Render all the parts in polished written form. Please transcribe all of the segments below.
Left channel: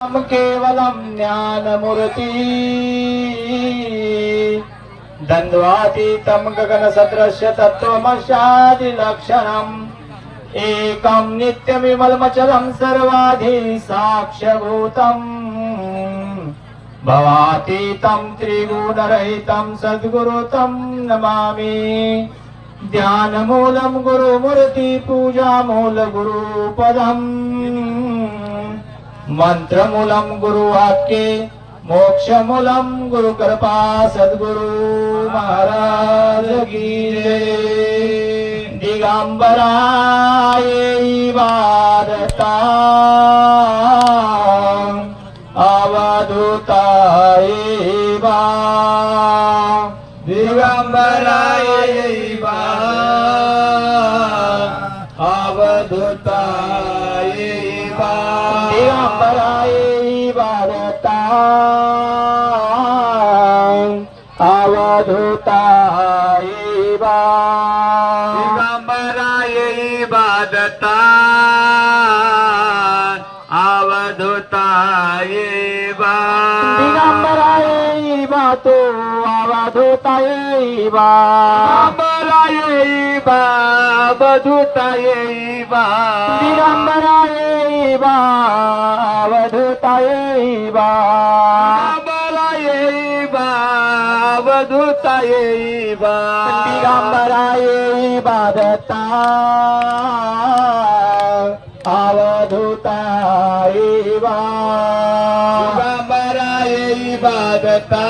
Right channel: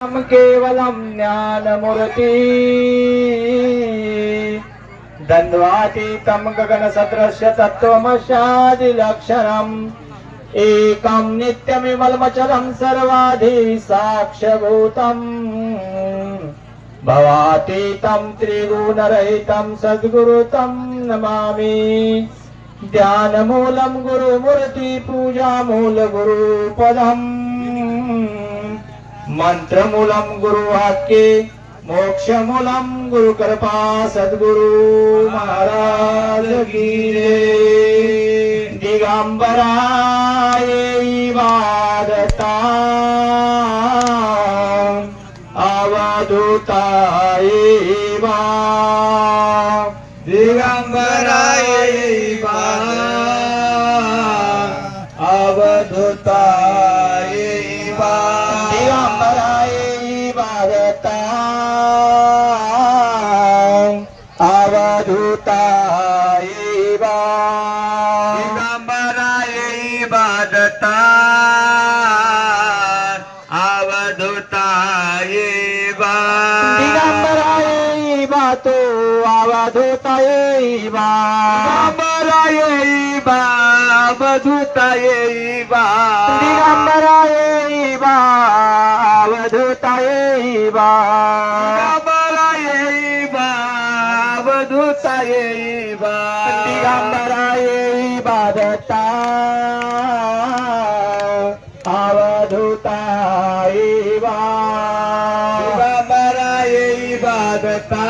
केवलम ज्ञानमूर्ति द्वन्द्वातीतं गगनसदृश्य तत्त्वमस्यादिलक्षणम् एकं नित्यमिमलमचलं सर्वाधि साक्ष्यभूतम् भवातीतं त्रिगुणरहितं सद्गुरुतं नमामि। ध्यानमूलं गुरुमूर्ति पूजामूल गुरुपदम् मंत्रमूलम गुरुवाक्ये मोक्षमूलम गुरुकृपा सद्गुरु महाराज की जय। दिगंबराय वारता अवधूताय वा दिगंबराय अवधूताय वा दिगंबराय वारता अवधूताय वा दिगंबराय वारता अवधूताय वा दिगंबराय वातो अवधूताय वा दिगंबराय अवधूताय वा दिगंबराय अवधूताय वा अवधूताय वा दिगंबराय वादता अवधूताय वा दिगंबराय वादता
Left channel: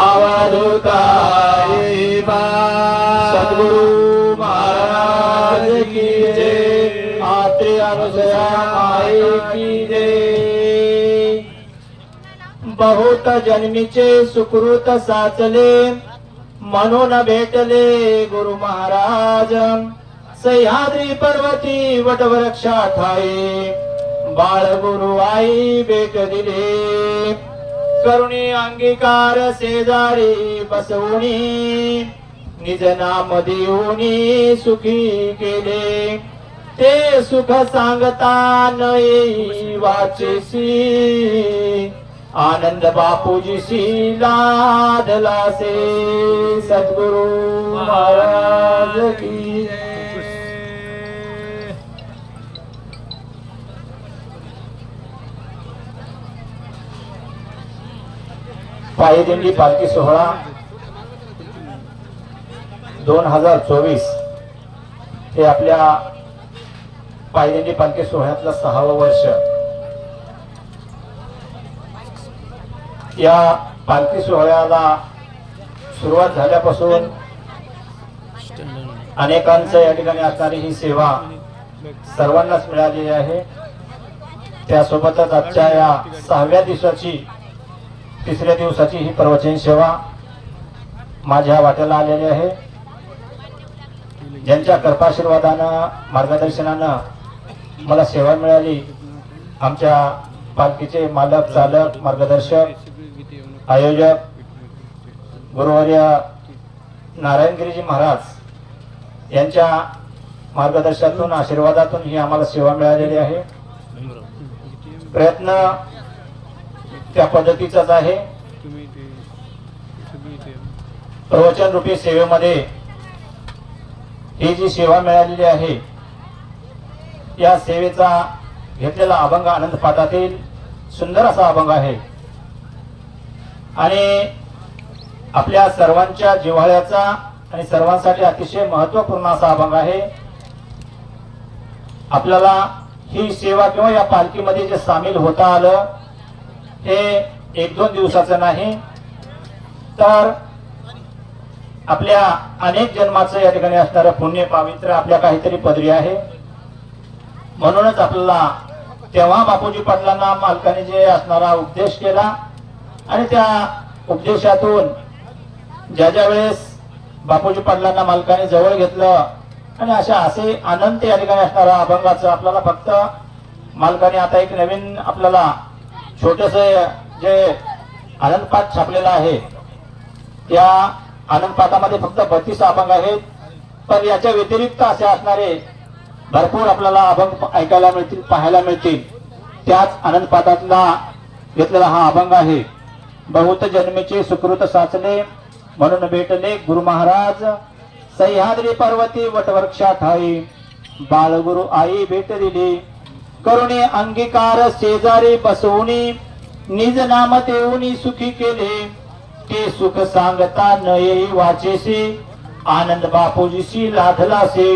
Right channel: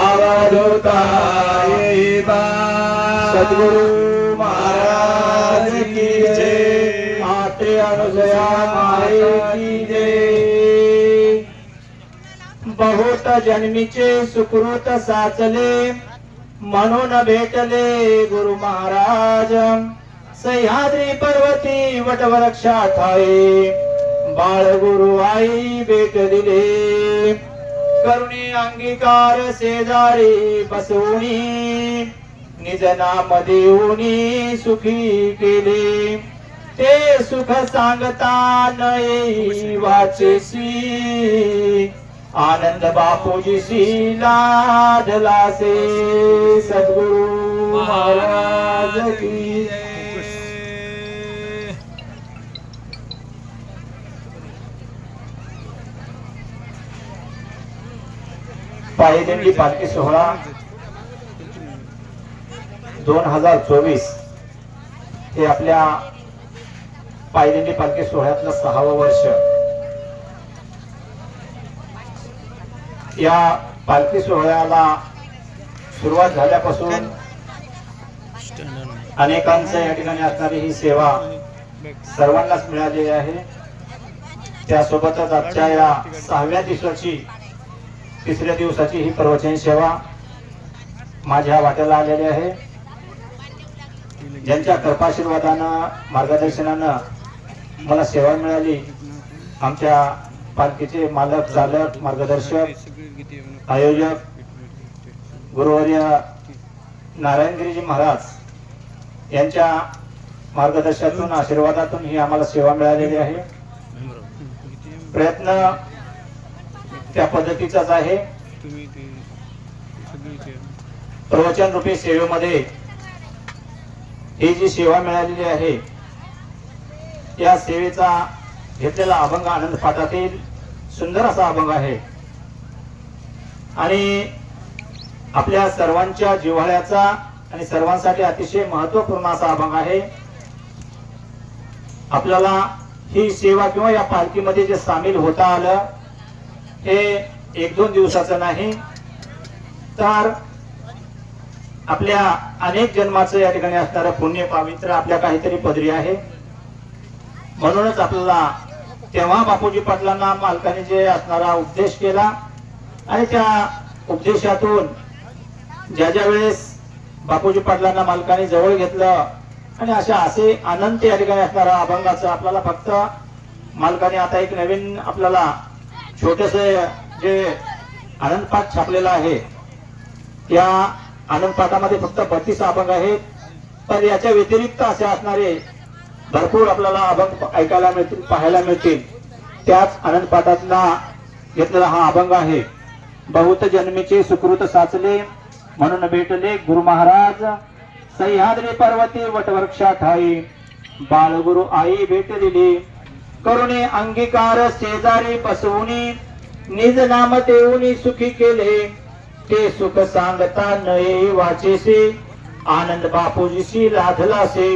अवधूताय वा सद्गुरु महाराज की जय। आते अनुसया माई की जय। बहुत जन्मीचे सुकृत साचले म्हणून भेटले गुरु महाराज सह्याद्री पर्वती वटवृक्षा ठाई बाळ गुरु आई भेट दिले करुणी अंगीकार शेजारी बसवणी निज नाम देऊनी सुखी केले ते सुख सांगता न येई वाचेसी आनंद बापूजीशी लाडला से सद्गुरु महाराज की पायदिंडी पालखी सोहळा 2024 हे आपल्या पायदिंडी पालखी सोहळ्यातलं 6वं वर्ष। या पालखी सोहळ्याला सुरुवात झाल्यापासून अनेकांचं या ठिकाणी असणारी ही सेवा सर्वांनाच मिळालेली आहे। त्यासोबतच आजच्या या 6व्या दिवसाची 3ऱ्या दिवसाची ही प्रवचन सेवा माझ्या वाट्याला आलेली आहे। ज्यांच्या कृपाशीर्वादानं मार्गदर्शनानं मला सेवा मिळाली आमच्या पालखीचे मालक चालक मार्गदर्शक आयोजक गुरुवर्य नारायणगिरीजी महाराज यांच्या मार्गदर्शनातून आशीर्वादातून ही आम्हाला सेवा मिळालेली आहे। प्रयत्न त्या पद्धतीचाच आहे। प्रवचन रूपी सेवेमध्ये ही जी सेवा मिळालेली आहे या सेवेचा घेतलेला अभंग आनंद पाठातील सुंदर असा अभंग आहे आणि आपल्या सर्वांच्या जिव्हाळ्याचा आणि सर्वांसाठी अतिशय महत्त्वपूर्ण असा अभंग आहे। आपल्याला ही सेवा किंवा या पालखीमध्ये जे सामील होता आलं हे 1-2 दिवसाचं नाही तर आपल्या अनेक जन्माचं या ठिकाणी असणारं पुण्य पवित्र आपल्या काहीतरी पदरी आहे। म्हणूनच आपल्याला तेव्हा बापूजी पाटलांना मालकाने जे असणारा उपदेश केला आणि त्या उपदेशातून ज्या वेळेस बापूजी पाटलांना मालकाने जवळ घेतलं आणि असे अनंत या ठिकाणी असणारा अभंगाचं आपल्याला फक्त मालकाने आता एक नवीन आपल्याला छोटस जे आनंद पाठ छापलेला आहे या आनंद पाठामध्ये फक्त 32 अभंग आहेत पण याच्या व्यतिरिक्त असे असणारे भरपूर आपल्याला अभंग ऐकायला मिळतील पाहायला मिळतील। त्याच आनंद पाठातला घेतलेला हा अभंग आहे. बहुत जन्मीचे सुकृत साचले म्हणून भेटले गुरु महाराज सह्याद्री पर्वती वटवृक्षा ठाई बाळगुरु आई भेट दिली करुणे अंगीकार शेजारी बसवूनी निज नाम देऊनी सुखी केले ते सुख सांगता नये वाचेसे आनंद बापूजीशी लाधलासे.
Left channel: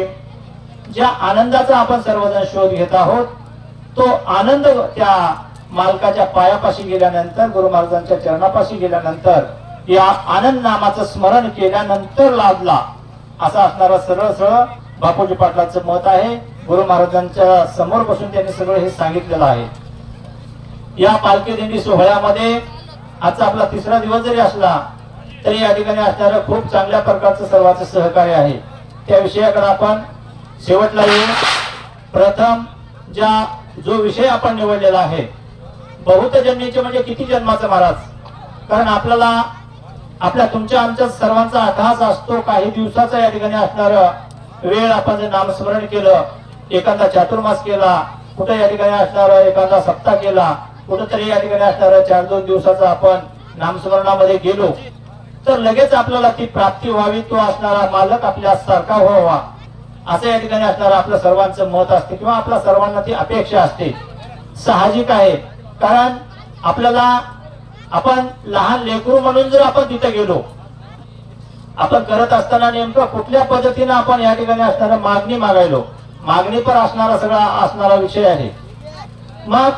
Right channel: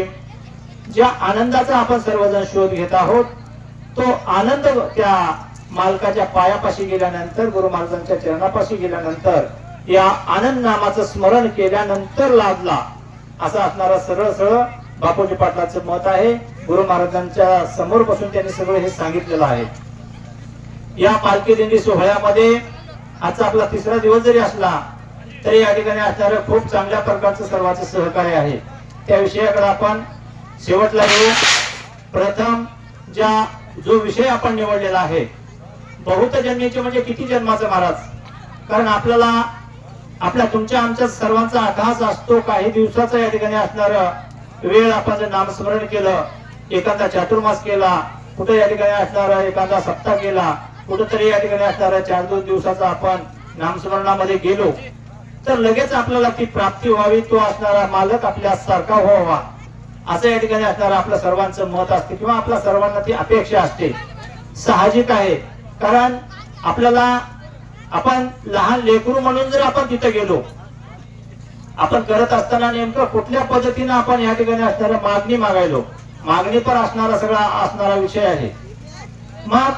ज्या आनंदाचा आपण सर्वजण शोध घेत आहोत तो आनंद त्या मालकाच्या पायापाशी गेल्यानंतर गुरु महाराजांच्या चरणापाशी गेल्यानंतर या आनंद नामाचं स्मरण केल्यानंतर लाभला असा असणारा सरळ सरळ बापूजी पाटलाचं मत आहे. गुरु महाराजांच्या समोर बसून त्यांनी सगळं हे सांगितलेलं आहे. या पालखी दिंडी सोहळ्यामध्ये आजचा आपला तिसरा दिवस जरी असला तरी या ठिकाणी असणारं खूप चांगल्या प्रकारचं सर्वांचं सहकार्य आहे. त्या विषयाकडे आपण शेवटला येऊ. प्रथम जो विषय आपण निवडलेला आहे बहुत जन्मीचे म्हणजे किती जन्माचा महाराज. कारण आपल्या तुमच्या आमच्या सर्वांचा अट्टहास असतो. काही दिवसाचा या ठिकाणी असणार वेळ आपण जर नामस्मरण केलं एखादा चातुर्मास केला कुठे या ठिकाणी असणार एखादा सप्ताह केला कुठेतरी या ठिकाणी असणार 4-2 दिवसाचा आपण नामस्मरणामध्ये गेलो तर लगेच आपल्याला ती प्राप्ती व्हावी तो असणारा मालक आपल्या सारखा व्हावा असं या ठिकाणी असणारं आपलं सर्वांचं मत असते किंवा आपल्या सर्वांना ती अपेक्षा असते. साहजिक आहे. कारण आपण लहान लेकरू म्हणून जर आपण तिथे गेलो आपण करत असताना नेमकं कुठल्या पद्धतीने आपण या ठिकाणी असणारा मागणी मागायलो मागणी पर असणारा विषय आहे. मग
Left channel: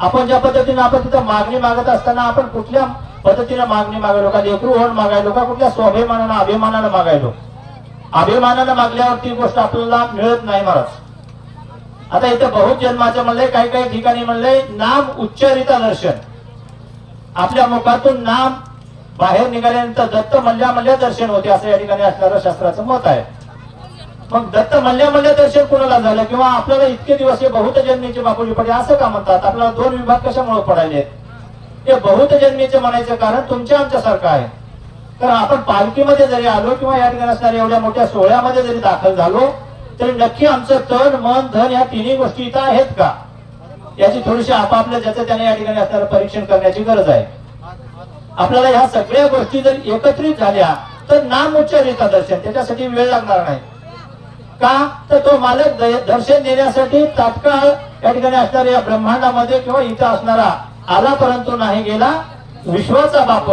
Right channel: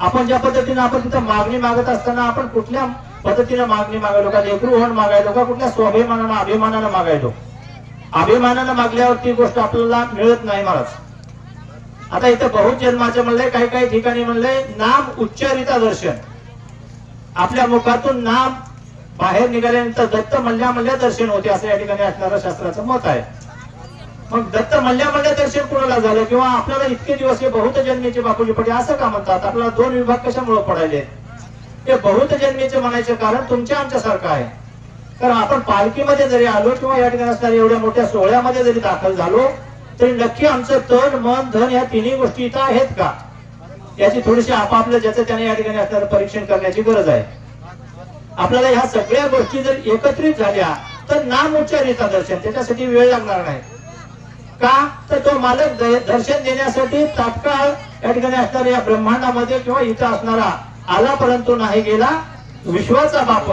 आपण ज्या पद्धतीने आपण तिथं मागणी मागत असताना आपण कुठल्या पद्धतीने मागणी मागायलो का लेकरू होऊन मागायलो का कुठल्या स्वाभिमानानं अभिमानानं मागायलो. अभिमानानं मागल्यावर ती गोष्ट आपल्याला मिळत नाही महाराज. आता इथं बहुत जन्माचं म्हणलंय काही ठिकाणी म्हणलंय नाम उच्चारिता दर्शन. आपल्या मुखातून नाम बाहेर निघाल्यानंतर दत्त म्हणल्या दर्शन होते असं या ठिकाणी असणारं शास्त्राचं मत आहे. मग दत्त म्हणल्या दर्शन कोणाला झालं किंवा आपल्याला इतके दिवस हे बहुत जन्मीचे बापूजी पडले असं का म्हणतात. आपल्याला 2 विभाग कशामुळे पडायले. हे बहुत जन्मीचे म्हणायचं कारण तुमच्या आमच्या सारखं आहे. कारण आपण पालखीमध्ये जरी आलो किंवा या ठिकाणी असणाऱ्या एवढ्या मोठ्या सोहळ्यामध्ये जरी दाखल झालो तरी नक्की आमचं तन मन धन या तिन्ही गोष्टी इथं आहेत का याची थोडीशी आपापलं ज्याचं त्याने या ठिकाणी असणारं परीक्षण करण्याची गरज आहे. आपल्याला ह्या सगळ्या गोष्टी जर एकत्रित झाल्या तर नाम उच्चारिता दर्शन त्याच्यासाठी वेळ लागणार नाही. का तर तो मालक दर्शन देण्यासाठी तात्काळ या ठिकाणी असणाऱ्या या ब्रह्मांडामध्ये किंवा इथं असणारा आला परंतु नाही गेला विश्वाचा बाप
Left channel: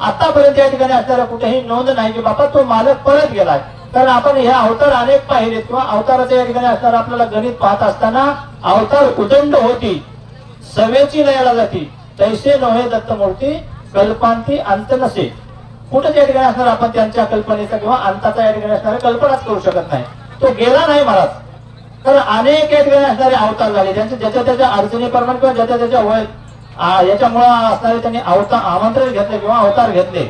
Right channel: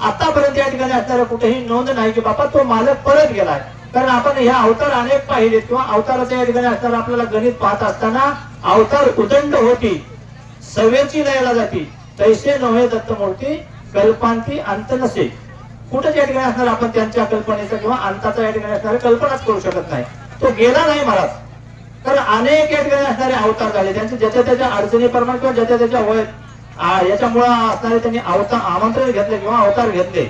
आतापर्यंत या ठिकाणी असणारा कुठेही नोंद नाही की बापा तो मालक परत गेलाय. कारण आपण हे अवतार अनेक पाहिलेत किंवा अवताराच्या या ठिकाणी असणारा आपल्याला गणित पाहत असताना अवतार उदंड होती सवेची लयाला जाती तैसे नोहे दत्तमूर्ती कल्पांती अंत नसे. कुठे या ठिकाणी असणार आपण त्यांच्या कल्पनेचा किंवा अंताचा या ठिकाणी असणारा कल्पनाच करू शकत नाही. तो गेला नाही महाराज. कारण अनेक या ठिकाणी असणारे अवतार झाले त्यांचे ज्याच्या त्याच्या अडचणीप्रमाणे किंवा ज्याच्या त्याच्या वय याच्यामुळे असणारे त्यांनी आमंत्रण घेतले किंवा अवतार घेतले.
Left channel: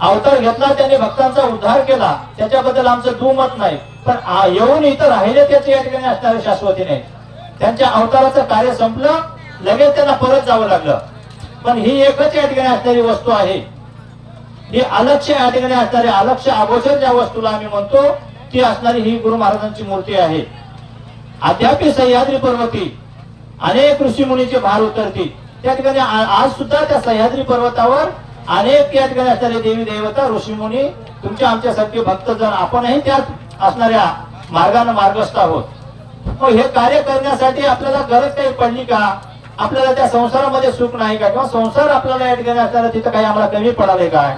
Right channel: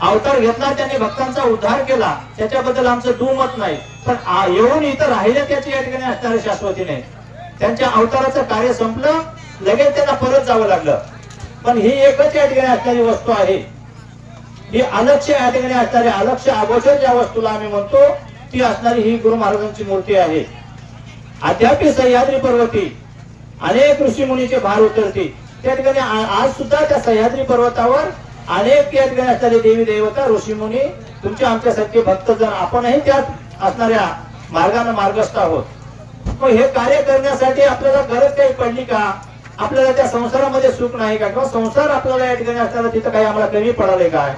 अवतार घेतला त्यांनी भक्तांचा उद्धार केला त्याच्याबद्दल आमचं दुमत नाही. पण येऊन इथं राहिले त्याची या ठिकाणी असणारे शाश्वती नाही. त्यांच्या अवताराचं कार्य संपलं लगेच त्यांना परत जावं लागलं. पण ही एकच या ठिकाणी असणारी वस्तू आहे. ही अलक्ष्य या ठिकाणी असणारी अलक्ष्य अगोचर ज्या वस्तूला आम्ही म्हणतो ती असणारी ही गुरु महाराजांची मूर्ती आहे. अद्यापि सह्याद्री पर्वती अनेक ऋषी मुनीचे भार उतरती. त्या ठिकाणी आज सुद्धा त्या सह्याद्री पर्वतावर अनेक या ठिकाणी असणारे देवी देवता ऋषी मुनी तुमच्या आमच्यासारखे भक्त जर आपणही त्यात असणाऱ्या मार्गाने मार्गस्थ आहोत. मग हे कार्य करण्यासाठी आपल्याला गरज काही पडली का. आपल्याला त्या संसारामध्ये सुख नाही का किंवा संसार आपल्याला या ठिकाणी असताना तिथं काही आम्हाला कमी पडाले काय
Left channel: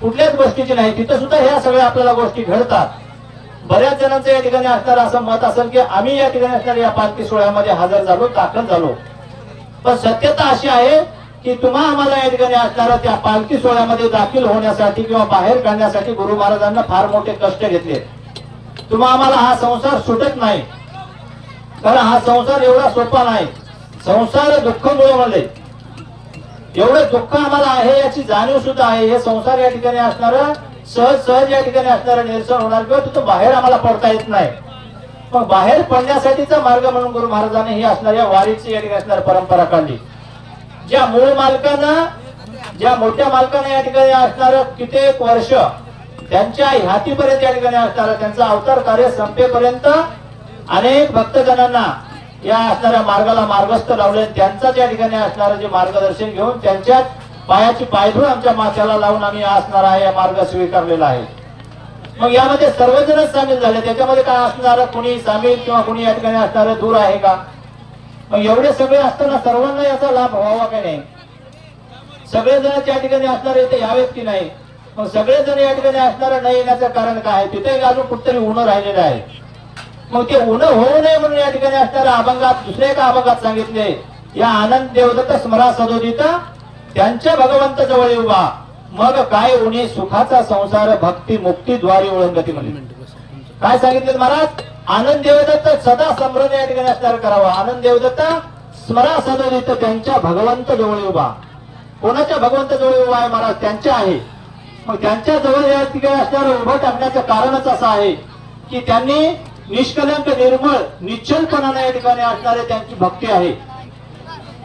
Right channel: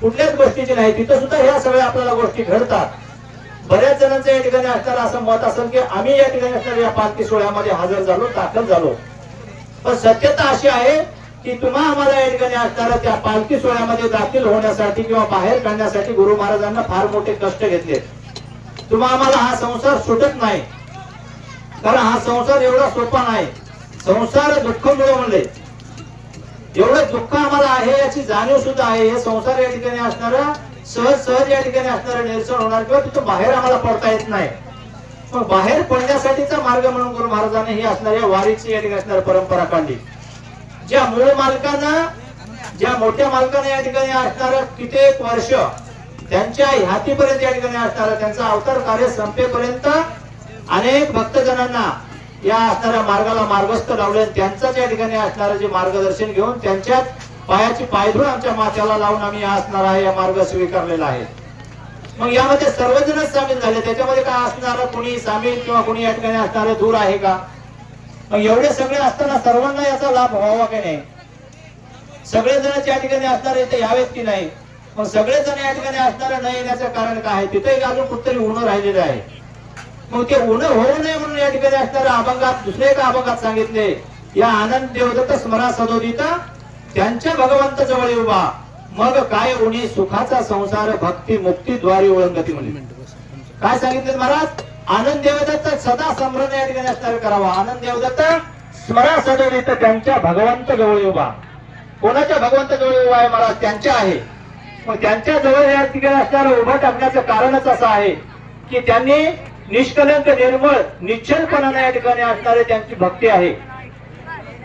कुठल्याच गोष्टीची नाही. तिथं सुद्धा ह्या सगळ्या आपल्याला गोष्टी घडतात. बऱ्याच जणांचं या ठिकाणी असणार असं मत असेल की आम्ही या ठिकाणी असणाऱ्या या पालखी सोहळ्यामध्ये हजर झालो दाखल झालो. पण सत्यता अशी आहे की तुम्हा आम्हाला या ठिकाणी असणाऱ्या त्या पालखी सोहळ्यामध्ये दाखल होण्यासाठी किंवा बाहेर काढण्यासाठी गुरु महाराजांना फार मोठे कष्ट घेतले. तुम्हा आम्हाला हा संसार सुटत नाही. कारण हा संसार एवढा सोपा नाही. संसार दुःखमुळे म्हणले एवढं दुःख आम्हाला आहे याची जाणीव सुद्धा आहे. हे संसार या ठिकाणी असणारा सहज या ठिकाणी असणारं निरसन होणार किंवा तिथं बाहेर आम्हाला पडता येत नाही. मग बाहेर पडण्यासाठीचा मार्ग म्हणून गुरु महाराजांनी ही असणाऱ्या वारीची या ठिकाणी असणारी परंपरा काढली. ज्या मूळ मालकांना ज्या मोठ्या मालकाने या ठिकाणी असणार कित्येक वर्ष त्यांच्या ह्यातीपर्यंत या ठिकाणी असणार त्यांचा अवतार कार्य संपेपर्यंत अनेक भक्तजनांना या असणाऱ्या मार्गाला मार्गस्थ लावले, त्यांचाच या ठिकाणी असणारं जे मार्गदर्शन घेऊन त्यांच्याच पायाची पायधूळ आमच्या माथ्याला लावून आम्ही असणारा हा या मार्ग स्वीकारलेला आहे. मग यामध्ये सर्वजणच सामील झाले. त्याच्यामध्ये काय असणार, कोणी सामील किंवा कोणी या ठिकाणी असणार दूर आहे का? मग एवढे सगळे असताना सर्वांना याचा लाभ व्हावा की नाही? सगळेजण या ठिकाणी असणार इथे यावेत की नाही? मग सगळेजण या ठिकाणी असणार न येण्याचं कारण काय आहे? तिथे अजून कुठतरी ऊन राहिलेलं आहे. मग ते ऊन होऊ नये म्हणून या ठिकाणी असणाऱ्या अभंगात दुसऱ्या एका अभंगात सांगितले, या आनंद देवदत्त स्मरा सदोदिता त्यांच्या भगवंत जवळ उभा, मग काय उन्हे सुखाचा संसार भक्ती मुक्ती द्वारे ओळंगती म्हणे. काय सांगितले महाराज? आनंद देवदत्त सदा स्मरण या ठिकाणी असणार करावा. आनंद देवदत्त स्मरा सदोदित त्यांच्या भगवंत जवळ उभा. कोणाच्या भगवंत जवळ उभा आहे महाराज? त्यांच्या आहे. मग त्यांच्या जवळ या ठिकाणी असणारं उभं टाकण्याचं कारणच असं आहे की त्यांनी निष्कलंक निर्मळ निश्चलपणाने या ठिकाणी असणारे त्यांची भक्ती आहे.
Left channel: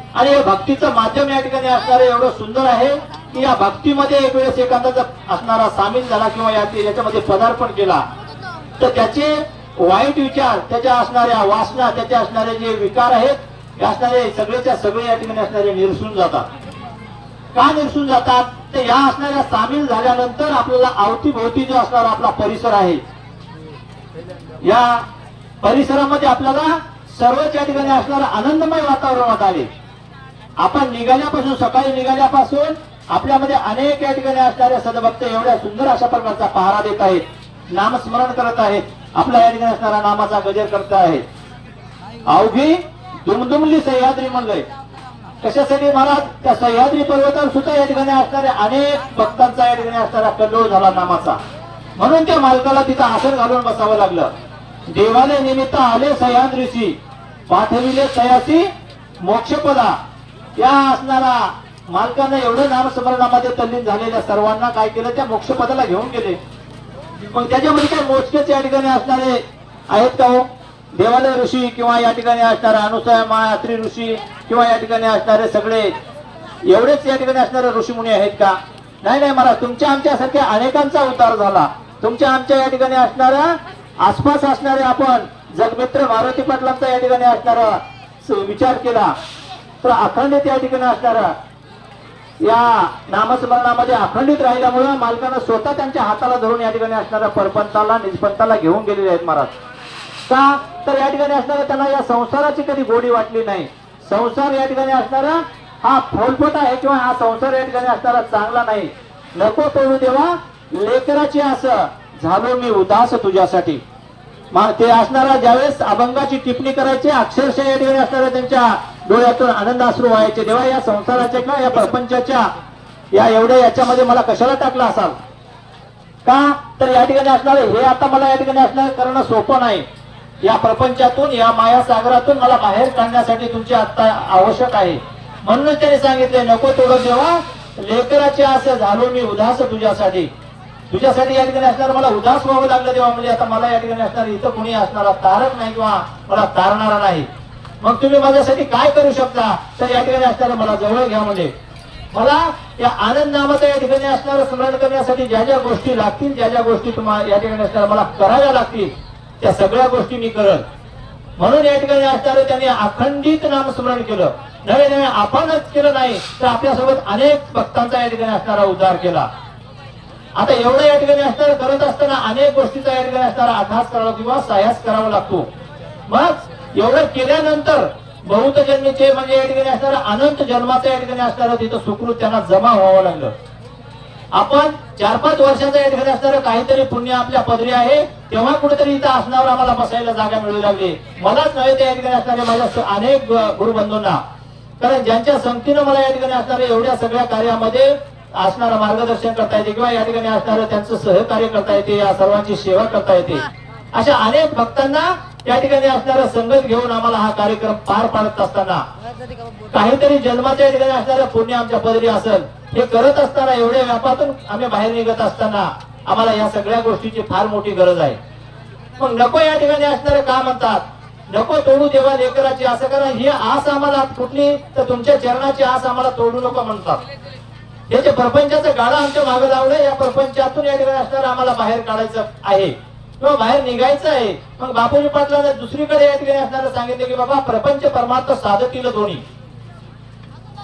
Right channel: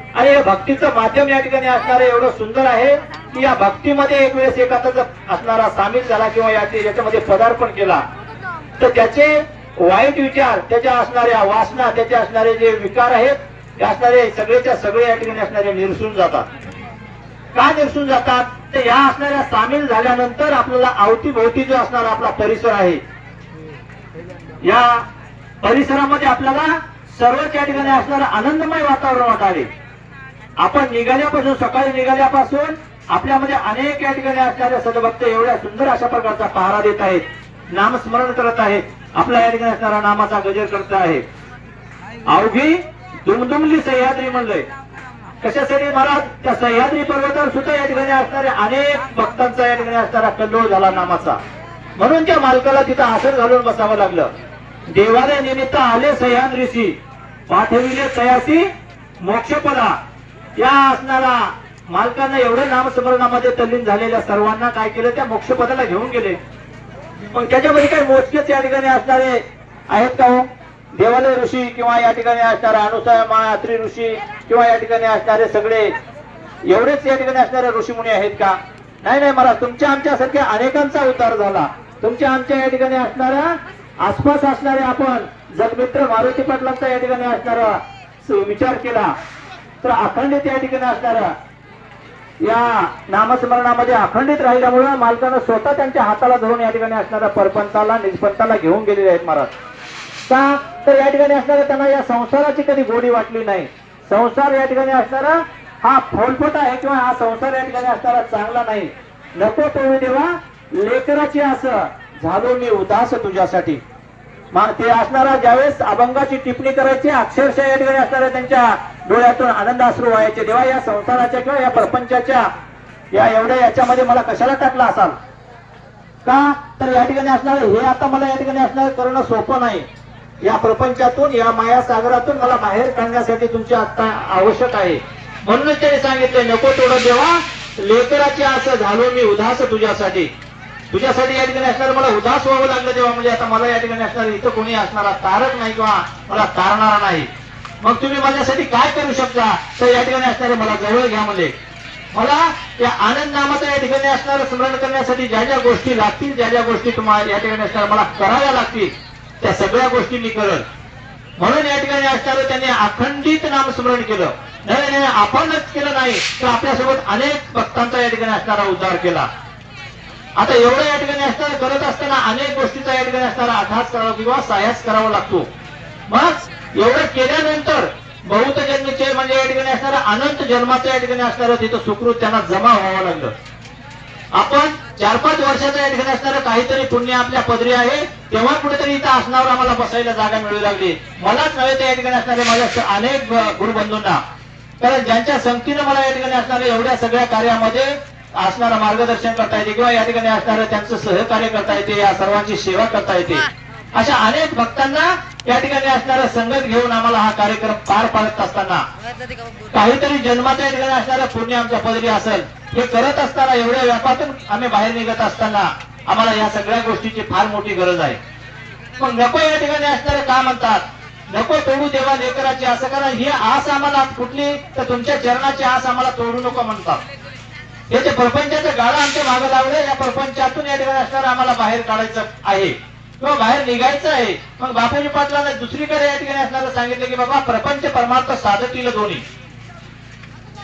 आणि या भक्तीचं माध्यम या ठिकाणी असणारे एवढं सुंदर आहे की या भक्तीमध्ये एक वेळेस एखादा असणारा सामील झाला किंवा याच्यामध्ये पदार्पण केला तर त्याचे वाईट विचार, त्याच्या असणाऱ्या वासना, त्याचे असणारे जे विकार आहेत असणारे सगळेच्या सगळे या ठिकाणी असणारे निरसून जातात. का निरसून जातात? तर या असणाऱ्या सामील झाल्यानंतर आपल्याला अवतीभोवती जो असणारा आपला परिसर आहे, या परिसरामध्ये आपल्याला सर्वच या ठिकाणी असणारं आनंदमय वातावरण आले. आपण निघाल्यापासून, सकाळी निघाल्यापासून आपल्यामध्ये अनेक या ठिकाणी असणारे सदभक्त एवढ्या सुंदर अशा प्रकारचा पहारा देत आहेत, नामस्मरण करत आहेत, आपल्या या ठिकाणी असणारा नामाचा गजर करत आहेत. अवघी दुमदुमली सह्याद्री म्हणलंय. कशासाठी महाराज? त्या सह्याद्री पर्वतावर सुद्धा या ठिकाणी असणाऱ्या अनेक भक्तांचा या ठिकाणी असणारा कल्लोळ झाला नामाचा. म्हणून त्या मालकाला तिथं आसन घालून बसावं लागलं. देवालय निमित्त आले सह्याद्रीशी, पाठविले तयासी मोक्षपदा. या असणारा मालकांना एवढं नामस्मरणामध्ये तल्लीन झालेल्या सर्वांना काय केलं? त्या मोक्षपदाला घेऊन गेले. मग त्याच्यामध्ये काय मोजकेच या ठिकाणी असणारे आहेत का हो? देवालय ऋषी किंवा या ठिकाणी असणारे अनुसया मात्री ऋषी किंवा या ठिकाणी असणारे सगळे एवढेच या ठिकाणी असणारे ऋषीमुनी आहेत का? नाही नाही महाराज, तुमच्या आमच्यासारख्या अनेकांचा उद्धार झाला. तुमच्या आमच्या या ठिकाणी असणारा आसपास असणारे आपण जगमित्र मारुती पाटलांचा या ठिकाणी असणारा विचार केला तर अखंडित या ठिकाणी असणारा या नामस्मरणामध्ये अखंडित राहिल्यामुळे मालकानं स्वतः त्यांच्या हाताला धरून या ठिकाणी असणारा परपंताला निजपंताला घेऊन गेलेले आहेत महाराज. का? तर या ठिकाणी असणारा त्यांना या संसाराची कधी गोडी वाटली नाही. संसार या ठिकाणी असणारा हा फोलपट आहे किंवा हा संसार या ठिकाणी असणारा चांगला नाही. नको पळू देवा लेकराची असं झालो मी उदास तुझ्यासाठी. मग ते असणारा ज्यावेळेस अभंगाची टिप्पणी करायचे अक्षरशः या ठिकाणी असणाऱ्या त्यांच्या डोळ्यातून आनंद अश्रू व्हायचे. देवा या संसाराच्या किंवा या प्रपंचाच्या या एवढ्या याच्यामध्ये मला कशाला टाकला असाल? का? तर या ठिकाणी असणारे हे आता मला या ठिकाणी असणारे करणं सोपं नाही. या प्रपंचातून, या माया सागरातून मला बाहेर काढण्यासाठी तुमची आता आवश्यक आहे. म्हणूनच त्यांनी सांगितले नको तोडत देवा लेकराचे असं झालो मी उदास तुझ्यासाठी. तुझ्यासाठी या ठिकाणी असणार मला उदास व्हावं लागलं तेव्हा, म्हणजे आता मला या ठिकाणी असणार इथं कोणी असणारा तारक नाही किंवा मला तारणारा नाही. मग तुम्ही माझ्यासाठी काय करू शकता? तर या ठिकाणी असणारे मला जवळ घ्या. म्हणजे मला या आनंद नामाचं या ठिकाणी असणारं स्मरण करण्यासाठी ज्या ज्या गोष्टी लागतील, ज्या ज्या गोष्टी तुम्हाला या ठिकाणी असणार मला कराव्या लागतील त्या सगळ्या गोष्टी मी करत. म्हणून या ठिकाणी असणारं त्यांनी अखंडित नामस्मरण केलं. नाही आपणच केलं नाही तर आपल्यासोबत अनेक भक्तांचा या ठिकाणी असणारा उद्धार केला. आता एवढं या ठिकाणी असणारं करत असताना अनेक गोष्टीचा या ठिकाणी असणारा अभ्यास करावा किंवा सायास करावा लागतो. मग एवढं केल्यानंतर बहुत जन्मीचे म्हणजे या ठिकाणी असणारा अनंत जन्माचं या ठिकाणी असणारं तिथं सुकृत त्यांना जमा व्हावं लागलं. आपण 4-5 वर्षाचा या ठिकाणी असणारं काहीतरी पुण्य आपल्या पदरी आहे तेव्हा कुठेतरी इथं असणावर आम्हाला बसायला जागा मिळू लागली. मलाच नव्हे त्या ठिकाणी असणारे माझ्या अनेक गुरुबंधूंना, कारण ज्यांच्या संगतीनं मला या ठिकाणी असणाऱ्या एवढ्या सगळ्या कार्यामध्ये असणारं मार्गदर्शन करता येते किंवा या ठिकाणी असणारं त्यांचं सहकार्य करता येते, या सर्वांची सेवा करता येते. अशा अनेक भक्तांना या ठिकाणी असणारं संगत घेऊन आम्हाला हा कार्यक्रम पार पाडत असताना काहीतरी जन्माच्या या ठिकाणी असणारं पुण्य आमच्या पदरी असेल. हे करत असताना एवढ्या व्यापातून आम्ही बाहेर निघत असताना आम्हाला या सगळ्या गोष्टीची फार मोठी गरज आहे. मग नको या ठिकाणी असणारं का म्हणतात? नको तोडू देवा लेकराची असं, कारण ही आस आम्हाला कुठली तर तुमच्या चरणाची आस आम्हाला तोडू नको म्हणतात. हे जे प्रपंचाचं गाळं आमच्या मागे लावलं, या प्रपंचातून या ठिकाणी असणारं आम्हाला बाहेर काढायचं आहे. किंवा बाहेर निघायचं आहे, मग बापूजी पाटलांना दुसरीकडे या ठिकाणी असणारं सांगितलं की बाबा प्रपंच परमार्थ साधतील दोन्ही.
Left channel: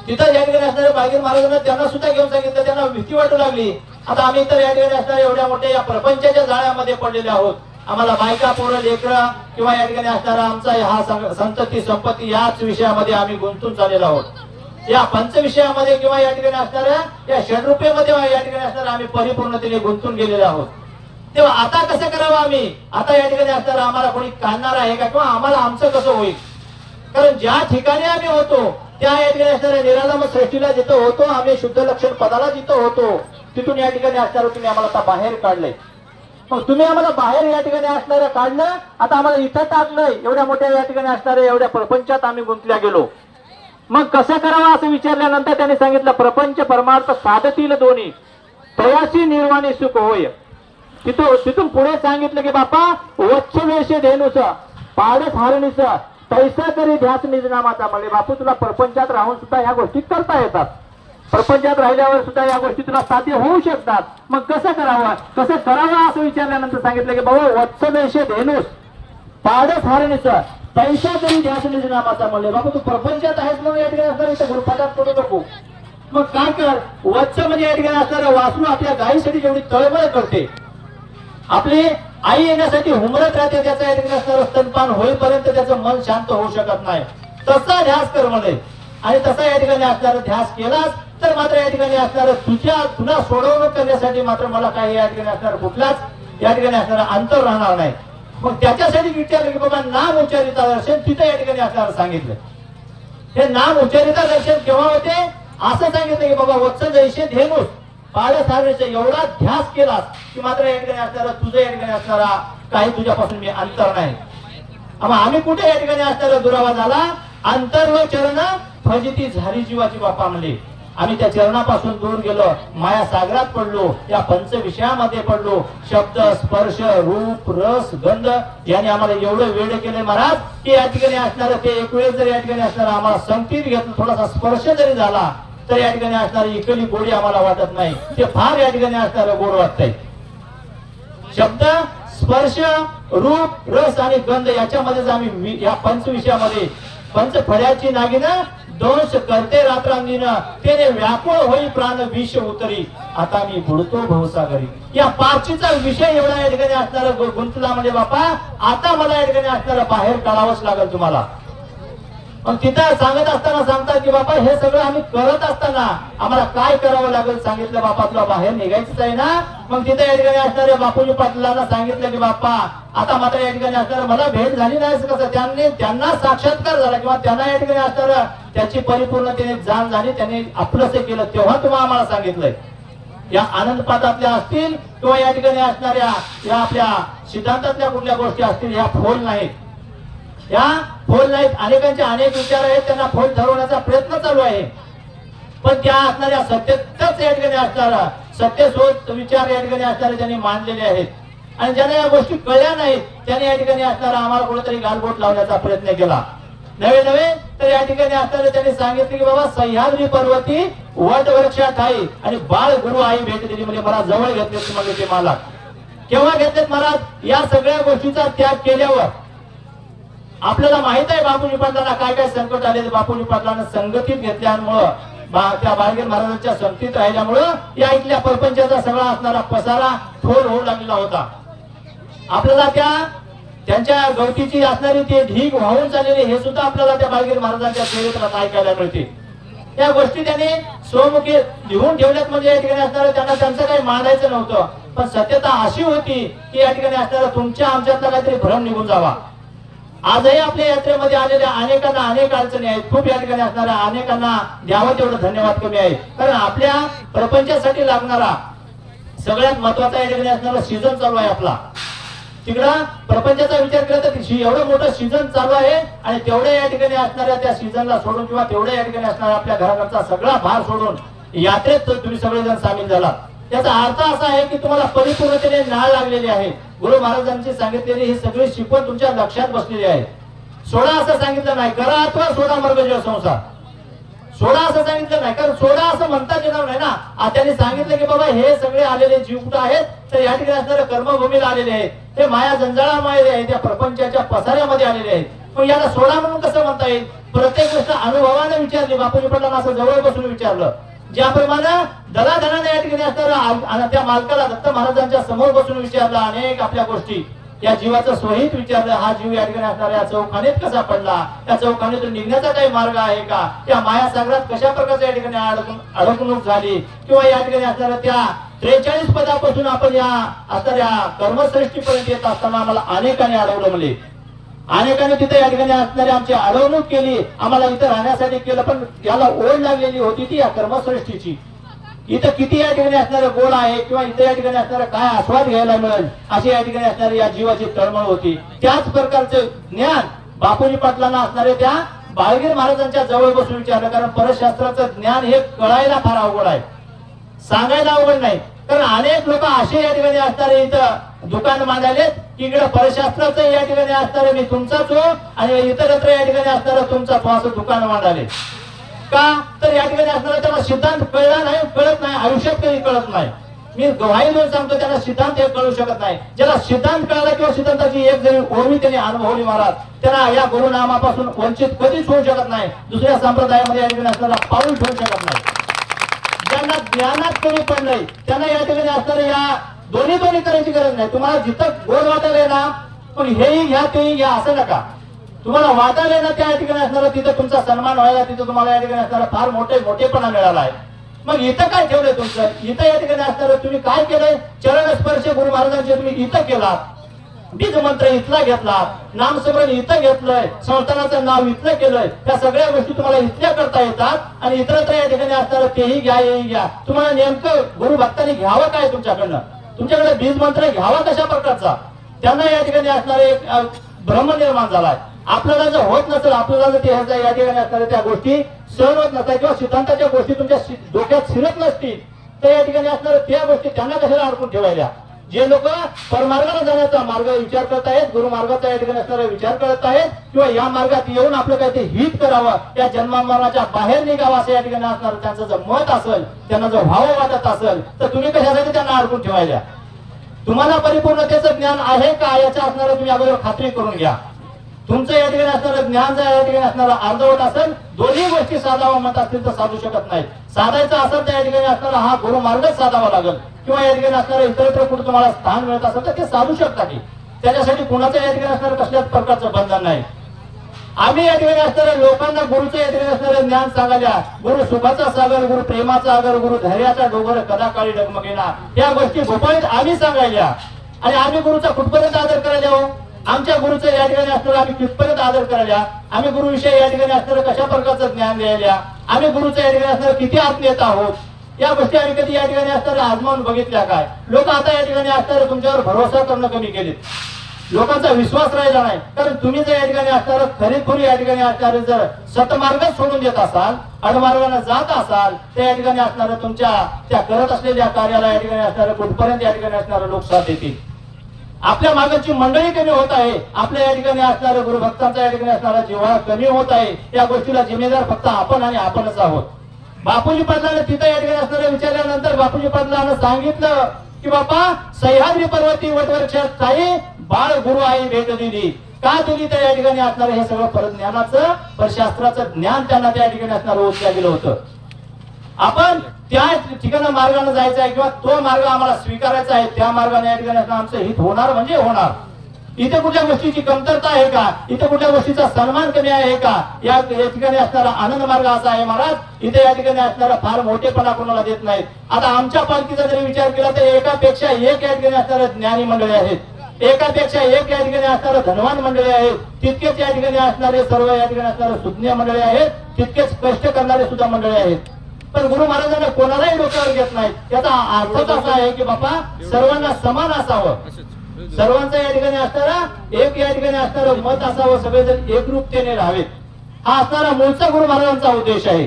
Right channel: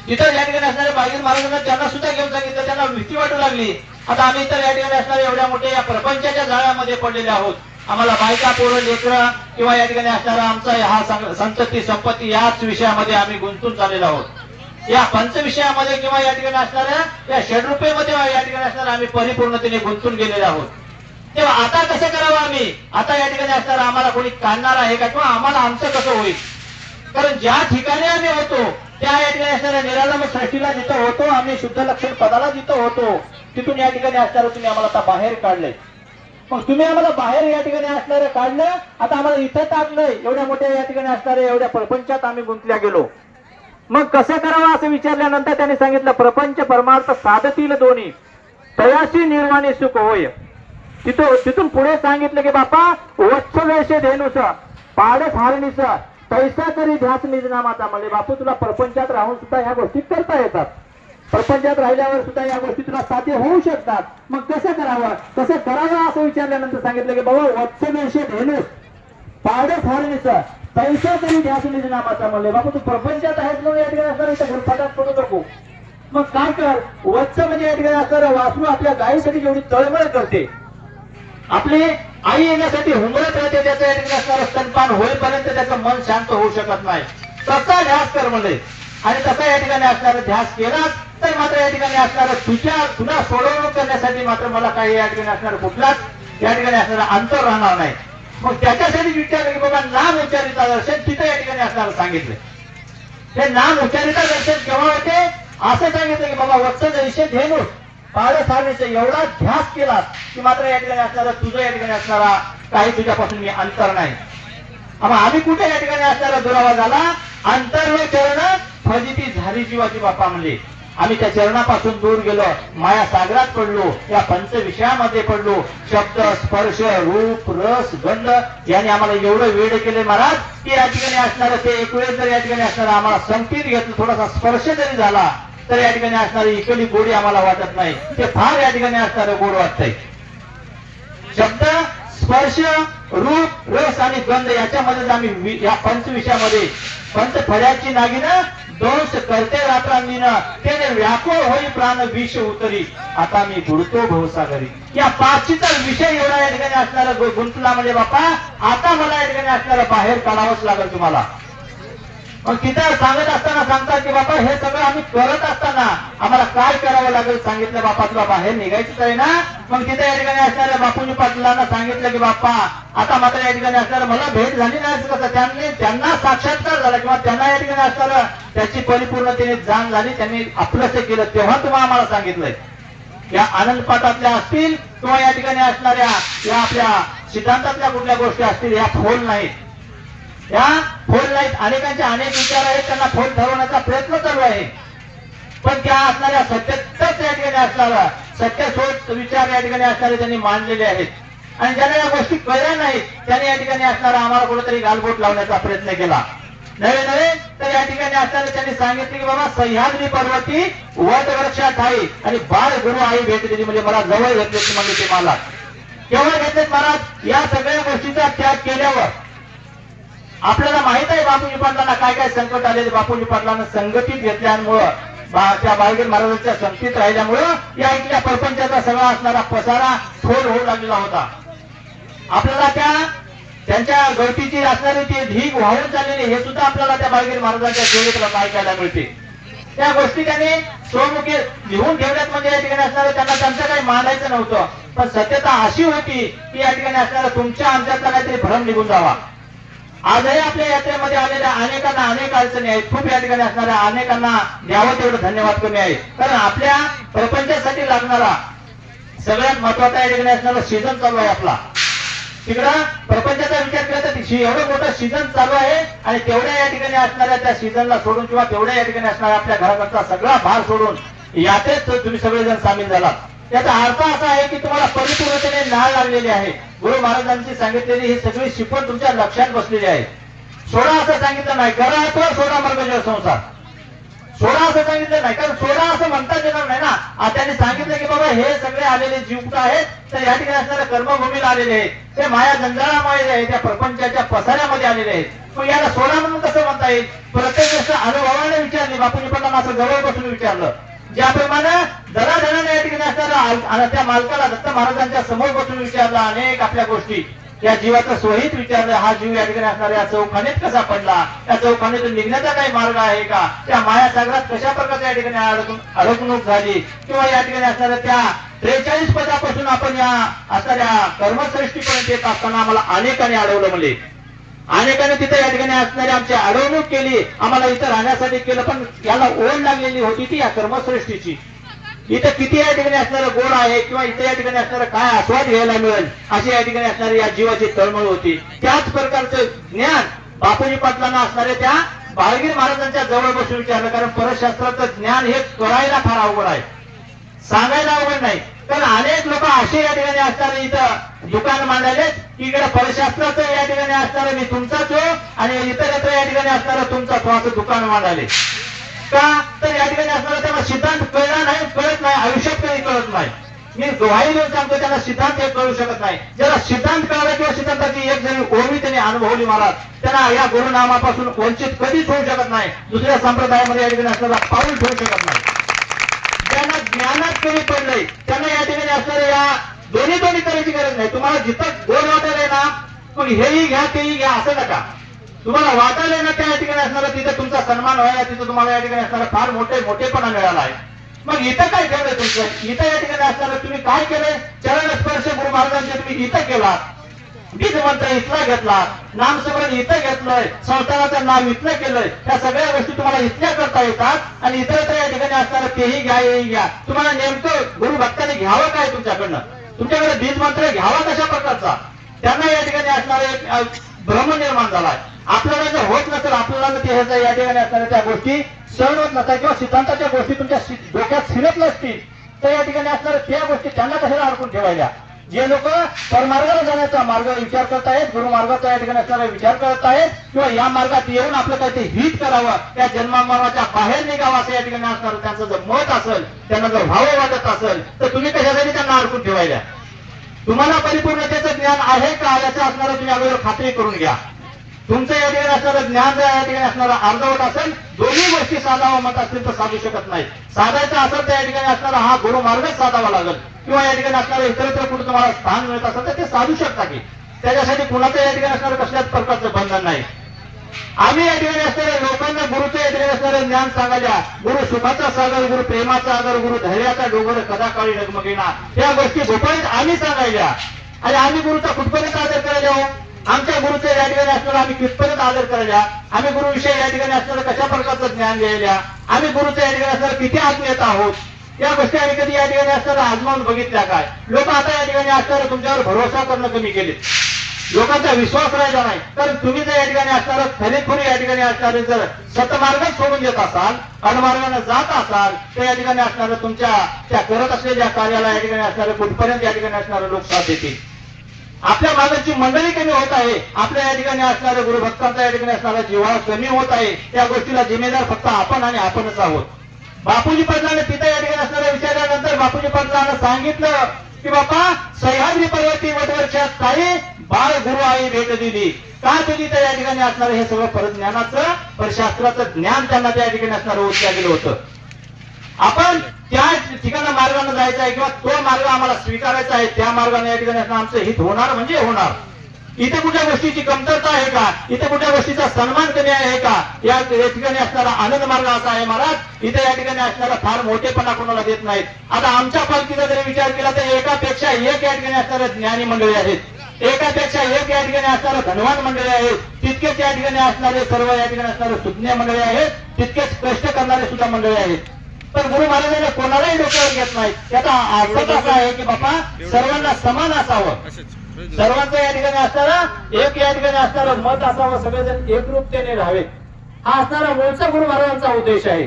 तिथं या ठिकाणी असणारे बाळगीर महाराजांना त्यांना सुद्धा घेऊन सांगितलं, त्यांना भीती वाटू लागली. आता आम्ही तर या ठिकाणी असणारे एवढ्या मोठ्या या प्रपंचाच्या जाळ्यामध्ये पडलेले आहोत, आम्हाला बायका पोरं लेकरं किंवा या ठिकाणी असणारा आमचा हा संतती संपत्ती याच विषयामध्ये आम्ही गुंतून चाललेलो आहोत. या पंच विषयामध्ये किंवा या ठिकाणी असणाऱ्या या षड्रूपेमध्ये या ठिकाणी असणारा आम्ही परिपूर्णतेने गुंतून गेलेले आहोत. तेव्हा आता कसं करावं आम्ही? आता या ठिकाणी असणारा आम्हाला कोणी काढणार आहे का, किंवा आम्हाला आमचं कसं होईल? कारण ज्या ठिकाणी आम्ही होतो त्या या ठिकाणी असणाऱ्या निराळम सृष्टीला जिथं होतो, आम्ही शुद्ध लक्षण पदाला जिथं होतो, तिथून या ठिकाणी असणारं तुम्ही आम्हाला आता बाहेर काढलंय. मग तुम्ही आम्हाला बाहेर या ठिकाणी असणारं काढलं, आता आम्हाला इथं टाकलंय. एवढ्या मोठ्या या ठिकाणी असणाऱ्या एवढ्या प्रपंचात आम्ही गुंतल्या गेलो. मग कसं करावं असं विचारल्यानंतर त्यांनी सांगितलं, प्रपंच परमार्थ साधतील दोन्ही, तयाची निर्वाणी सुख होय. तिथून पुढे सांगितलं की बापा वत्सवेश धेनुस पाडस हारणीस पैसा तरी ध्यास निजनामाचा. म्हणजे बापू तुला प्रपंचात राहून सुद्धा ह्या गोष्टी करता येतात, प्रपंचात राहिल्यावर सुद्धा या गोष्टी तुला साध्य होऊ शकतात. मग कसं करावं असं विचारल्यानंतर सांगितलं की बाबा वत्सवेश धेनुस पाडस हारणीस पैसा तरी ध्यास निजनामाचा. म्हणले बाबा तू प्रपंचात आहेस म्हणून या ठिकाणी असणार इथं गुरफाटात पडू नको. मग काय कर, वत्स म्हणजे या ठिकाणी असणाऱ्या वासरू आपल्या गायीसाठी जेवढी तळमळ करते, आपली आई येण्यासाठी हुमरत राहते, त्याचा या ठिकाणी असणारं स्तनपान होईपर्यंत त्याचं मन शांत होऊ शकत नाही, तसा ध्यास कर म्हणले. आणि तसा या ठिकाणी असणारा ध्यास केलास तर मात्र या ठिकाणी असणारं तुझ्या पुन्हा सोडवणूक करण्यासाठी मात्र मला काही या ठिकाणी असणार कुठलाच या ठिकाणी असणारं अंतर राहणार नाही. मग त्याच्यासाठी विचारलं की बाबा नाम उच्चारिता दर्शन तिथं या ठिकाणी असणार सांगितलं. हे नाम उच्चारिता दर्शन केव्हा होते असं सांगितलं की बाबा वत्स जैसे धेनुस पाडस हारणीचा एवढा ध्यास केला की मात्र या ठिकाणी असणारा तुझं या ठिकाणी असणारा काही तुझ्यापासून मी अंतर नाही. आम्ही कुठे या ठिकाणी असणारा दुरावा झाला, अंतर चरण फजिती झाली जीवाची बापा. म्हणजे आम्ही त्या चरणापासून दूर गेलो, माया सागरात पडलो, या पंच विषयामध्ये पडलो. शब्द स्पर्श रूप रस गंध याने आम्हाला एवढं वेळ केले महाराज की या ठिकाणी असणारं ते एक वेळ जर या ठिकाणी असणारा आम्हाला संगतीत घेतलं, थोडासा स्पर्श जरी झाला तर या ठिकाणी असणारी इकली गोडी आम्हाला वाटत नाही, ते फार या ठिकाणी असणारं गोड वाटतंय. शब्द स्पर्श रूप रस आणि गंध याच्यामध्येच आम्ही या पंच विषयामध्ये पंच फळ्याची नागिना दोष करते रात्रांनीनं त्याने व्याकुळ होई प्राण विष उतरी, आता मी बुडतो भवसागरी. या पाचीचा विषय एवढा या ठिकाणी असणारा गुंतला म्हणजे बापा आता मला या ठिकाणी असणारा बाहेर काढावंच लागेल तुम्हाला. मग तिथं सांगत असताना सांगतात की बापा हे सगळं आम्ही करत असताना आम्हाला काय करावं लागेल सांगितलं, बापा तुला बाहेर निघायचंच आहे ना. मग तिथे या ठिकाणी असणाऱ्या बापूजी पाटलांना सांगितलं की बाप्पा आता मात्र या ठिकाणी असणारं मला भेट झाली नाही कसं, त्यांना साक्षात्कार झाला किंवा त्यांना या ठिकाणी असणारं त्याची परिपूर्णतेने जाण झाली, त्यांनी आपलंच केलं तेव्हा तुम्हाला आम्हाला सांगितलंय. या आनंद पाठातल्या असतील किंवा या ठिकाणी असणाऱ्या या आपल्या सिद्धांतातल्या कुठल्या गोष्टी असतील, या फोल नाहीत, या फोल नाहीत. अनेकांचे अनेक विचार आहेत, त्यांना फोल ठरवण्याचा प्रयत्न चालू आहे, पण त्या असणाऱ्या सत्यच या ठिकाणी असणारा सत्यशोध विचार या ठिकाणी असणारे त्यांनी मांडलेले आहेत. आणि ज्यांना या गोष्टी कळल्या नाहीत त्यांनी या ठिकाणी असणारा आम्हाला कुठेतरी गालबोट लावण्याचा प्रयत्न केला. नवे तर या ठिकाणी असणारे त्यांनी सांगितले की बाबा सह्याद्री पर्वती वट वृक्षात आहे आणि बाळ गुरु आई भेट दिली, म्हणजे मला जवळ घेतले म्हणजे ते मला केव्हा घेतलेत महाराज, या सगळ्या गोष्टीचा त्याग केल्यावर. आपल्याला माहित आहे बापूजी पाटलांना काय काय संकट आले, बापूजी पाटलांना संघटित घेतल्यामुळं त्या बाळगीर महाराजांच्या संगतीत राहिल्यामुळं या इथल्या प्रपंचाचा सगळा असणारा पसारा फोल होऊ लागलेला होता. आपल्याला त्यांच्या गोष्टीची असणारी ते ढीग वाहून चाललेली हे सुद्धा आपल्याला त्या बाळगीर महाराजांच्या सेवेतला ऐकायला मिळते. त्या गोष्टी त्यांनी स्वमुखी लिहून ठेवल्यात, म्हणजे या ठिकाणी असणारं त्यांना त्यांचं काही मांडायचं नव्हतं, पण सत्यता अशी होती की या ठिकाणी असणारा तुमच्या आमच्यातला काहीतरी भ्रम निघून जावा. आजही आपल्या यात्रेमध्ये आलेल्या अनेकांना अनेक अडचणी आहेत, खूप या ठिकाणी असणाऱ्या अनेकांना द्यावं तेवढं धन्यवाद करणे आहे. कारण आपल्या प्रपंचासाठी लागणारा सगळ्यात महत्वाचा या ठिकाणी असणारा सीझन चालू आहे आपला. तिकडं प्रपंचाचा विचार केला तर एवढं मोठं सीझन चालू आहे आणि तेवढ्या या ठिकाणी असणाऱ्या त्या सीझनला सोडून किंवा तेवढ्या या ठिकाणी असणाऱ्या आपल्या घराचा सगळा भार सोडून यात्रेत तुम्ही सगळेजण सामील झाला. याचा अर्थ असा आहे की तुम्हाला परिपूर्णतेने नाळ लागलेली आहे. गुरु महाराजांची सांगितलेली ही सगळी शिकवण तुमच्या लक्षात बसलेली आहे. सोडा असं सांगितलं नाही, करा अथवा सोडा मर्गजय संसार. सोडा असं सांगितलं नाही, कारण सोडा असं म्हणता येणार नाही ना. त्यांनी सांगितलं की बाबा हे सगळे आलेले जीव आहेत तर या ठिकाणी असणाऱ्या कर्मभूमीला आलेले आहेत, ते माया जंजाळामध्ये आहेत, त्या प्रपंचाच्या पसाऱ्यामध्ये आलेले आहेत. पण याला सोडा म्हणून कसं म्हणता येईल? प्रत्येक गोष्ट अनुभवाने विचारली. बापूजी पटला असं जवळ बसून विचारलं, ज्याप्रमाणे दलाधनाने या ठिकाणी असणारा त्या मालकाला दत्त महाराजांच्या समोर बसून विचारला अनेक आपल्या गोष्टी, या जीवाचं स्वहित विचारलं. हा जीव या ठिकाणी असणाऱ्या चौखानीत कसा पडला, त्या चौखानीतून निघण्याचा काही मार्ग आहे का, त्या मायासागरात कशा प्रकारच्या या ठिकाणी अडकणूक झाली, किंवा या ठिकाणी असणाऱ्या त्या 43 पदापासून आपण या असणाऱ्या कर्मसृष्टीपर्यंत येत असताना आम्हाला अनेकांनी अडवलं. म्हणजे अनेकांनी तिथे या ठिकाणी असणारी आमची अडवणूक केली, आम्हाला इथं राहण्यासाठी केलं, पण याला ओढ लागलेली होती ती या कर्मसृष्टीची. इथं किती या ठिकाणी असणारं गोड आहे, किंवा इथे या ठिकाणी असणारं काय आस्वाद घ्यायला मिळेल, अशी या ठिकाणी असणारी या जीवाची तळमळ होती. त्याच प्रकारचं ज्ञान बापूजी पाटलांना असणारे त्या बाळगीर महाराजांच्या जवळ बसून विचारलं. कारण परशास्त्राचं ज्ञान हे कळायला फार अवघड आहे, सांगायला अवघड नाही. कारण अनेक लोक असे या ठिकाणी असणारे इथं दुकान मांडले की इकडे परशास्त्राचं या ठिकाणी असणारं मी तुमचाच हो आणि इतरत्र या ठिकाणी असणारं तुमचा तो असं दुकान मांडाले. का तर या ठिकाणी असणारा त्यांना सिद्धांत कळला नाही, कळत नाही, आयुष्यात कधी कळत नाही. मी गवाही देऊन सांगतो, त्यांना सिद्धांत हे कळू शकत नाही. ज्याला सिद्धांत कळला किंवा सिद्धांताची एक जरी ओळवी त्यांनी अनुभवली महाराज, त्यांना या गुरुनामापासून वंचित कधीच होऊ शकत नाही, दुसऱ्या संप्रदायामध्ये या ठिकाणी असणारा पाऊल ठेवू शकत नाही. ज्यांना ज्ञानात कमी पडलंय त्यांना या ठिकाणी असणारे या दोन्ही करायची गरज नाही. तुम्हाला जिथं गोड वाटायला ना, पण हेही घ्या तेही घ्या असं नका. तुम्हाला वाटायला ना त्या ठिकाणी असणारा तिथं तुमचा सन्मान व्हायला, तिथं तुम्हाला या ठिकाणी असणारा फार मोठेपणा मिळाला आहे. मग इथं काय केलंय तुमचं? इथं या ठिकाणी असणारं तुम्ही काय केलंय? चरण स्पर्श गुरु महाराजांचे तुम्ही इथं केला, बीज मंत्र इथला घेतला, नामस्मरण इथं घेतलंय, संस्थानाचं नाव इथलं केलंय. त्या सगळ्या गोष्टी तुम्हाला इथल्या करता येतात आणि इतरत्र या ठिकाणी असणारं तेही घ्या हेही घ्या. तुम्हाला नेमकं गुरु भक्तांनी घ्यावं काय तुमच्याकडनं? तुमच्याकडे बीज मंत्र घ्यावा कशा प्रकारचा? त्यांना या ठिकाणी असणारे एक भ्रम निर्माण झालाय. आपल्याला जर होत नसेल, आपल्याला जर ते या ठिकाणी असणाऱ्या त्या गोष्टी सहन होत नसतात किंवा सिद्धांताच्या गोष्टी तुमच्या डोक्यात शिरत नसतील तर या ठिकाणी असणाऱ्या त्या गोष्टी त्यांना कशाला अडकून ठेवायला? जे लोक परमार्गाला जाण्याचा मार्ग विचार करत आहेत, गुरुमार्गाचा या ठिकाणी असणारा विचार करत आहेत, किंवा या मार्गात येऊन आपलं काहीतरी हित करावं, त्या जन्मामरणाच्या बाहेर निघावं असं या ठिकाणी असणारं त्यांचं जर मत असेल, त्यांना जर भाव वाटत असेल, तर तुम्ही कशासाठी त्यांना अडकून ठेवायला? तुम्हाला परिपूर्णतेचं ज्ञान आहे का याचा असणारा तुम्ही अगोदर खात्री करून घ्या. तुमचं या ठिकाणी असणारं ज्ञान जर या ठिकाणी असणारा अर्धवट असेल, दोन्ही गोष्टी साधावा म्हणत असतील तर साधू शकत नाही. साधायचं असेल तर या ठिकाणी असणारा हा गुरुमार्गच साधावा लागेल, किंवा या ठिकाणी असणारा इतरत्र कुठे तुम्हाला स्थान मिळत असेल तर ते साधू शकता की त्याच्यासाठी कुणाचं या ठिकाणी असणारं कसल्याच प्रकारचं बंधन नाही. आम्ही या ठिकाणी असणाऱ्या लोकांना गुरुचं या ठिकाणी असणारं ज्ञान सांगायला, गुरु सुखाचा सागर, गुरु प्रेमाचा आगर, गुरु धैर्याचा डोंगर कदा काळी डगमगेना, या गोष्टी गोपाळीत आम्ही सांगायला. आणि आम्ही गुरुचा कुठपर्यंत आदर करायला हो? आमच्या गुरुचं या ठिकाणी असणारा आम्ही कितपर्यंत आदर करायला? आम्ही गुरुविषयी या ठिकाणी असणारं कशा प्रकारचं ज्ञान द्यायला? आम्ही गुरुचं या ठिकाणी असणारं किती आत्मीयत आहोत? या गोष्टी आम्ही कधी या ठिकाणी असताना आजमावून बघितल्या काय? लोक आता या ठिकाणी असताना तुमच्यावर भरोसा करणं कमी केले, लोकांचा विश्वास राहिला नाही. तर तुम्ही जर या ठिकाणी असणारं खरेखुरी या ठिकाणी असणारे जर सतमार्गच सोडून देत असाल, अडमार्गाने जात असाल, तर या ठिकाणी असणारं तुमच्या त्या करत असलेल्या कार्याला या ठिकाणी असणारे कुठपर्यंत या ठिकाणी असणारे लोक साथ देतील. आपल्या मागाची मंडळी कमी होत आहे, आपल्या या ठिकाणी असणाऱ्या गुरुभक्तांचा या ठिकाणी असणारा जिव्हाळा कमी होत आहे. या गोष्टीला जिम्मेदार फक्त आपण आणि आपणच आहोत. बापूजी पाटलांना तिथे या ठिकाणी असणाऱ्या विचारल्यानंतर बापूजी पाटलांना सांगितलं की बापा, सह्याद्री पर्वती वटवृक्षात काही बाळ गुरु आई भेट दिली. का दिली? तर या ठिकाणी असणारं हे सगळं परज्ञानाचं, परशास्त्राचं ज्ञान त्यांना त्या ठिकाणी असणारं उच्च गेलं होतं. आपण त्या ठिकाणी मार्गाने जायचं आहे किंवा तो मार्ग आम्हाला स्वीकारायचा आहे, त्या मार्गाने या ठिकाणी आमचं हित होणार म्हणजे होणार. इथे कुठल्या गोष्टीची कमतरता आहे का? इथे कुठल्या गोष्टीचा सन्मान कमी आहे का? या ठिकाणी असणारा आनंद मार्ग असा आहे महाराज, इथे या ठिकाणी असणारा फार मोठेपणा कोणाला देत नाहीत. आता आमच्या पालखीचा जरी विचार केला तर एकापेक्षा एक या ठिकाणी असणारे ज्ञानी मंडळी आहेत, एकापेक्षा एक या ठिकाणी असणारे धनवान मंडळी आहेत, तितकेच या ठिकाणी असणारे सर्व या ठिकाणी असणारे सुज्ञ मंडळी आहेत, तितकेच कष्ट करणारे सुद्धा मंडळी आहेत. पण गुरु महाराजांना कोणालाही डोक्यावर घेत नाही. त्याचा अर्थ असा आहे की बापा, सर्वांना समान असावं, सर्वांचं या ठिकाणी असणारा एक या ठिकाणी असणारं मत असावं, सगळेजण एकरूपतेने राहावेत, हा असणारा मूळचा गुरु महाराजांचा उद्देश आहे.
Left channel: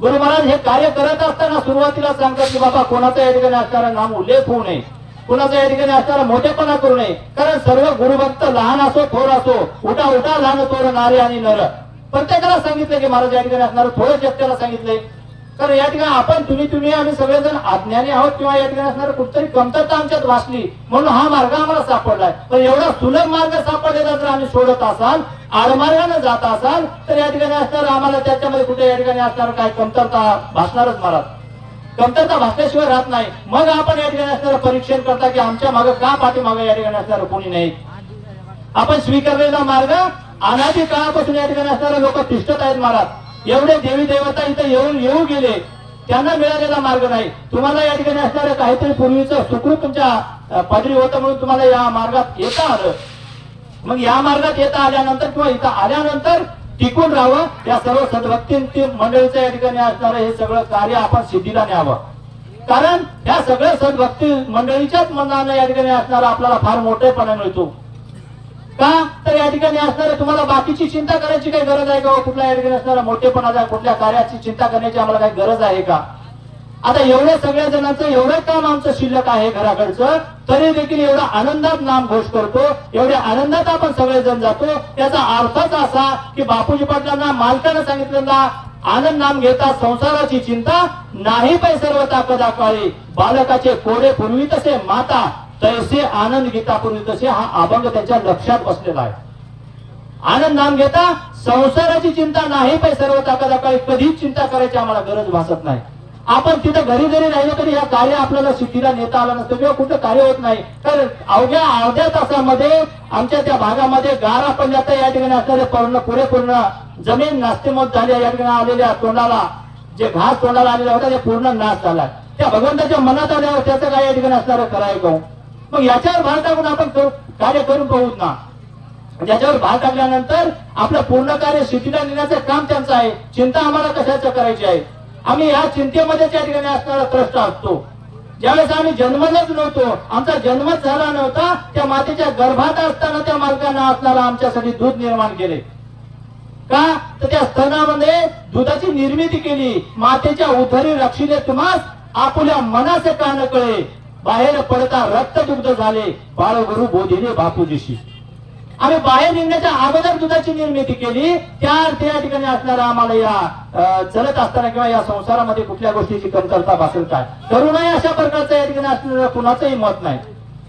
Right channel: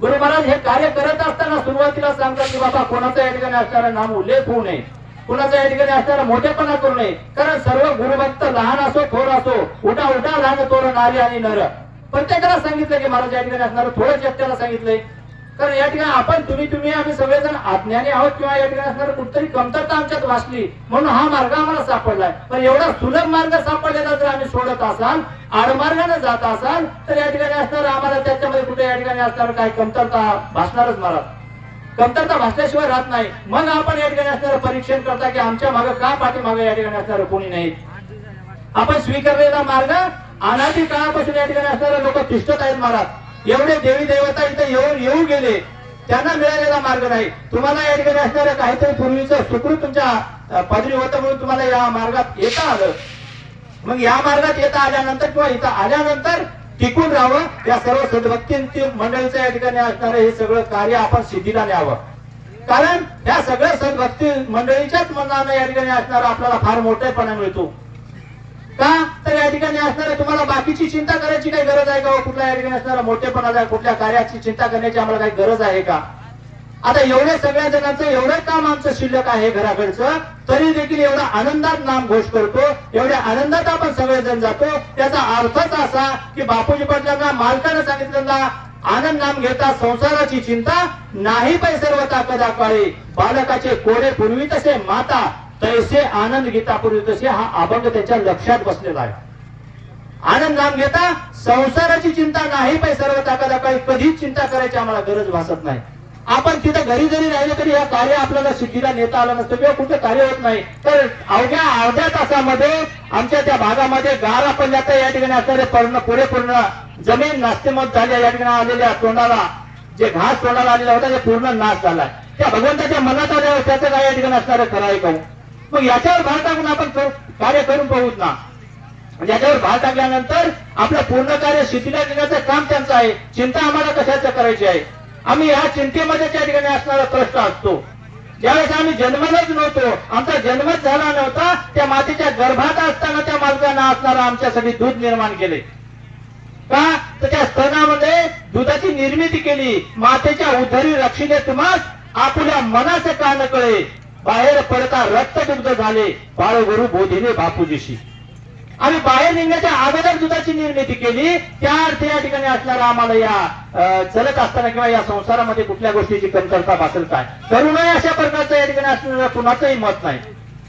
गुरु महाराज हे कार्य करत असताना सुरुवातीला सांगतात की बाबा, कोणाचा या ठिकाणी असणारा नाम उल्लेख होऊ नये, कुणाचा या ठिकाणी असणारा मोठेपणा करू नये. कारण सर्व गुरुभक्त लहान असो थोर असो, उठा उठा लहान थोर नारी आणि नर, प्रत्येकाला सांगितलं की महाराज या ठिकाणी असणार, थोडं जगत्याला सांगितलंय. कारण या ठिकाणी आपण तुम्ही आम्ही सगळेजण अज्ञानी आहोत किंवा या ठिकाणी असणार कुठतरी कमतरता आमच्यात वाचली म्हणून हा मार्ग आम्हाला सापडलाय. पण एवढा सुलभ मार्ग सापडलेला जर आम्ही सोडत असाल, आडमार्गाने जात असाल, तर या ठिकाणी असणार आम्हाला त्याच्यामध्ये कुठे या ठिकाणी असणार काय कमतरता भासणारच महाराज. कमतरता भासल्याशिवाय राहत नाही. मग आपण या ठिकाणी असणार परीक्षण करता की आमच्या मागे का पाठीमागे या ठिकाणी असणार कोणी नाही. आपण स्वीकारलेला मार्ग अनादी काळापासून या ठिकाणी असणारे लोक तिष्ठत आहेत महाराज. एवढे देवी देवता इथे येऊ गेले, त्यांना मिळालेला मार्ग नाही. तुम्हाला या ठिकाणी असणारे काहीतरी पूर्वीचं सुकृत तुमच्या पदरी होतं म्हणून तुम्हाला या मार्गात येता आलं. मग या मार्गात येता आल्यानंतर किंवा इथं आल्यानंतर टिकून राहावं, या सर्व सद्भक्ती मंडळीचं या ठिकाणी असणारं हे सगळं कार्य आपण सिद्धीला न्यावं. कारण या सगळ्या सद्भक्ती मंडळीच्याच मनानं या ठिकाणी असणारा आपल्याला फार मोठेपणा मिळतो. का तर या ठिकाणी असणारे तुम्हाला बाकीची चिंता करायची काही गरज आहे का? कुठल्या या ठिकाणी असणारा मोठेपणाचा कुठल्या कार्याची चिंता करण्याची आम्हाला काही गरज आहे का? आता एवढ्या सगळ्या जणांचं एवढं काम आमचं शिल्लक आहे घराकडचं, तरी देखील एवढा आनंदात नाम घोष करतो, एवढ्या आनंदात आपण सगळेजण जातो. त्याचा अर्थच असा की बापूजी पाटलांना मालकानं सांगितलं ना, आनंद नाम घेता संसाराची चिंता नाही पै सर्व ताकदा काळी, बालकाचे कोडे पूर्वी तसे माता तैसे आनंद घेता पूर्वी तसे. हा अभंग त्याच्या लक्षात बसलेला आहे. आनंद नाम घेता संसाराची चिंता नाही पै सर्व ताकदा काळी, कधीच चिंता करायची आम्हाला गरज भासत नाही. आपण तिथं घरी जरी राहिले तरी या कार्य आपल्याला सिद्धीला नेता आलं नसतं किंवा कुठं कार्य होत नाही. तर अवघ्या अर्ध्या तासामध्ये आमच्या त्या भागामध्ये गारा पडल्या तर या ठिकाणी असणारे पुरेपूर्ण जमीन नास्तिमत झाल्या. या ठिकाणी आलेल्या तोंडाला जे घास तोंडाला आलेला होता ते पूर्ण नाश झालाय. त्या भगवंताच्या मनात आल्यावर त्याचं काय या ठिकाणी असणारं कराय का? मग याच्यावर भार टाकून आपण कार्य करून पाहूत ना. याच्यावर भार टाकल्यानंतर आपलं पूर्ण कार्य सिद्धीला नेण्याचं काम त्यांचं आहे. चिंता आम्हाला कशाचं करायची आहे? आम्ही या चिंतेमध्ये त्या ठिकाणी असणारा कष्ट असतो. ज्यावेळेस आम्ही जन्मलाच नव्हतो, आमचा जन्मच झाला नव्हता, त्या मातेच्या गर्भात असताना त्या मालकांना असणारा आमच्यासाठी दूध निर्माण केले. का तर त्या स्तनामध्ये दुधाची निर्मिती केली. मातेच्या उदरी रक्षिले तुम्हास आपल्या मनाचं कान कळे, बाहेर पडता रक्त दुग्ध झाले बाळगुरु बोधिले बापूजीशी. आम्ही बाहेर निघण्याच्या अगोदर दुधाची निर्मिती केली. त्या अर्थ या ठिकाणी असणारा आम्हाला या चलत असताना किंवा या संसारामध्ये कुठल्या गोष्टीची कमतरता भासेल काय करू नये अशा प्रकारचं या ठिकाणी असणारा कुणाचंही मत नाही.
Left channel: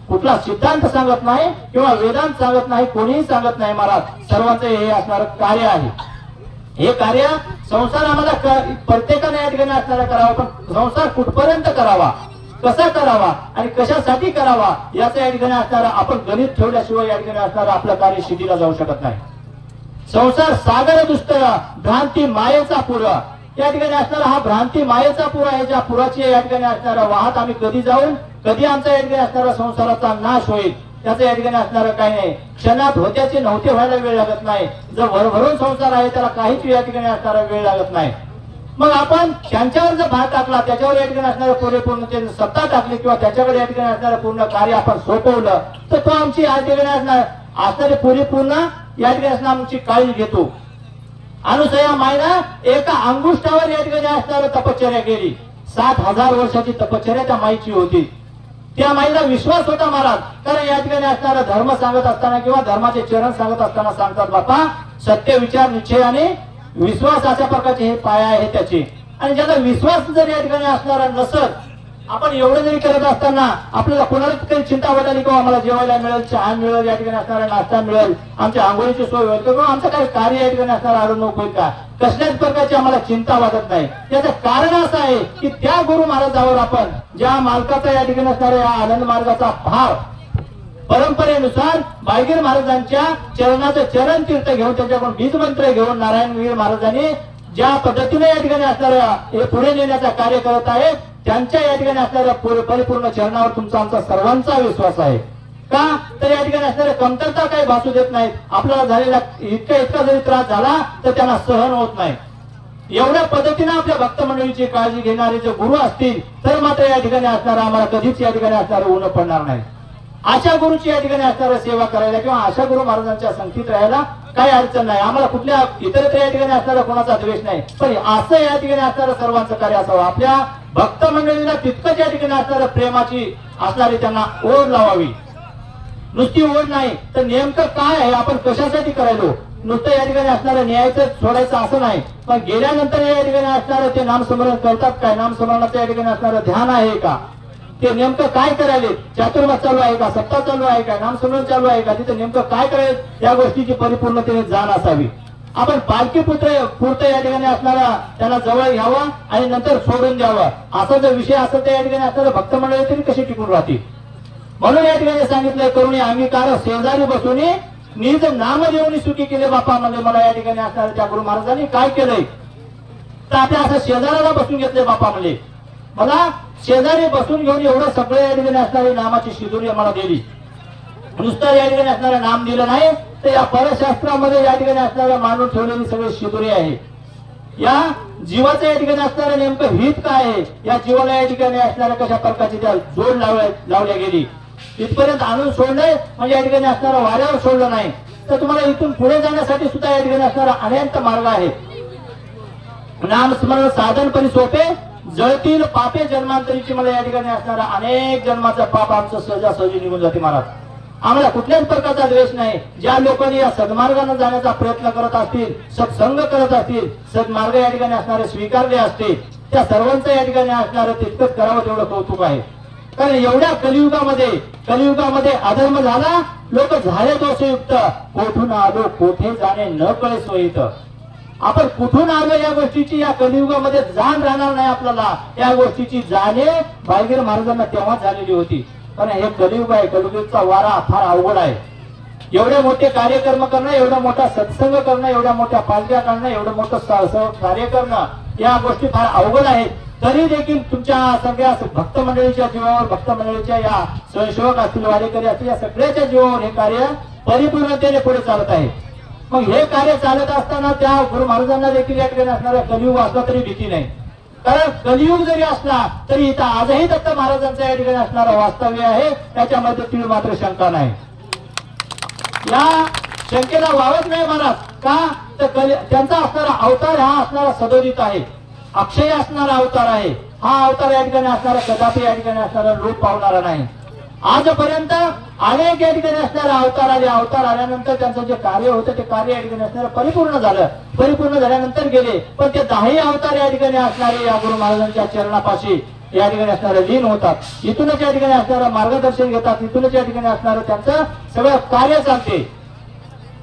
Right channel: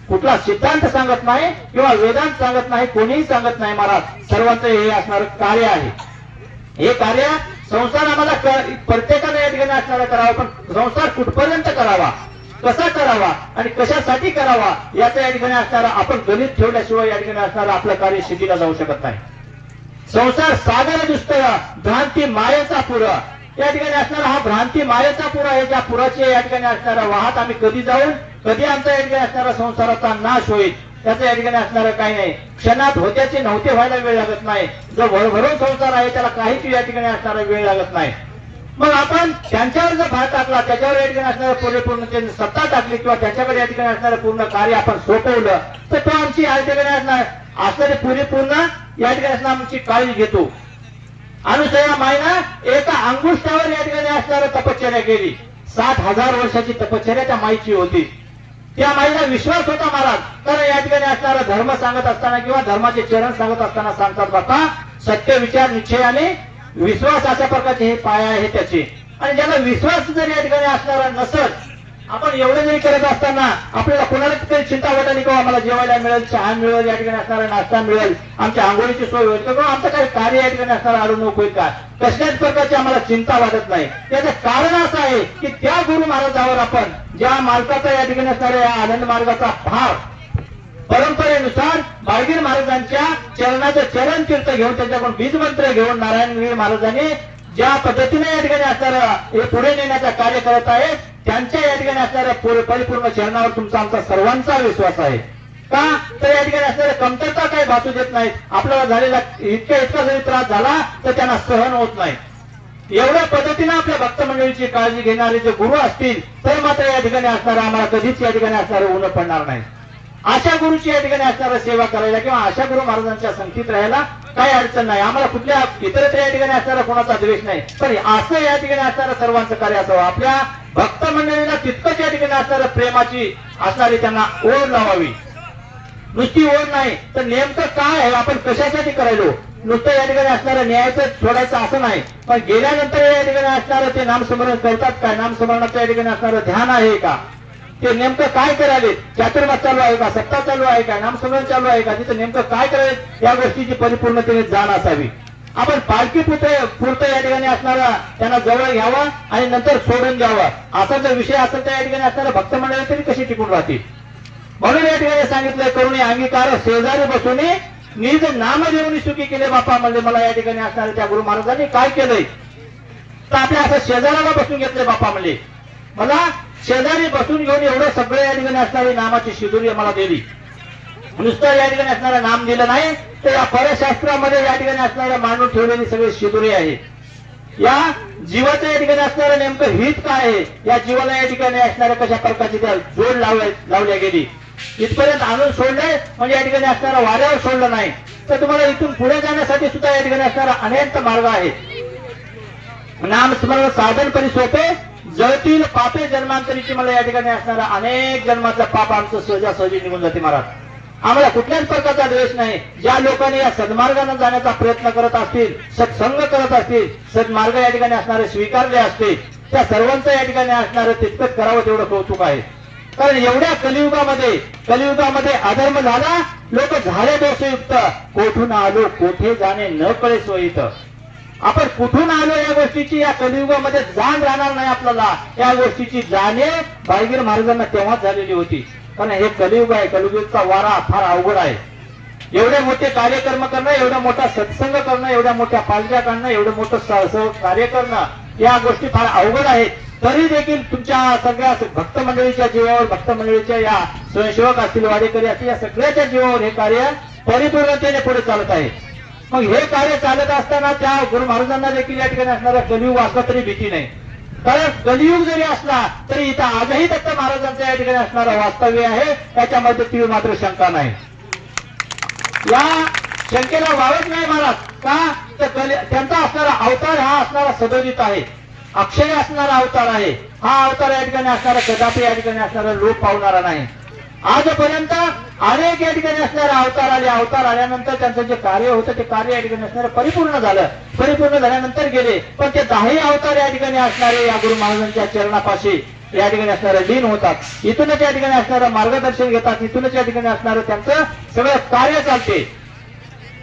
कुठला सिद्धांत सांगत नाही किंवा वेदांत सांगत नाही, कोणीही सांगत नाही. महाराज सर्वांचं हे असणारं कार्य आहे. हे कार्य संसार आम्हाला प्रत्येकाने या ठिकाणी असणारा करावा. पण संसार कुठपर्यंत करावा, कसा करावा आणि कशासाठी करावा याचा या ठिकाणी असणारा आपण गणित ठेवल्याशिवाय या ठिकाणी असणारा आपलं कार्य सिद्धीला जाऊ शकत नाही. संसार सागर दुष्तर भ्रांती मायेचा पुरा. या ठिकाणी असणारा हा भ्रांती मायेचा पुरा आहे. ज्या पुराची या ठिकाणी असणारा वाहत आम्ही कधी जाऊन कधी आमचा या ठिकाणी असणारा संसाराचा नाश होईल त्याचं या ठिकाणी असणारं काही नाही. क्षणात होत्याचे नव्हते व्हायला वेळ लागत नाही. जो भरभरून संसार आहे त्याला काहीच या ठिकाणी असणारा वेळ लागत नाही. मग आपण त्यांच्यावर जर भार टाकला, त्याच्यावर या ठिकाणी असणारं परिपूर्ण सत्ता टाकली किंवा त्याच्याकडे या ठिकाणी असणारं पूर्ण कार्य आपण सोपवलं तर तो आमची या ठिकाणी असणारे परिपूर्ण या ठिकाणी असणार आमची काळजी घेतो. अनुसया मायनं एका अंगुष्ठावर या ठिकाणी असणारं तपश्चर्या केली. 60,000 वर्षाची तपश्चर्या त्या माईची होती. त्या माईला विश्वास होता महाराज. कारण या ठिकाणी असणारा धर्म सांगत असताना किंवा धर्माचे चरण सांगत असताना सांगतात बापा सत्य विचार निश्चय आणि विश्वास अशा प्रकारचे हे पाया आहे त्याचे. आणि ज्याला विश्वास जर या ठिकाणी असणारा नसत, आपण एवढं जरी करत असताना आपल्याला कोणाला तरी चिंता वाटत नाही किंवा आम्हाला जेवायला मिळेल, चहा मिळेल, या ठिकाणी असणारा नाश्ता मिळेल, आमच्या आंघोळीची सोय होईल किंवा आमचं काही कार्य या ठिकाणी असणारा अडवणूक होईल का, कसल्याच प्रकारची आम्हाला चिंता वाटत नाही. त्याचं कारण असं आहे की त्या गुरु महाराजावर आपण ज्या मालकाचा या ठिकाणी असणाऱ्या या आनंद मार्गाचा भाव परंपरेनुसार बाळगीर महाराजांच्या चरणाचं चरण तीर्थ घेऊन त्यांच्याकडून बीज मंत्र घेऊन नारायणवीर महाराजांनी ज्या पद्धतीने या ठिकाणी असणाऱ्या हे पुढे नेण्याचं कार्य करत आहे त्यांच्या या ठिकाणी असणाऱ्या परिपूर्ण चरणावर तुमचा आमचा सर्वांचा विश्वास आहे. का तर या ठिकाणी असणाऱ्या कमतरता काही भासू देत नाहीत. आपल्याला झालेला इतका जरी त्रास झाला तर त्यांना सहन होत नाही. एवढ्या पद्धतीने आपल्या भक्त मंडळीची काळजी घेणारे जे गुरु असतील तर मात्र या ठिकाणी असणारा आम्हाला कधीच या ठिकाणी असणारं ऊन पडणार नाही. अशा गुरुची या ठिकाणी असणारा सेवा करायला किंवा अशा गुरु महाराजांच्या संगतीत राहायला काही अडचण नाही. आम्हाला कुठल्या इतरत्र या ठिकाणी असणारा कोणाचा द्वेष नाही. पण असं या ठिकाणी असणारं सर्वांचं कार्य असावं. आपल्या भक्त मंडळीला तितकंच या ठिकाणी असणारं प्रेमाची असणारी त्यांना ओढ लावावी. नुसती ओढ नाही तर नेमकं काय आहे, आपण कशासाठी करायलो, नुसतं या ठिकाणी असणारं न्यायचं सोडायचं असं नाही, पण गेल्यानंतर या ठिकाणी असणारं ते नामस्मरण करतात काय, नामस्मरणाचं या ठिकाणी असणारं ध्यान आहे का, ते नेमकं काय करायले, चातुर्मास चालू आहे का, सत्ता चालू आहे का, नामस्मरण चालू आहे का, तिथं नेमकं काय करायचं या गोष्टीची परिपूर्णतेने जाण असावी. आपण पालखी पुरतं या ठिकाणी असणारा त्यांना जवळ घ्यावं आणि नंतर सोडून द्यावं असा जर विषय असेल तर या ठिकाणी असणारे भक्त मंडळी तरी कशी टिकून राहतील. म्हणून या ठिकाणी सांगितलंय करुणी अंगीकार शेजारी बसून निज नाम देऊन सुखी केले बापा म्हणले. मला या ठिकाणी असणारे त्या गुरु महाराजांनी काय केलंय तर आपल्या असं शेजाऱ्याला बसून घेतलंय बापा म्हणले. मला शेजारी बसून घेऊन एवढं सगळं या ठिकाणी असणारी नामाची शिदुरी मला दिली. नुसतं या ठिकाणी असणारं नाम दिलं नाही तर या परशास्त्रामध्ये या ठिकाणी असणाऱ्या मांडून ठेवलेली सगळी शिदुरी आहे. या जीवाचं या ठिकाणी असणारं नेमकं हित काय आहे, या जीवाला या ठिकाणी असणाऱ्या कशा प्रकारची त्या जोड लावल्या गेली इथपर्यंत आणून सोडलंय. म्हणजे या ठिकाणी असणारं वाऱ्यावर सोडलं नाही तर तुम्हाला इथून पुढे जाण्यासाठी सुद्धा या ठिकाणी असणारा अनेक मार्ग आहे. नामस्मरण साधनपरी सोपे जळतील पापे जन्मांतरीची. मला या ठिकाणी असणारा अनेक जन्माचा पाप आमचं सहजासहजी निघून जाते महाराज. आम्हाला कुठल्याच प्रकारचा द्वेष नाही. ज्या लोकांनी या सद्मार्गाने जाण्याचा प्रयत्न करत असतील, सत्संग करत असतील, सद्मार्ग या ठिकाणी असणारे स्वीकारले असते त्या सर्वांचं या ठिकाणी असणारं तितकंच करावं तेवढं कौतुक आहे. कारण एवढ्या कलियुगामध्ये अधर्म झाला, लोक झाले दोषयुक्त, कोठून आलो कोठे जाणे न कळे सोयीत. आपण कुठून आलो या गोष्टीची या कलियुगामध्ये जाण राहणार नाही आपल्याला. या गोष्टीची जाणीव बाळगीर महाराजांना तेव्हाच झालेली होती. पण हे कलियुग आहे, कलियुगचा वारा फार अवघड आहे. एवढे मोठे कार्यक्रम करणं, एवढा मोठा सत्संग करणं, एवढ्या मोठ्या पालख्या काढणं, एवढं मोठं कार्य करणं या गोष्टी फार अवघड आहेत. तरी देखील तुमच्या सगळ्या भक्त मंडळीच्या जीवावर, भक्त मंडळीच्या या स्वयंसेवक असतील, वाडेकरी असतील, या सगळ्याच्या जीवावर हे कार्य परिपूर्णतेने पुढे चालत आहे. मग हे कार्य चालत असताना त्या गुरु महाराजांना देखील या ठिकाणी असणाऱ्या कलियुग असला तरी भीती नाही. कारण कलियुग जरी असला तरी इथं आजही दत्त महाराजांचं या ठिकाणी असणारं वास्तव्य आहे, त्याच्यामध्ये ती मात्र शंका नाही. या शंकेला वावच नाही महाराज. का तर त्यांचा असणारा अवतार हा असणारा सदोदित आहे, अक्षय असणारा अवतार आहे. हा अवतार या ठिकाणी असणारा कदापि या ठिकाणी असणारा रूप पावणारा नाही. आजपर्यंत अनेक या ठिकाणी असणारे अवतार आले. अवतार आल्यानंतर त्यांचं जे कार्य होतं ते कार्य या ठिकाणी असणारं परिपूर्ण झालं. परिपूर्ण झाल्यानंतर गेले, पण ते 10 अवतार या ठिकाणी असणारे या गुरु महाराजांच्या चरणापाशी या ठिकाणी असणारे लीन होतात. इथूनच या ठिकाणी असणारं मार्गदर्शन घेतात. इथूनच या ठिकाणी असणारं त्यांचं सगळं कार्य चालते.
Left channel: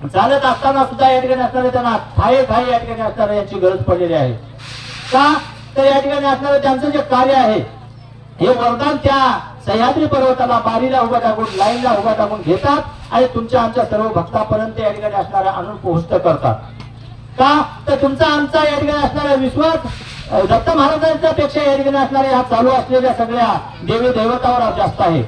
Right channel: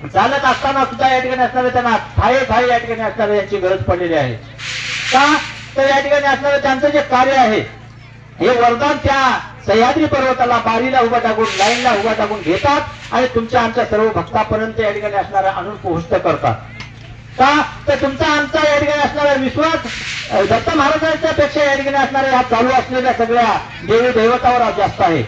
चालत असताना सुद्धा या ठिकाणी असणारं त्यांना ठाये या ठिकाणी असणारं यांची गरज पडलेली आहे. का तर या ठिकाणी असणारं त्यांचं जे कार्य आहे हे वरदान त्या सह्याद्री पर्वताला बारीला उभा टाकून, लाईनला उभा टाकून घेतात आणि तुमच्या आमच्या सर्व भक्तापर्यंत या ठिकाणी असणारा आणून पोहोचत करतात. का तर तुमचा आमचा या ठिकाणी असणारा विश्वास दत्त महाराजांच्या पेक्षा या ठिकाणी असणाऱ्या ह्या चालू असलेल्या सगळ्या देवी देवतावर जास्त आहे.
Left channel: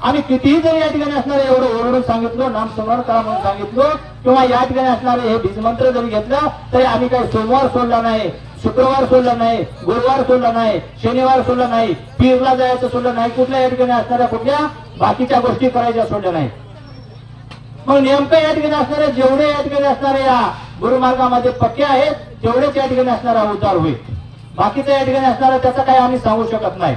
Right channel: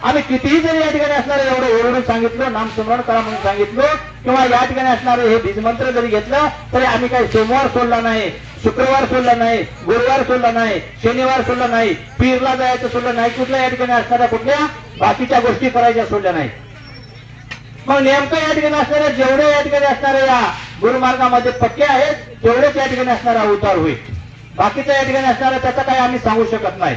आम्ही कितीही जरी या ठिकाणी असणारे एवढं ओरडून सांगितलं, नामस्मरण करा म्हणून सांगितलं, किंवा या ठिकाणी असणारे हे बीजमंत्र जरी घेतलं तरी आम्ही काही सोमवार सोडला नाही, शुक्रवार सोडला नाही, गुरुवार सोडला नाही, शनिवार सोडला नाही, पीरला जायचं सोडलं नाही, कुठल्या या ठिकाणी असणाऱ्या कुठल्या बाकीच्या गोष्टी करायच्या सोडल्या नाही. मग नेमकं या ठिकाणी असणाऱ्या जेवढे या ठिकाणी असणाऱ्या या गुरुमार्गामध्ये पक्के आहेत तेवढेच या ठिकाणी असणारा अवतार होईल. बाकीचं या ठिकाणी असणारा त्याचा काही आम्ही सांगू शकत नाही.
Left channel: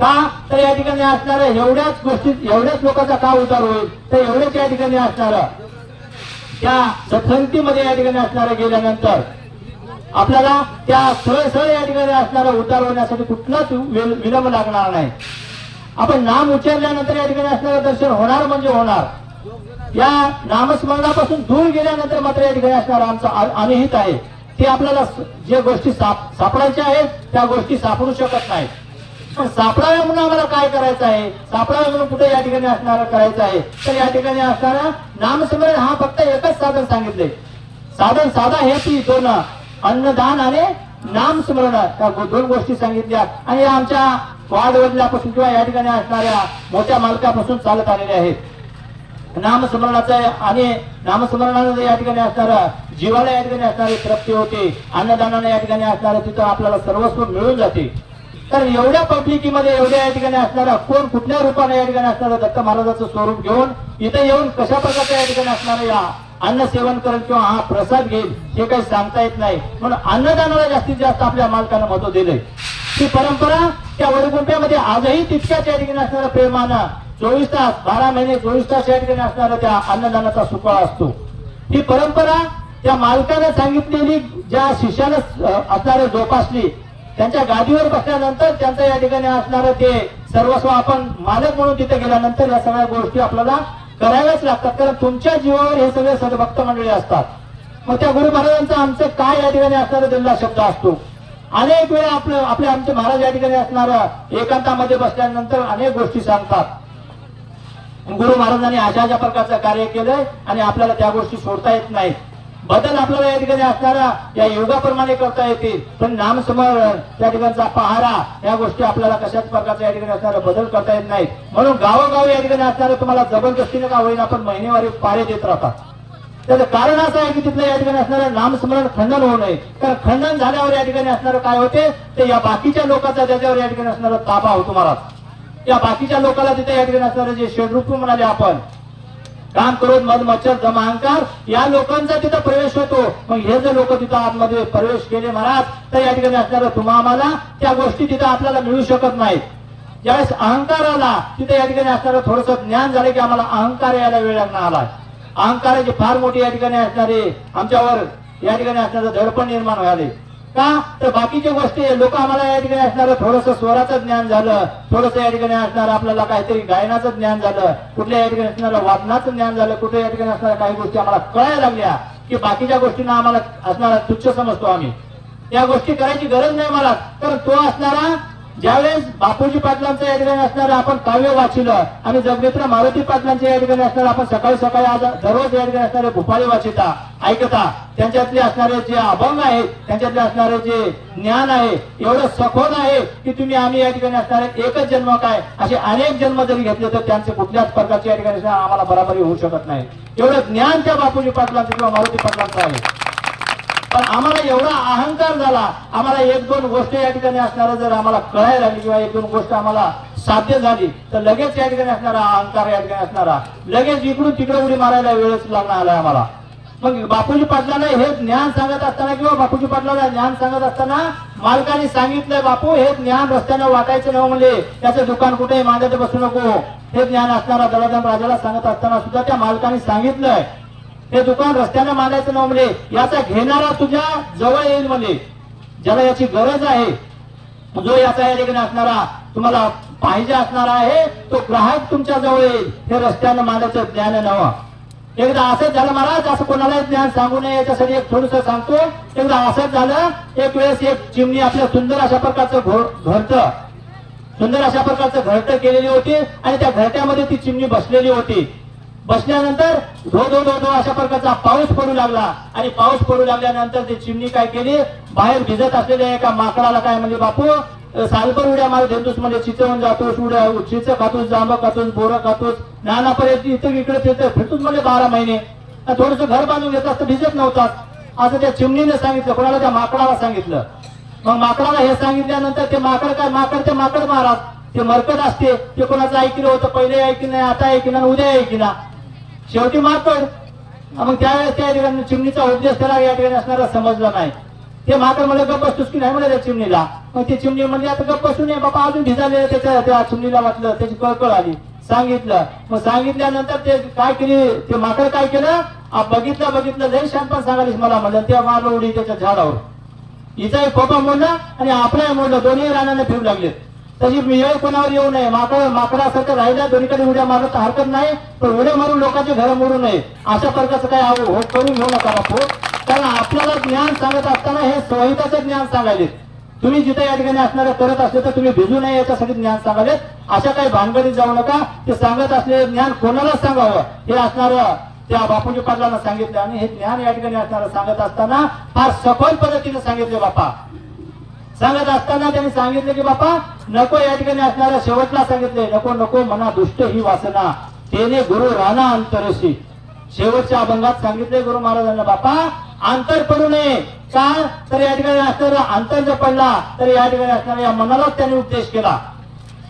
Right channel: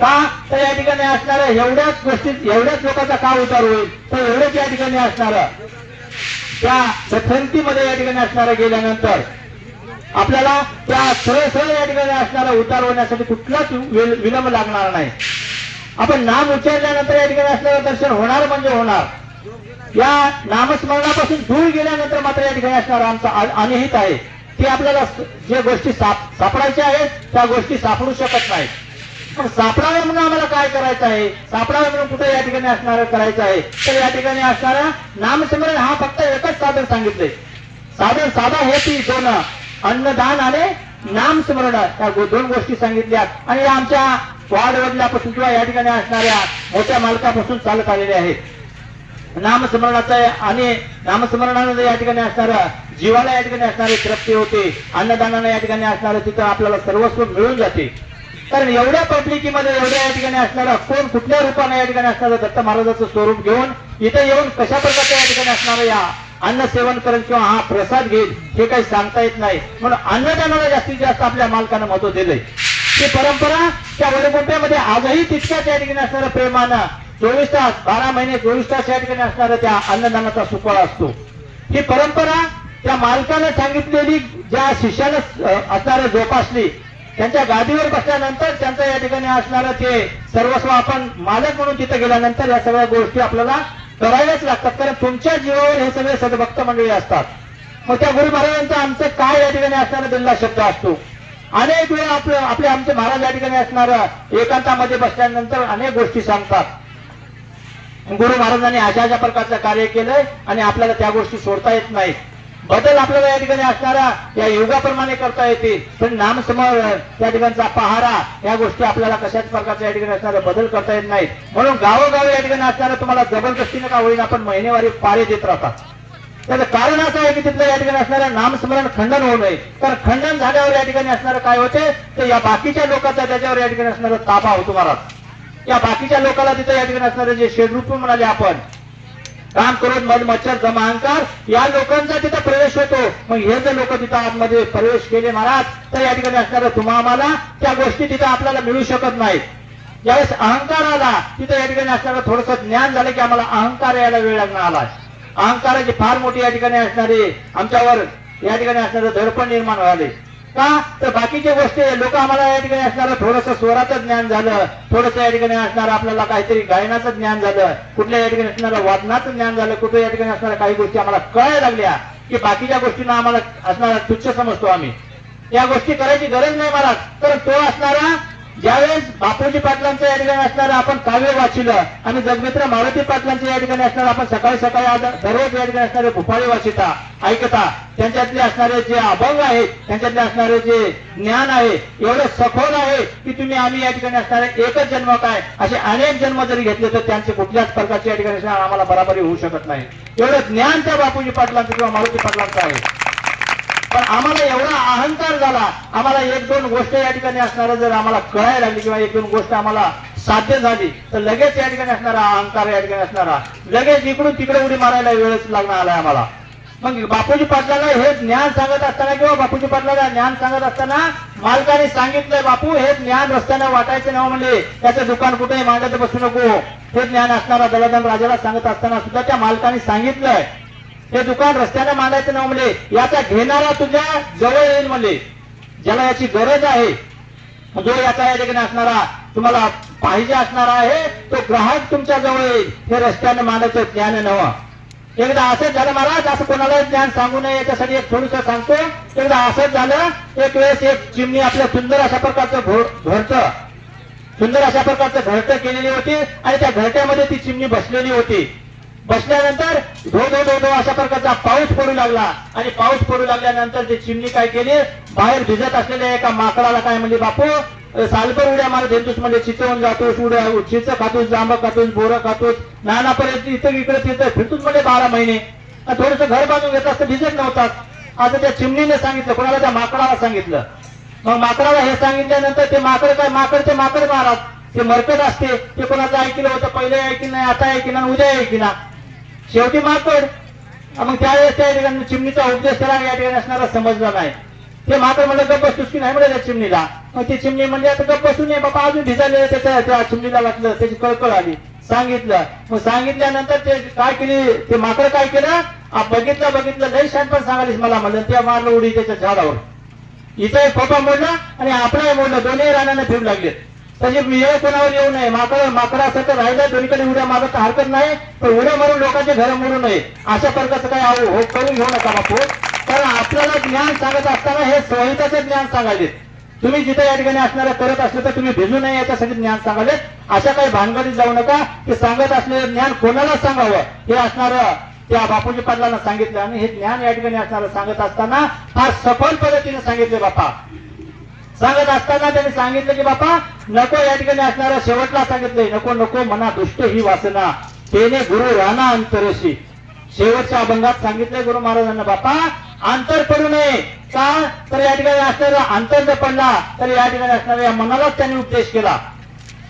का तर या ठिकाणी असणाऱ्या एवढ्याच गोष्टी, एवढ्याच लोकांचा का उतार होईल तर एवढ्याच या ठिकाणी असणारं त्या सत्संगतीमध्ये या ठिकाणी असणाऱ्या गेल्यानंतर आपल्याला त्या सहज या ठिकाणी असणारा उतार होण्यासाठी कुठलाच विलंब लागणार नाही. आपण नाम उच्चारल्यानंतर या ठिकाणी असणारं दर्शन होणार म्हणजे होणार. या नामस्मरणापासून दूर गेल्यानंतर मात्र या ठिकाणी असणारा आमचा अनिहित आहे. ते आपल्याला जे गोष्टी सापडायच्या आहेत त्या गोष्टी सापडू शकत नाही. पण सापडाव्या म्हणून आम्हाला काय करायचं आहे, सापडाव्या म्हणून कुठे या ठिकाणी असणारं करायचं आहे तर या ठिकाणी असणारा नामस्मरण हा फक्त एकच साधन सांगितले. साधन साधा हे ती दोन, अन्नदान आणि नामस्मरण, या 2 गोष्टी सांगितल्या. आणि आमच्या वाडवडिलापासून किंवा या ठिकाणी असणाऱ्या मोठ्या मालकापासून चालत आलेले आहेत. नामस्मरणाचा आणि नामस्मरणाने या ठिकाणी असणारा जीवाला या ठिकाणी असणारी तृप्ती होते. अन्नदानाने या ठिकाणी असणारं तिथं आपल्याला सर्वस्व मिळून जाते. कारण एवढ्या पब्लिकीमध्ये एवढ्या या ठिकाणी असणारा कोण कुठल्या रूपाने या ठिकाणी असणारं दत्त महाराजाचं स्वरूप घेऊन इथं येऊन कशा प्रकारच्या या ठिकाणी असणारं या अन्न सेवन करेल किंवा हा प्रसाद घेईल हे काही सांगता येत नाही. म्हणून अन्नदानाला जास्तीत जास्त आपल्या मालकानं महत्व दिलंय. ही परंपरा त्या वडगुंट्यामध्ये आजही तितक्याच या ठिकाणी असणारं प्रेमानं 24 तास 12 महिने 24 तास या ठिकाणी असणारं त्या अन्नदानाचा सुकाळ असतो. ही परंपरा त्या मालकाने सांगितलेली ज्या शिष्याला असणारे जोपासली, त्यांच्या गादीवर बसल्यानंतर त्यांचं या ठिकाणी असणारं ते सर्वस्व आपण मालक म्हणून तिथे गेल्यानंतर या सगळ्या गोष्टी आपल्याला कराव्याच लागतात, कारण तुमच्या जीवावर हे सगळे सद्भक्त मंडळी असतात. मग त्या गुरु महाराजांचा आमचं काय या ठिकाणी असणारा दिलेला शब्द असतो. अनेक वेळा आपले आमचे महाराज या ठिकाणी असणारं एकांतामध्ये बसल्यानंतर अनेक गोष्टी सांगतात. गुरु महाराजांनी अशा अशा प्रकारचं कार्य केलंय आणि आपल्याला त्या गोष्टी सोडता येत नाहीत. बदल आपल्याला या ठिकाणी असणारा या युगाप्रमाणे करता येते, पण नामस्मरण त्या ठिकाणचा पहारा या गोष्टी आपल्याला कशाच प्रकारच्या या ठिकाणी असणारा बदल करता येत नाहीत. म्हणून गावोगावी या ठिकाणी असणारा तुम्हाला जबरदस्तीने का होईना आपण महिनेवारी पारे देत राहतात. त्याचं कारण असं आहे की तिथलं या ठिकाणी असणारं नामस्मरण खंडन होऊ नये, कारण खंडन झाल्यावर या ठिकाणी असणारं काय होते, तर या बाकीच्या लोकांचा त्याच्यावर या ठिकाणी असणारा ताबा होतो महाराज. या बाकीच्या लोकांना तिथे या ठिकाणी असणारे जे शेडरूप म्हणाले आपण, काम करून मध मच्छर जमा अहंकार या लोकांचा तिथं प्रवेश होतो. मग हे जर लोक तिथं आतमध्ये प्रवेश केले महाराज, तर या ठिकाणी असणारं तुम्हा आम्हाला त्या गोष्टी तिथं आपल्याला मिळू शकत नाहीत. ज्यावेळेस अहंकार आला तिथे या ठिकाणी असणारं थोडंसं ज्ञान झालं की आम्हाला अहंकार यायला वेळ आला. अहंकाराची फार मोठी या ठिकाणी असणारे आमच्यावर या ठिकाणी असणारं दडपण निर्माण व्हायले. का तर बाकीच्या गोष्टी लोक आम्हाला या ठिकाणी असणारं थोडंसं स्वराचं ज्ञान झालं, थोडंसं या ठिकाणी असणारं आपल्याला काहीतरी गायनाचं ज्ञान झालं, कुठल्या या ठिकाणी असणारं वादनाचं ज्ञान झालं, कुठल्या या ठिकाणी असणाऱ्या काही गोष्टी आम्हाला कळायला लागल्या की बाकीच्या गोष्टींना आम्हाला असणारा तुच्छ समजतो आम्ही. या गोष्टी करायची गरज नाही मला. तर तो असणारा ज्यावेळेस बापूजी पाटलांचं या ठिकाणी असणारं आपण काव्य वाचिलं आणि जगमित्र मारुती पाटलांचे या ठिकाणी असणारं आपण सकाळी सकाळी दररोज या ठिकाणी असणारे भूपाळी वाचिता ऐकता, त्यांच्यातले असणारे जे अभंग आहेत, त्यांच्यातले असणारे जे ज्ञान आहे एवढं सखोल आहे की तुम्ही आम्ही या ठिकाणी असणारे एकच जन्म काय असे अनेक जन्म जरी घेतले तर त्यांचे कुठल्याच प्रकारचे या ठिकाणी आम्हाला बराबरी होऊ शकत नाही. एवढं ज्ञान त्या बापूजी पाटलांचं किंवा मारुती पाटलांचं आहे. पण आम्हाला एवढा अहंकार झाला, आम्हाला एक दोन गोष्ट या ठिकाणी असणारं जर आम्हाला कळायला लागली किंवा एक दोन गोष्ट आम्हाला साध्य झाली तर लगेच या ठिकाणी असणारा अहंकार या ठिकाणी असणारा लगेच इकडून तिकडे उडी मारायला वेळच लागणार आलाय आम्हाला. मग बापूजी पाटलाला हे ज्ञान सांगत असताना किंवा बापूजी पाटलाला ज्ञान सांगत असताना मालकाने सांगितलंय, बापू हे ज्ञान रस्त्यानं वाटायचं नाही, म्हणजे त्याचं दुकान कुठेही मांडत बसू नको. हे ज्ञान असणारा दलादान राजाला सांगत असताना सुद्धा त्या मालकाने सांगितलंय हे दुकान रस्त्याने मांडायचं ना म्हणजे याचा घेणारा तुझ्या जवळ येईल, म्हणजे ज्याला याची गरज आहे, जो याचा या ठिकाणी असणारा तुम्हाला पाहिजे असणारा आहे तो ग्राहक तुमच्या जवळ येईल. हे रस्त्याने मांडायचं ज्ञान नवं. एकदा असंच झालं महाराज, असं कोणाला ज्ञान सांगू नये याच्यासाठी एक थोडंसं सांगतो. एकदा असंच झालं, एक वेळेस एक चिमणी आपल्या सुंदर अशा प्रकारचं घरटं सुंदर अशा प्रकारचं घरटं केलेली होती आणि त्या घरट्यामध्ये ती चिमणी बसलेली होती. बसल्यानंतर धो धो धो धो अशा प्रकारचा पाऊस पडू लागला आणि पाऊस पडू लागल्यानंतर ते चिमणी काय केली, बाहेर भिजत असलेल्या एका माकडाला काय म्हणली, बापू सालभर उड्या मारत येतोस, म्हणजे चिचवून जातोस, उड्या चिच खातोस, जांब खातोस, बोरं खातोस, नानापर्यंत इथं इकडे तिथं फिरतोस म्हणजे 12 महिने. थोडंसं घर बांधून घेत असतं, भिजत नव्हता. असं त्या चिमणीने सांगितलं, कोणाला, त्या माकडाला सांगितलं. मग माकडाला हे सांगितल्यानंतर ते माकड काय, माकड ते माकड महाराज ते मरकट असते, ते कोणाचं ऐकलं होतं, पहिले ऐकलं नाही, आता ऐकलं, उद्या ऐकला, शेवटी माकड. मग त्यावेळेस त्या ठिकाणी चिमणीचा उपदेश त्याला या ठिकाणी असणारा समजला नाही. ते माकड म्हणलं गप्प बसतोस की नाही म्हणलं त्या चिमणीला. मग ती चिमणी म्हणजे आता गप्प बसून नये बाबा, अजून भिजायला त्याच्या त्या चिमणीला वाटलं, त्याची कळकळ आली, सांगितलं. मग सांगितल्यानंतर ते काय केली, ते माकड काय केलं, बघितलं लय शानपण सांगालीस मला म्हणलं, त्या मारलं उडी त्याच्या झाडावर. हिचा एक पप्पा म्हणलं आणि आपला म्हणलं, दोन्ही रानाने फिरू लागले. तशी वेळ कोणावर येऊ नये. माकडासारखं राहिला दोन्हीकडे उड्या मारत हरकत नाही, पण उड्या मारून लोकांचे घर मोडू नये अशा प्रकारचं काय हो करून घेऊ नका बापू. कारण आपल्याला ज्ञान सांगत असताना हे संहिताचे ज्ञान सांगायचे. तुम्ही जिथे या ठिकाणी असणारे करत असले तर तुम्ही भिजू नये याच्यासाठी ज्ञान सांगाले. अशा काही भानगडीत जाऊ नका. ते सांगत असलेले ज्ञान कोणाला सांगावं हे असणारं त्या बापूजी पाटलांना सांगितलं आणि हे ज्ञान या ठिकाणी असणारं सांगत असताना फार सखोल पद्धतीने सांगितले. बापा सांगत असताना त्यांनी सांगितलं की बापा नको, या ठिकाणी असणाऱ्या शेवटला सांगितले, नको नको मना दुष्ट ही वासना तेने गुरु राणा अंतरशी. शेवटच्या अभंगात सांगितले गुरु महाराजांना, बापा अंतर पडू नये. का तर या ठिकाणी असणारा अंतर जर पडला तर या ठिकाणी असणाऱ्या या मनालाच त्यांनी उपदेश केला.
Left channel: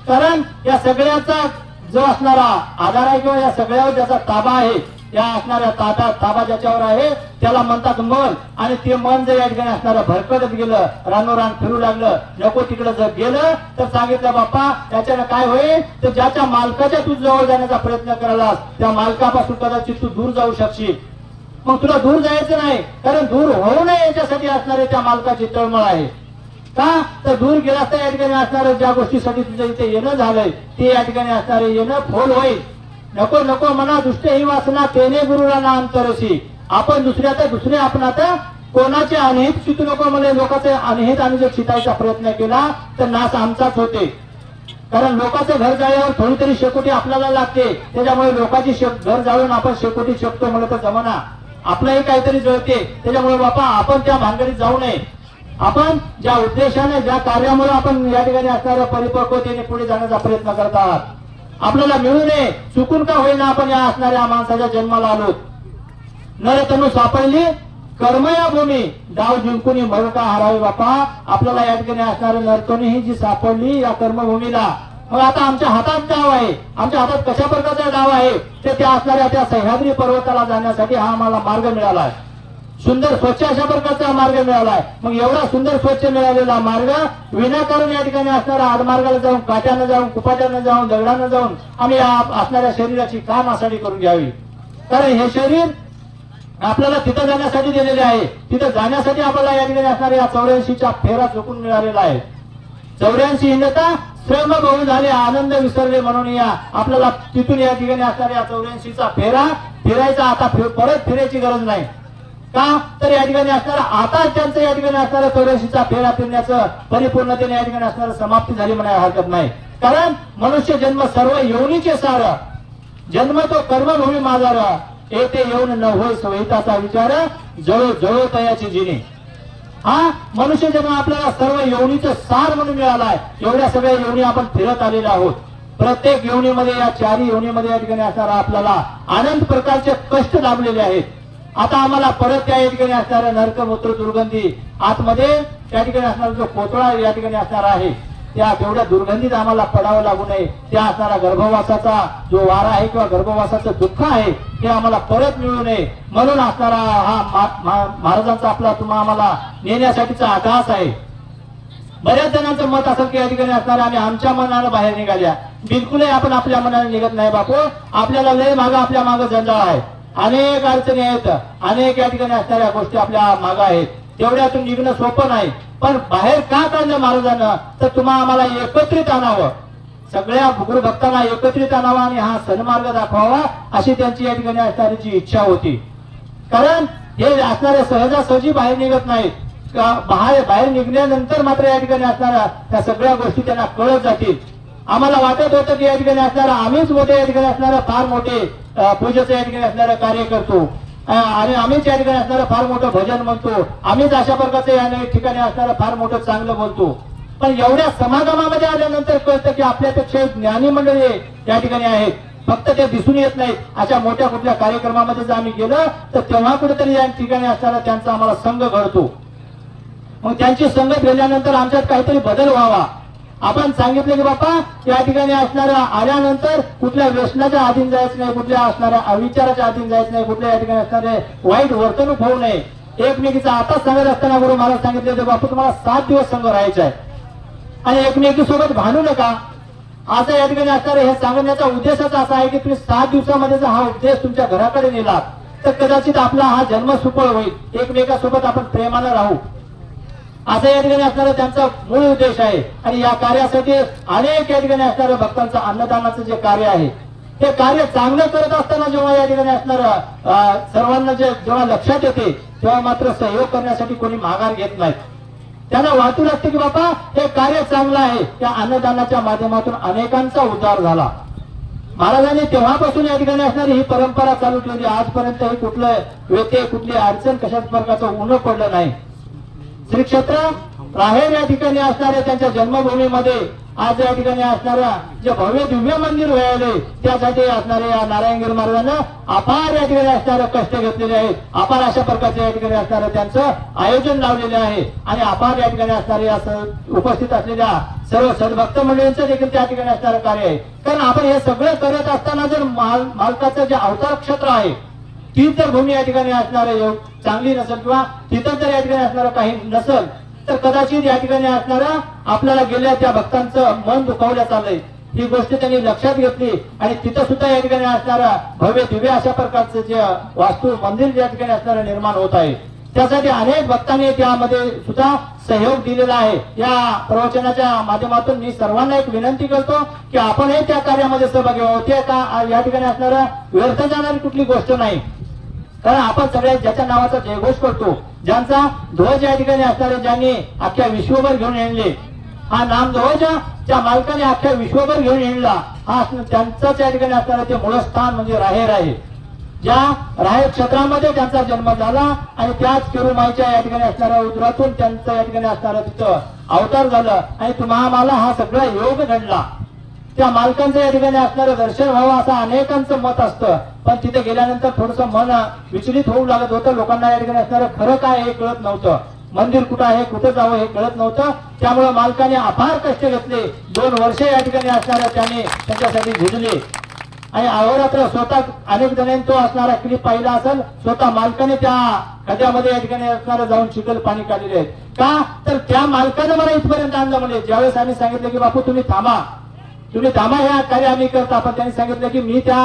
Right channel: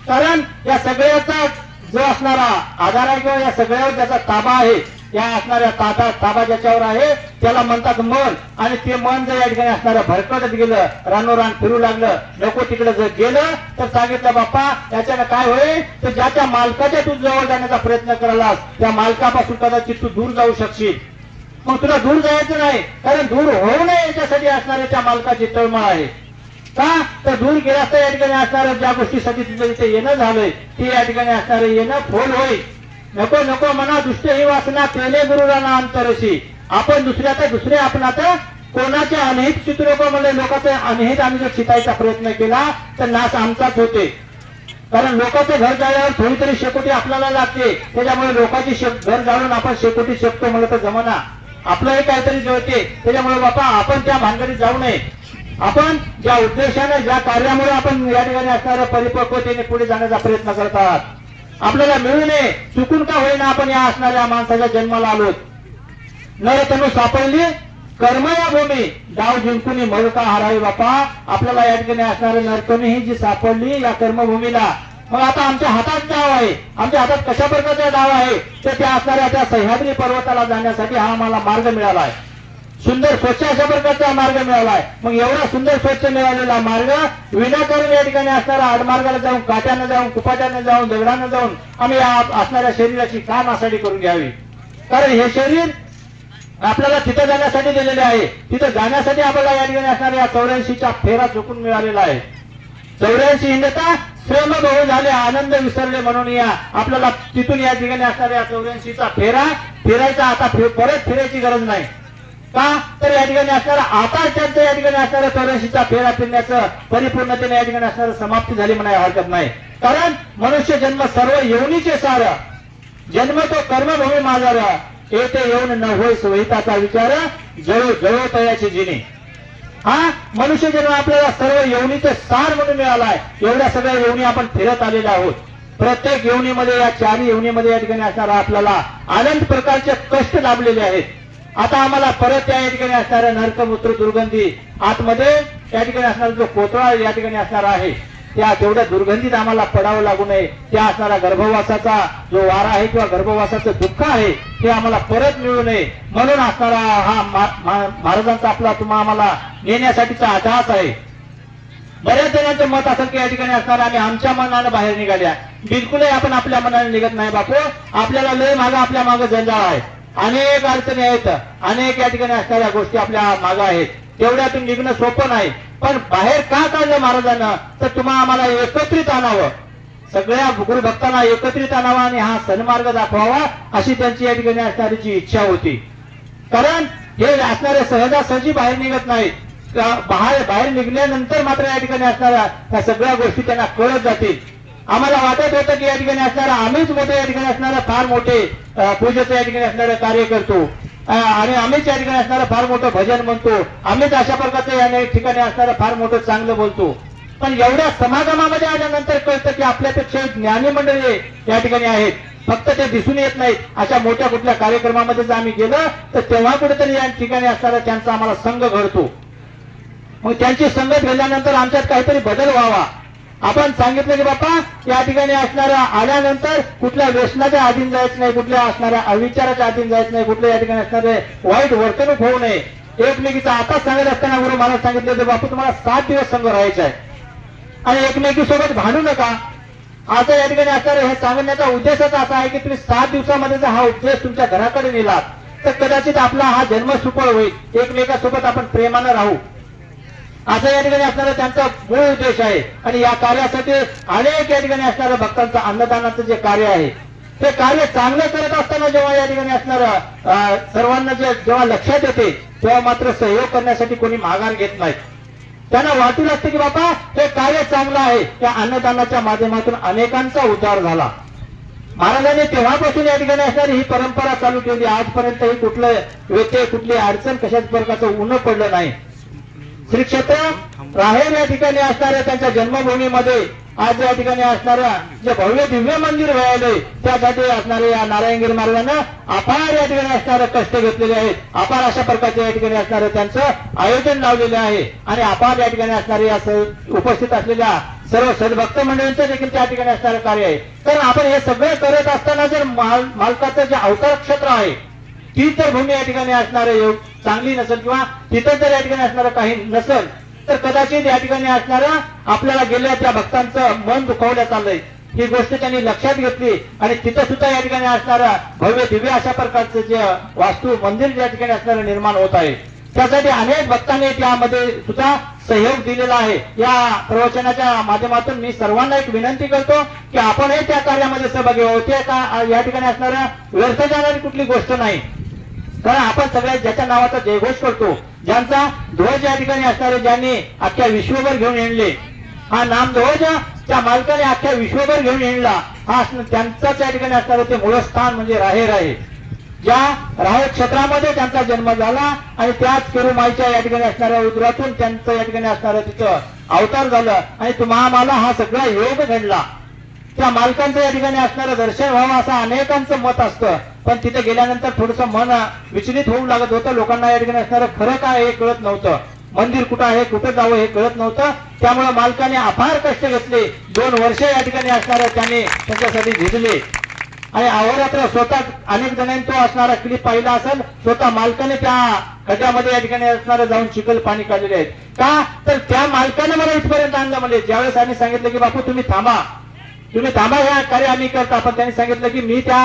कारण या सगळ्याचा जो असणारा आधार आहे किंवा या सगळ्यावर ज्याचा ताबा आहे, या असणाऱ्या ताबा ज्याच्यावर आहे त्याला म्हणतात मन. आणि ते मन जर या ठिकाणी असणारं भरकटत गेलं, रानोरान फिरू लागलं, नको तिकडे जर गेलं तर सांगितलं बाप्पा त्याच्यानं काय होईल, तर ज्याच्या मालकाच्या तू जवळ जाण्याचा प्रयत्न करायलास त्या मालकापासून कदाचित तू दूर जाऊ शकशील. मग तुला दूर जायचं नाही, कारण दूर होऊ नये याच्यासाठी असणारे त्या मालकाची तळमळ आहे. का तर दूर गेला तर या ठिकाणी असणारं ज्या गोष्टीसाठी तिथे तिथे येणं झालंय ते या ठिकाणी असणारं येणं फोल होईल. नको नको म्हणा दुष्ट ही वासना तेने गुरुराना अंतरशी. आपण दुसरे आपण आता कोणाचे अनहित चितू नको म्हणले. लोकांचे अनहित आम्ही जर चितायचा प्रयत्न केला तर नाश आमचाच होते. कारण लोकांचं घर जाळल्यावर थोडी तरी शेकोटी आपल्याला लागते. त्याच्यामुळे लोकांची घर जाळून आपण शेकोटी शेकतो म्हणलं तर जमाना आपलाही काहीतरी जळते. त्याच्यामुळे बापा आपण त्या भानगडीत जाऊ नये. आपण ज्या उद्देशाने ज्या कार्यामुळे आपण या ठिकाणी असणाऱ्या परिपक्वतेने पुढे जाण्याचा प्रयत्न करतात, आपल्याला मिळू नये. चुकून का होईना आपण या असणाऱ्या माणसाच्या जन्माला आलो. नरतनु सापडली कर्म या भूमी, डाव जिंकून मग का हरावी बापा. आपल्याला या ठिकाणी असणाऱ्या नरतनु ही जी सापडली या कर्मभूमीला, मग आता आमच्या हातात डाव आहे. आमच्या हातात कशा प्रकारचा डाव आहे तर त्या असणाऱ्या त्या सह्याद्री पर्वताला जाण्यासाठी हा आम्हाला मार्ग मिळाला आहे. सुंदर स्वच्छ अशा प्रकारचा मार्ग मिळालाय. मग एवढा सुंदर स्वच्छ मिळालेला मार्ग विनाकारण या ठिकाणी असणारा आडमार्गाला जाऊन, काट्यानं जाऊन, कुपाट्यानं जाऊन, दगडानं जाऊन आम्ही असणाऱ्या शरीराची का नासाडी करून घ्यावी. कारण हे शरीर आपल्याला तिथं जाण्यासाठी दिलेले आहे. तिथं जाण्यासाठी आपल्याला या ठिकाणी असणाऱ्या 84चा फेरा चुकून मिळालेला आहे. 84 हिंदता श्रम बहु झाले आनंद विसरले म्हणून या आपल्याला तिथून या ठिकाणी असणाऱ्या 84चा फेरा फिरायचा. आता परत फिरायची गरज नाही. का तर या ठिकाणी असणारा आता त्यांचं या ठिकाणी असणारा 84चा फेरा फिरण्याचं परिपूर्णतेने या ठिकाणी असणारं समाप्ती झाली म्हणायला हरकत नाही. कारण मनुष्य जन्म सर्व योनीचे सार, जन्म तो कर्मभूमी माझार, येथे येऊन न होय सोहिताचा विचार, जळो जळो तयाची जिने. हा मनुष्य जन्म आपल्याला सर्व योनीचे सार म्हणून मिळालाय. एवढ्या सगळ्या योनी आपण फिरत आलेले आहोत. प्रत्येक योनीमध्ये या 4 योनीमध्ये या ठिकाणी असणारा आपल्याला अनंत प्रकारचे कष्ट लाभलेले आहेत. आता आम्हाला परत त्या ठिकाणी असणारा नरकमूत्र दुर्गंधी आतमध्ये त्या ठिकाणी असणारा जो कोतळा या ठिकाणी असणार आहे त्या तेवढ्या दुर्गंधीत आम्हाला पडावं लागू नये. त्या असणारा गर्भवासाचा जो वारा आहे किंवा गर्भवासाचं दुःख आहे ते आम्हाला परत मिळू नये म्हणून असणारा हा महाराजांचा आपला तुम्हा आम्हाला नेण्यासाठीचा अट्टहास आहे. बऱ्याच जणांचं मत असेल की या ठिकाणी असणारा आम्ही आमच्या मनानं बाहेर निघाल्या. बिलकुलही आपण आपल्या मनाने निघत नाही बापू. आपल्याला लय मागं आपल्या मागं जंजाळ आहे. अनेक अडचणी आहेत. अनेक या ठिकाणी असणाऱ्या गोष्टी आपल्या मागं आहेत. तेवढ्यातून निघणं सोपं नाही. पण बाहेर का काढलं महाराजांना तर तुम्हाला आम्हाला एकत्रित आणावं. सगळ्या गुरु भक्तांना एकत्रित आणावा आणि हा सन्मार्ग दाखवावा अशी त्यांची या ठिकाणी असणारीची इच्छा होती. कारण हे असणारे सहजासहजी बाहेर निघत नाहीत. बाहेर निघल्यानंतर मात्र या ठिकाणी असणाऱ्या त्या सगळ्या गोष्टी त्यांना कळत जातील. आम्हाला वाटत होतं की या ठिकाणी असणारा आम्हीच मोठे या ठिकाणी असणारा फार मोठे पूजेचं या ठिकाणी असणारं कार्य करतो आणि आम्हीच या ठिकाणी असणारं फार मोठं भजन म्हणतो. आम्हीच अशा प्रकारचं या ठिकाणी असणारं फार मोठं चांगलं बोलतो. पण एवढ्या समागमामध्ये आल्यानंतर कळतं की आपल्यापेक्षा ज्ञानी मंडळी या ठिकाणी आहेत. फक्त ते दिसून येत नाहीत. अशा मोठ्या कुठल्या कार्यक्रमामध्ये जर आम्ही गेलो तर तेव्हा कुठेतरी या ठिकाणी असणारा त्यांचा आम्हाला संघ घडतो. मग त्यांची संगत गेल्यानंतर आमच्यात काहीतरी बदल व्हावा. आपण सांगितलं की बापा या ठिकाणी असणाऱ्या आल्यानंतर कुठल्या व्यसनाच्या अधीन जायचं नाही, कुठल्या असणाऱ्या अविचाराच्या अधीन जायचं नाही, कुठल्या या ठिकाणी असणारे वाईट वर्तणूक होऊ नये. एकमेकीचा आताच सांगत असताना गुरु महाराज सांगितले होते बापू तुम्हाला 7 दिवस संघ राहायचा आहे आणि एकमेकीसोबत भांडू नका. आता या ठिकाणी असणारा हे सांगण्याचा उद्देशच असा आहे की तुम्ही 7 दिवसामध्ये जर हा उपदेश तुमच्या घराकडे नेला तर कदाचित आपला हा जन्म सुफळ होईल. एकमेकासोबत आपण प्रेमानं राहू असं या ठिकाणी असणारा त्यांचा मूळ उद्देश आहे. आणि या कार्यासाठी अनेक या ठिकाणी असणाऱ्या भक्तांचं अन्नदानाचं जे कार्य आहे ते कार्य चांगलं करत असताना जेव्हा या ठिकाणी असणारं सर्वांना जेव्हा लक्षात येते तेव्हा मात्र सहयोग करण्यासाठी कोणी माघार घेत नाही. त्यांना वाटून असते की बाबा हे कार्य चांगलं आहे. त्या अन्नदानाच्या माध्यमातून अनेकांचा उद्धार झाला. महाराजांनी तेव्हापासून या ठिकाणी असणारी ही परंपरा चालू ठेवली. आजपर्यंतही कुठलं व्यत्यय कुठली अडचण कशाच प्रकारचं ऊन पडलं नाही. श्री क्षेत्र राहेर या ठिकाणी असणाऱ्या त्यांच्या जन्मभूमीमध्ये आज या ठिकाणी असणाऱ्या जे भव्य दिव्य मंदिर व्हायले त्यासाठी असणाऱ्या या नारायणगिरी मार्गानं अपार या ठिकाणी असणारे कष्ट घेतलेले आहेत. अपार अशा प्रकारचे या ठिकाणी असणारं त्यांचं आयोजन लावलेलं आहे आणि अपार या ठिकाणी असणारे उपस्थित असलेल्या सर्व सद्भक्त मंडळींचं देखील त्या ठिकाणी असणारं कार्य आहे. कारण आपण हे सगळे करत असताना जर मालकाचं जे अवतार क्षेत्र आहे ती जर भूमी या ठिकाणी असणार चांगली नसेल किंवा तिथं जर या ठिकाणी असणारं काही नसेल तर कदाचित या ठिकाणी असणारा आपल्याला गेल्या त्या भक्तांचं मन दुखावलं चाललंय. ही गोष्ट त्यांनी लक्षात घेतली आणि तिथं सुद्धा या ठिकाणी असणारा भव्य दिव्य अशा प्रकारचं जे वास्तू मंदिर या ठिकाणी असणारं निर्माण होत आहे. त्यासाठी अनेक भक्तांनी त्यामध्ये सुद्धा सहयोग दिलेला आहे. या प्रवचनाच्या माध्यमातून मी सर्वांना एक विनंती करतो की आपणही त्या कार्यामध्ये सहभागी व्हावं. या ठिकाणी असणारं व्यर्थ जाणारी कुठली गोष्ट नाही, कारण आपण सगळ्या ज्याच्या नावाचा जयघोष करतो, ज्यांचा ध्वज या ठिकाणी असणारे ज्यांनी अख्ख्या विश्वभर घेऊन येणले, हा नामध्वज त्या मालकाने अख्ख्या विश्वभर घेऊन येणला, हा त्यांचाच या ठिकाणी असणारं ते मूळ स्थान म्हणजे राहेर आहे. ज्या राहेर क्षेत्रामध्ये त्यांचा जन्म झाला आणि त्याच केरुमाईच्या या ठिकाणी असणाऱ्या उदरातून त्यांचं या ठिकाणी असणारं तिथं अवतार झालं आणि तुम्हाला हा सगळा योग घडला. त्या मालकांचं या ठिकाणी असणारं दर्शन व्हावं असं अनेकांचं मत असतं, पण तिथे गेल्यानंतर थोडंसं मन विचलित होऊ लागत होतं. लोकांना या ठिकाणी असणारं खरं काय हे कळत नव्हतं, मंदिर कुठं आहे कुठं जावं हे कळत नव्हतं. त्यामुळे मालकाने अपार कष्ट घेतले. 2 वर्ष या ठिकाणी असणाऱ्या त्याने त्यांच्यासाठी झिजले आणि अहोरात्र स्वतः अनेक जणांनी तो असणारा क्लिप पाहिला असेल. स्वतः मालकाने त्या खड्ड्यामध्ये या ठिकाणी असणारं जाऊन चिखल पाणी काढलेले आहेत. का तर त्या मालकानं मला इथपर्यंत आणलं. म्हणजे ज्यावेळेस आम्ही सांगितलं की बापू तुम्ही थांबा हे कार्य आम्ही करता, पण त्यांनी सांगितलं की मी त्या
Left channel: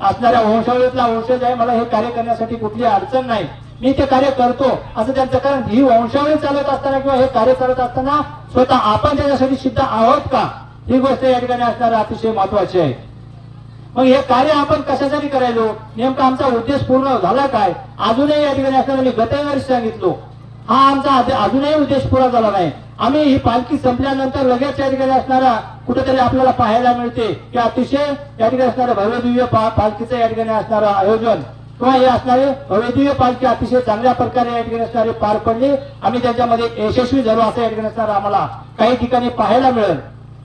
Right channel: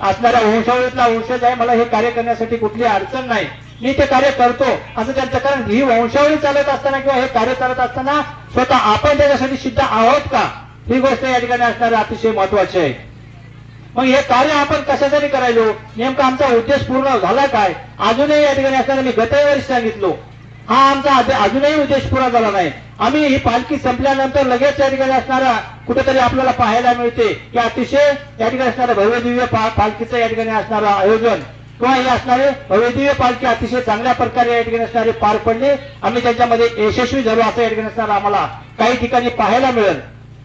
असणाऱ्या वंशावळीतला वंशज आहे, मला हे कार्य करण्यासाठी कुठली अडचण नाही, मी ते कार्य करतो असं त्यांचं. कारण ही वंशावळी चालत असताना किंवा हे कार्य चालत असताना स्वतः आपण त्याच्यासाठी सिद्ध आहोत का, ही गोष्ट या ठिकाणी असणारं अतिशय महत्वाची आहे. मग हे कार्य आपण कशासाठी करायलो, नेमका आमचा उद्देश पूर्ण झाला काय, अजूनही या ठिकाणी असताना मी गतवर्षी सांगितलो, हा आमचा अजूनही उद्देश पुरा झाला नाही. आम्ही ही पालखी संपल्यानंतर लगेच या ठिकाणी असणारा कुठेतरी आपल्याला पाहायला मिळते की अतिशय या ठिकाणी असणारं भव्य दिव्य पालखीचं या ठिकाणी असणारं आयोजन किंवा हे असणारे भव्य दिव्य पालखी अतिशय चांगल्या प्रकारे या ठिकाणी असणारे पार पडले. आम्ही त्याच्यामध्ये यशस्वी झालो असं या ठिकाणी असणारं आम्हाला काही ठिकाणी पाहायला मिळेल.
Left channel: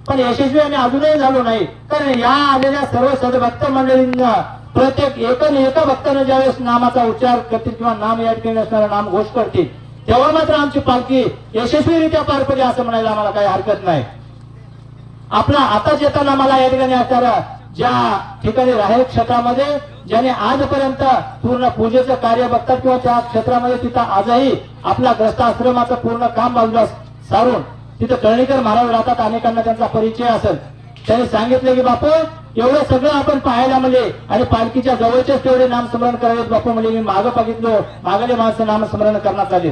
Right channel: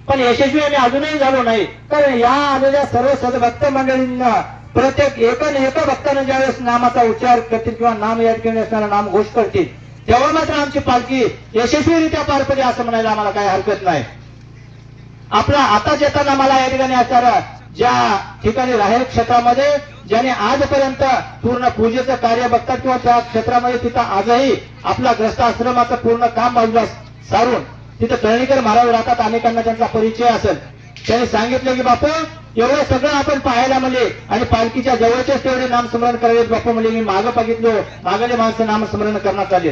पण यशस्वी आम्ही अजूनही झालो नाही, कारण या आलेल्या सर्व सद्भक्त मंडळींना प्रत्येक एका भक्तानं ज्यावेळेस नामाचा उच्चार करतील किंवा नाम या ठिकाणी असणारा नाम घोष करतील, तेव्हा मात्र आमची पालखी यशस्वीरित्या पार पडली असं म्हणायला आम्हाला काही हरकत नाही. आपला आता येताना मला या ठिकाणी असणारा ज्या ठिकाणी राहेर क्षेत्रामध्ये ज्याने आजपर्यंत पूर्ण पूजेचं कार्य बघतात किंवा त्या क्षेत्रामध्ये तिथं आजही आपला ग्रस्ताश्रमाचं पूर्ण काम बाजूला सारून तिथं तळणीकर महाराज राहतात. अनेकांना त्यांचा परिचय असेल. त्यांनी सांगितलं की बापू एवढं सगळं आपण पाहायला म्हणजे आणि पालखीच्या जवळचेच तेवढे नामस्मरण करावेत बापू. म्हणजे मी मागं बघितलो, मागले माणसं नामस्मरण करण्यात आले.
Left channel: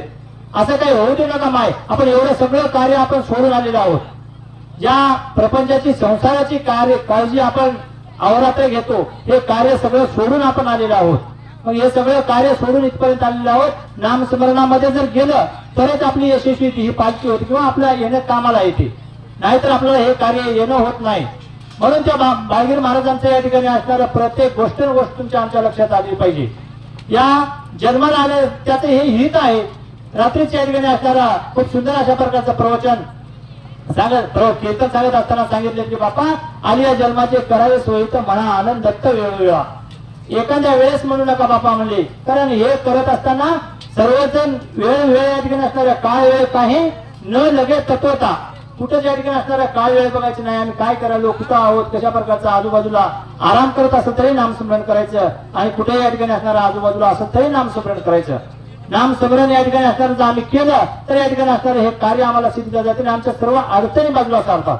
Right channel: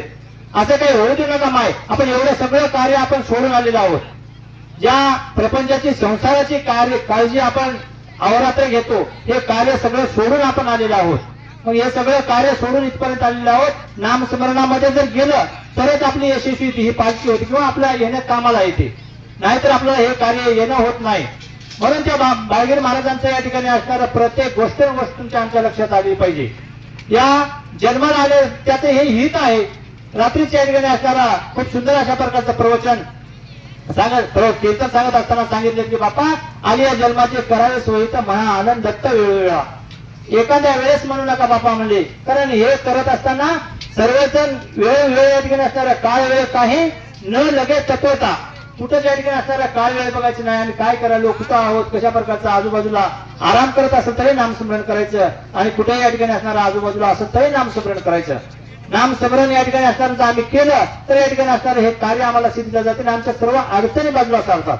असं काही होऊ देऊ नका माय. आपण एवढं सगळं कार्य आपण सोडून आलेलो आहोत. ज्या प्रपंचाची संसाराची काळजी आपण अहोरात्र घेतो, हे कार्य सगळं सोडून आपण आलेलो आहोत. मग हे सगळं कार्य सोडून इथपर्यंत आलेलो आहोत. नामस्मरणामध्ये जर गेलं तरच आपली यशस्वी ही पालखी होती किंवा आपल्या येण्यात कामाला येते, नाहीतर आपल्याला हे कार्य येणं होत नाही. म्हणून त्या बाळगीर महाराजांच्या या ठिकाणी असणाऱ्या प्रत्येक गोष्टींच्या आमच्या लक्षात आली पाहिजे. या जन्माला आले त्याचं हे हित आहे. रात्रीच्या या ठिकाणी असणारा खूप सुंदर अशा प्रकारचं प्रवचन कीर्तन सांगत असताना सांगितले की बापा आलिया जन्माचे करावे सोयी तर म्हणा आनंद दत्त वेळोवेळा. एखाद्या वेळेस म्हणू नका बापा म्हणजे, कारण हे करत असताना सर्वजण वेळ या ठिकाणी असणाऱ्या काळ वेळ काही न लगेच तत्वता कुठं त्या ठिकाणी असणाऱ्या काळ वेळ बघायची नाही. आणि काय करायलो, कुठं आहोत, कशा प्रकारचा आजूबाजूला आराम करत असेल तरी नामस्मरण करायचं आणि कुठे या ठिकाणी असणाऱ्या आजूबाजूला असेल तरी नामस्मरण करायचं. नामस्मरण या ठिकाणी असणारं आम्ही केलं तर या ठिकाणी असणारं हे कार्य आम्हाला सिद्ध जाते. आमच्या सर्व अडचणी बाजूला चालतात.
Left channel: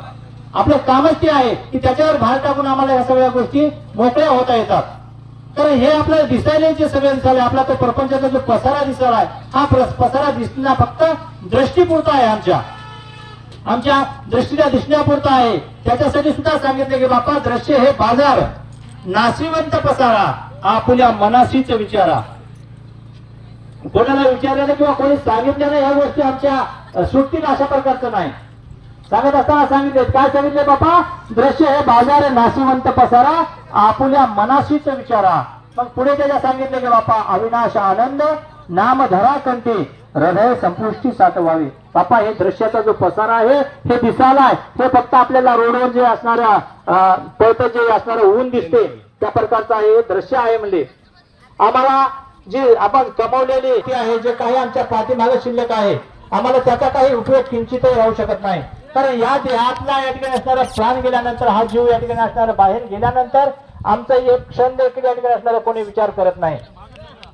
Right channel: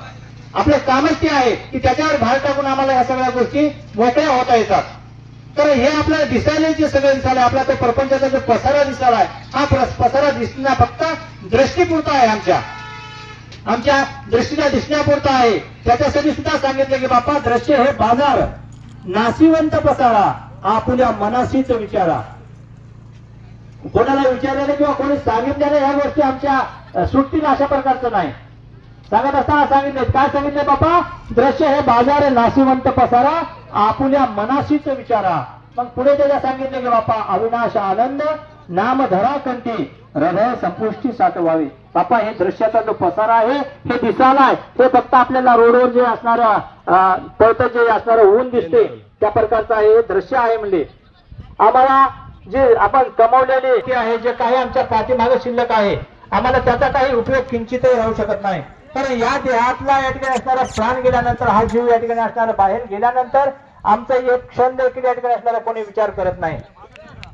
आपलं कामच ते आहे की त्याच्यावर भार टाकून आम्हाला या सगळ्या गोष्टी मोकळ्या होता येतात. कारण हे आपल्याला दिसायला जे सगळं दिसायला, आपला तो प्रपंचाचा जो पसारा दिसायला आहे, हा पसारा दिसणं फक्त दृष्टीपुरता आहे. आमच्या दृष्टीला दिसण्यापुरता आहे. त्याच्यासाठी सुद्धा सांगितले की बापा दृश्य हे बाजार, नाशिवंत पसारा आपल्या मनाशीच विचारा. कोणाला विचारलेलं किंवा कोणी सांगितलेलं ह्या गोष्टी आमच्या सुट्टीला अशा प्रकारचं नाही. सांगत असताना सांगितले, काय सांगितले बापा, दृश्य हे बाजार नाशिवंत पसारा आपुल्या मनाशीच विचारा. मग पुढे त्याला सांगितलं की बापा अविनाश आनंद नाम धरा कंठी हृदय संपुष्टी साठवावी. बापा हे दृश्याचा जो पसारा आहे हे दिसायला ते फक्त आपल्याला रोडवर जे असणाऱ्या पळत जे असणारं ऊन दिसते त्या प्रकारचं हे दृश्य आहे. म्हणजे आम्हाला जे आपण कमावलेले आहे, जे काही आमच्या पाठीमागे शिल्लक आहे, आम्हाला त्याचा काही उपयोग किंचितही राहू शकत नाही. कारण या देहातला या ठिकाणी असणारा प्राण गेल्यानंतर, हा जीव या ठिकाणी असणारा बाहेर गेल्यानंतर आमचा एक क्षण देखील या ठिकाणी असणारा कोणी विचार करत नाही.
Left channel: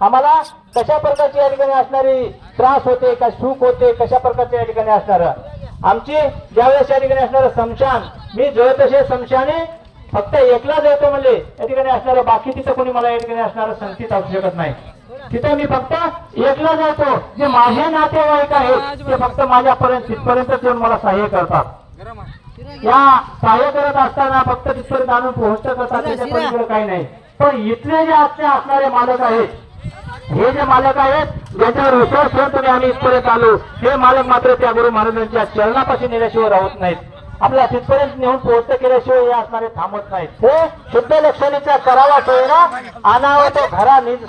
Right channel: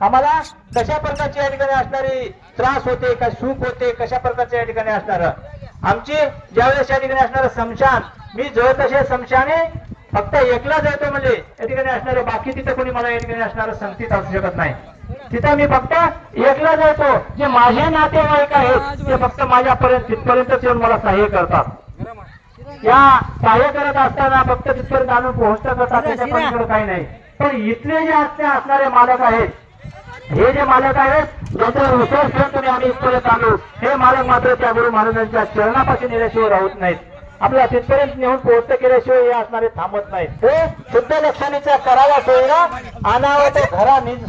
आम्हाला कशा प्रकारची या ठिकाणी असणारी त्रास होते, काय सुख होते, कशा प्रकारचे या ठिकाणी असणार आमची ज्यावेळेस या ठिकाणी असणारं स्मशान मी जोय तसे समशाने फक्त एकला जातो म्हणजे या ठिकाणी असणारे बाकी तिथं कोणी मला या ठिकाणी असणारं संगतीत असू शकत नाही. तिथं मी फक्त एकला जातो. जे माझे नातेवाईक आहेत ते फक्त माझ्यापर्यंत तिथपर्यंतच येऊन मला सहाय्य करतात. या सहाय्य करत असताना फक्त तिथपर्यंत आणून पोहोचत करतात, त्याच्यापर्यंत काही नाही. पण इथले जे असणारे मालक आहेत, हे जे मालक आहेत ज्यांच्यावर विश्वास ठेवून आम्ही इथपर्यंत आलो, हे मालक मात्र त्या गुरु महाराजांच्या चरणापाशी नेल्याशिवाय राहत नाहीत. आपल्या तिथपर्यंत नेऊन पोहोचत केल्याशिवाय हे असणारे थांबत नाहीत. हे शुद्ध लक्षणीचा करावा सोयरा आणावा त्या घरा निज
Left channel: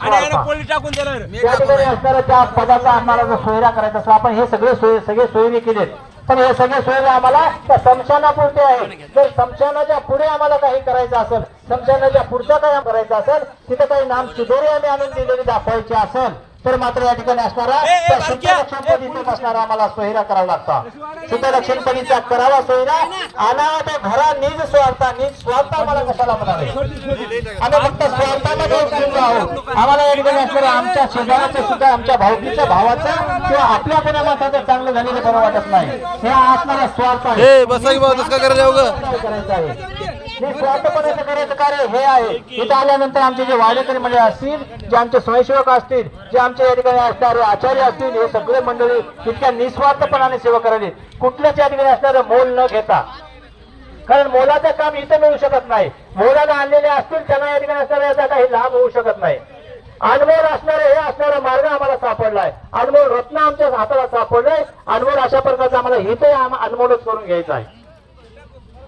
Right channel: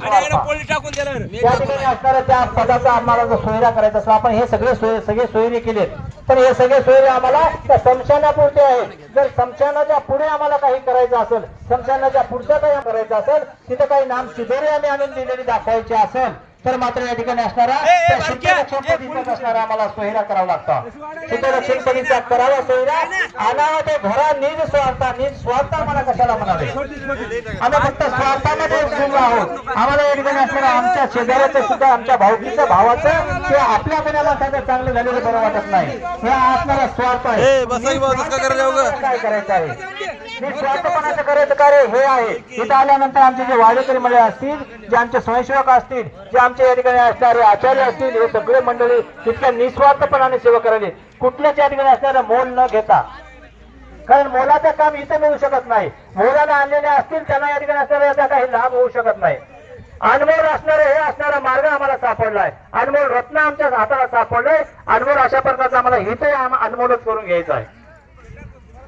असणारा त्या पदाचा आणणारा सोयरा करायचा असं आपण हे सगळे सोयरे केले. पण हे सगळे सोयरे आम्हाला त्या समशानापुरते आहे. जर समशानाच्या पुढे आम्हाला काही करायचं असेल, समशानाच्या पुढचं काही करायचं असेल, तिथं काही नाम चिदोरी आम्ही आणून दिलेली दाखवायची असेल तर मात्र या ठिकाणी असणारा त्या शुद्ध लक्षणपदीचाच असणारा आम्हाला सोयरा करावा लागतो. शुद्ध लक्षणपदीचा करावा सोयरा आणावा त्या घरा निज स्वार्थ आम्हाला कशाला म्हणावे. आम्ही फक्त स्वार्थामध्ये गुंग आहोत. आम्हाला या ठिकाणी असणारा आमच्या शेजाऱ्याचं सुद्धा, आमच्या भाऊकीच्या भावाचं किंवा आपल्या गुणामाताचं चांगलं झालेलं बरं वाटत नाही. हे असणारा स्वार्थ आहे. काय करायचं आहे हे स्वार्थपणाचं करायचं कार्य हे आहे. इथं आल्यानंतर आमचे जे वाडेकरी मंडळ असतील, जे आमचे स्वयंसेवक असतील, जे आमच्या या ठिकाणी असणारे आचार्य असतील, हे सगळे मंडळी तितक्या निस्वार्थपणाने सेवा करायची. कुठल्याच या ठिकाणी असणारं मोल न घेता, कारण मोलाचं काम इथं मिळू शकत नाही. मोलाला आणलेले असतील त्यांना या ठिकाणी असणारा याचा काही लाभ होऊ शकत नाही. अनमोल असणारे हे असणारा मार्ग आम्हाला सापडलाय. अनमोल रत्न आमच्या हाताला सापडलंय. अनमोल अशा प्रकारचा आम्हाला हिते अनमोलच करून घ्यायचा आहे.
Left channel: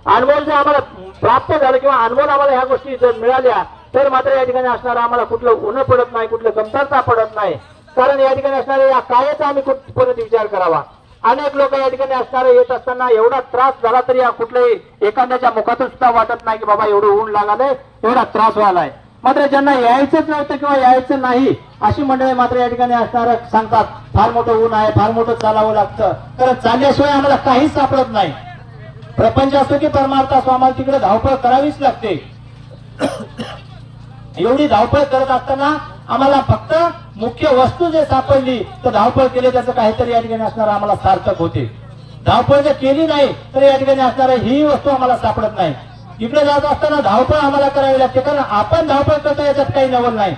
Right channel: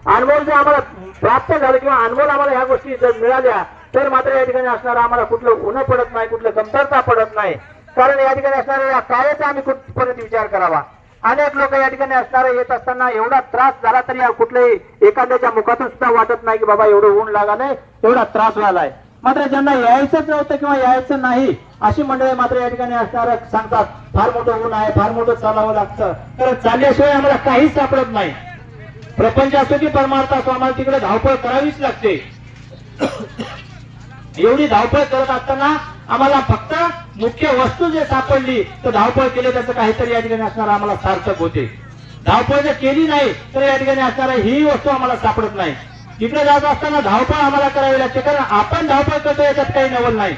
अनमोल जर आम्हाला प्राप्त झालं किंवा अनमोल आम्हाला ह्या गोष्टी जर मिळाल्या तर मात्र या ठिकाणी असणारा आम्हाला कुठलं उन्ह पडत नाही, कुठलं कमतरता पडत नाही. कारण या ठिकाणी असणाऱ्या या कार्याचा आम्ही कुठपर्यंत विचार करावा. अनेक लोक या ठिकाणी असणारा येत असताना एवढा त्रास झाला तरी कुठल्याही एखाद्याच्या मुखातून सुद्धा वाटत नाही की बाबा एवढं ऊन लागलंय, एवढा त्रास व्हायलाय. मात्र ज्यांना यायचंच नव्हतं किंवा यायचं नाही अशी मंडळी मात्र या ठिकाणी असणारा सांगतात फार मोठं ऊन आहे, फार मोठं चालावं लागतं. कारण चालल्याशिवाय आम्हाला काहीच सापडत नाही. प्रपंच असतो की परमार्थ असतो, आम्हाला तिकडे धावपळ करावीच लागते. एवढी धावपळ करत असताना आम्हाला फक्त मुख्य वस्तू जे सापडली तर धावपळ केली त्याचं काहीतरी या ठिकाणी असणार आम्हाला सार्थक होते. धावपळ जर केली नाही तर या ठिकाणी असणार ही वस्तू आम्हाला सापडत नाही. तिकडे जात असताना धावपळ आम्हाला करावी लागते, कारण आपण धावपळ करतो याच्यात काही नवल नाही.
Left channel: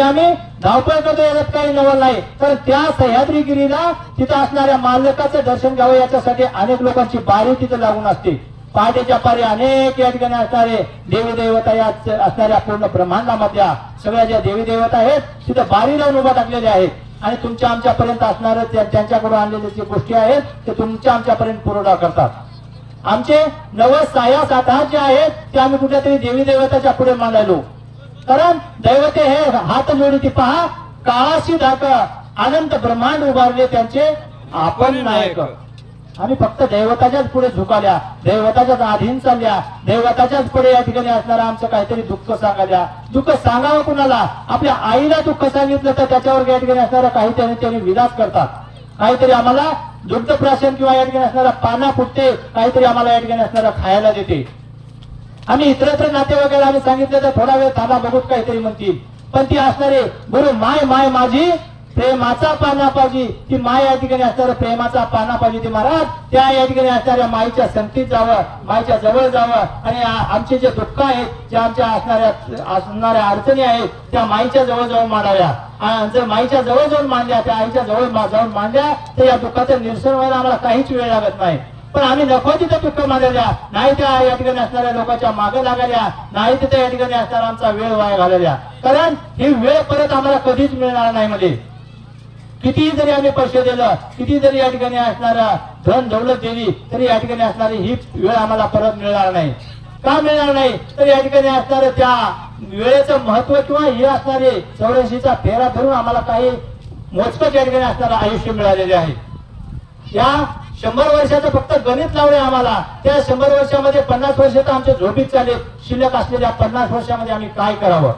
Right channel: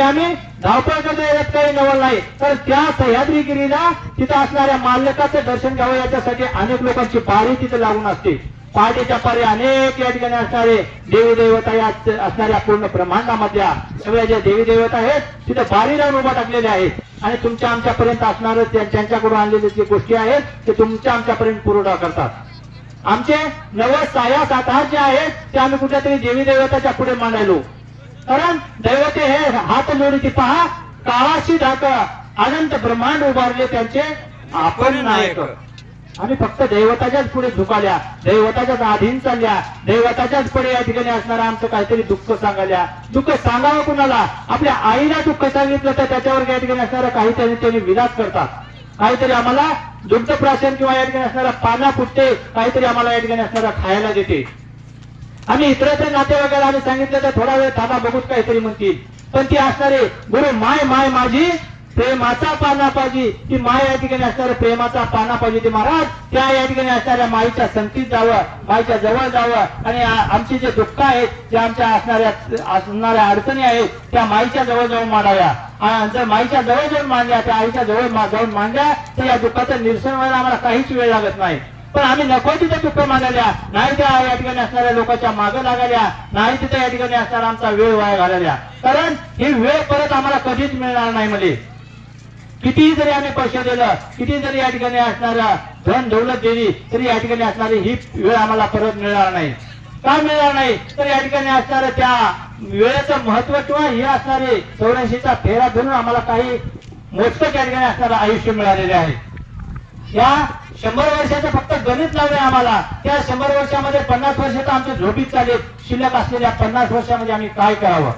आम्ही धावपळ करतो याच्यात काही नवल नाही. तर त्या सह्याद्रीगिरीला तिथं असणाऱ्या मालकाचं दर्शन घ्यावं याच्यासाठी अनेक लोकांची बारी तिथे लागून असते. पहाटेच्या पारी अनेक या ठिकाणी असणारे देवी देवता या असणाऱ्या पूर्ण ब्रह्मांडामधल्या सगळ्या ज्या देवी देवता आहेत तिथे बारी लावून उभा टाकलेले आहेत. आणि तुमच्या आमच्यापर्यंत असणारे त्यांच्याकडून आणलेले जे गोष्टी आहेत ते तुमच्या आमच्यापर्यंत पुरवठा करतात. आमचे 9 हात जे आहेत ते आम्ही कुठल्यातरी देवी देवताच्या पुढे मांडायलो. कारण दैवते हे हात जोडी पहा, काळाशी धाका अनंत ब्रह्मांड उभारले त्यांचे आपण नायक. आम्ही फक्त दैवताच्याच पुढे झुकाल्या, दैवताच्याच अधीन चालल्या, दैवताच्याच पुढे या ठिकाणी असणारा आमचं काहीतरी दुःख सांगाल्या. दुःख सांगावं कुणाला? आपल्या आईला दुःख सांगितलं तर त्याच्यावर या ठिकाणी असणारा काहीतरी त्यांनी विलास करतात. काहीतरी आम्हाला दुग्ध प्राशन किंवा या ठिकाणी असणारा पाना फुटते, काहीतरी आम्हाला या ठिकाणी असणारा खायला देते. आम्ही इतरत्र नातेवाईकाला आम्ही सांगितलं तर थोडा वेळ थांबा बघूच काहीतरी म्हणतील. पण ती असणारे गुरु माय माय माझी प्रेमाचा पाना पाहिजे, ती माय या ठिकाणी असणाऱ्या प्रेमाचा पाना पाहिजे. ते महाराज त्या या ठिकाणी असणाऱ्या माईच्या संगतीत जावं, माईच्या जवळ जावं आणि आमचे जे दुःख आहेत, जे आमच्या असणाऱ्या अडचणी आहेत त्या माईच्या जवळ जाऊन मांडाव्या. जर माईच्या जवळ जाऊन मांडल्या, त्या आईच्या जवळ जाऊन मांडल्या तर या दुःखाचं निरसन व्हायला आम्हाला काहीच वेळ लागत नाही. पण आम्ही नको तिथे दुःख मांडल्या नाही, त्या या ठिकाणी असणाऱ्या लोकांच्या मागे लागल्या नाही, तिथे या ठिकाणी असणारा आमचा वेळ वाया घालवल्या. कारण ही वेळ परत आम्हाला कधीच मिळणार नाही. मध्ये किती जरी आम्ही पैसे दिलं, किती जरी या ठिकाणी असणारा धन दौलत दिली तरी या ठिकाणी असणारी ही वेळ आम्हाला परत मिळणार नाही. का मिळणार नाही? तर या ठिकाणी असणाऱ्या त्या वेळेचं महत्व किंवा हे असणारे 84चा फेरा धरून आम्हाला काही मोजकं या ठिकाणी असणारं आयुष्य मिळालेले आहे. या 100 वर्षाचं फक्त गणित लावले आम्हाला. त्या 100 वर्षामध्ये 50 वर्ष तर आमच्या झोपीत चालेल. शिल्लक असलेल्या 50 वर्षामध्ये आम्ही काय करावं?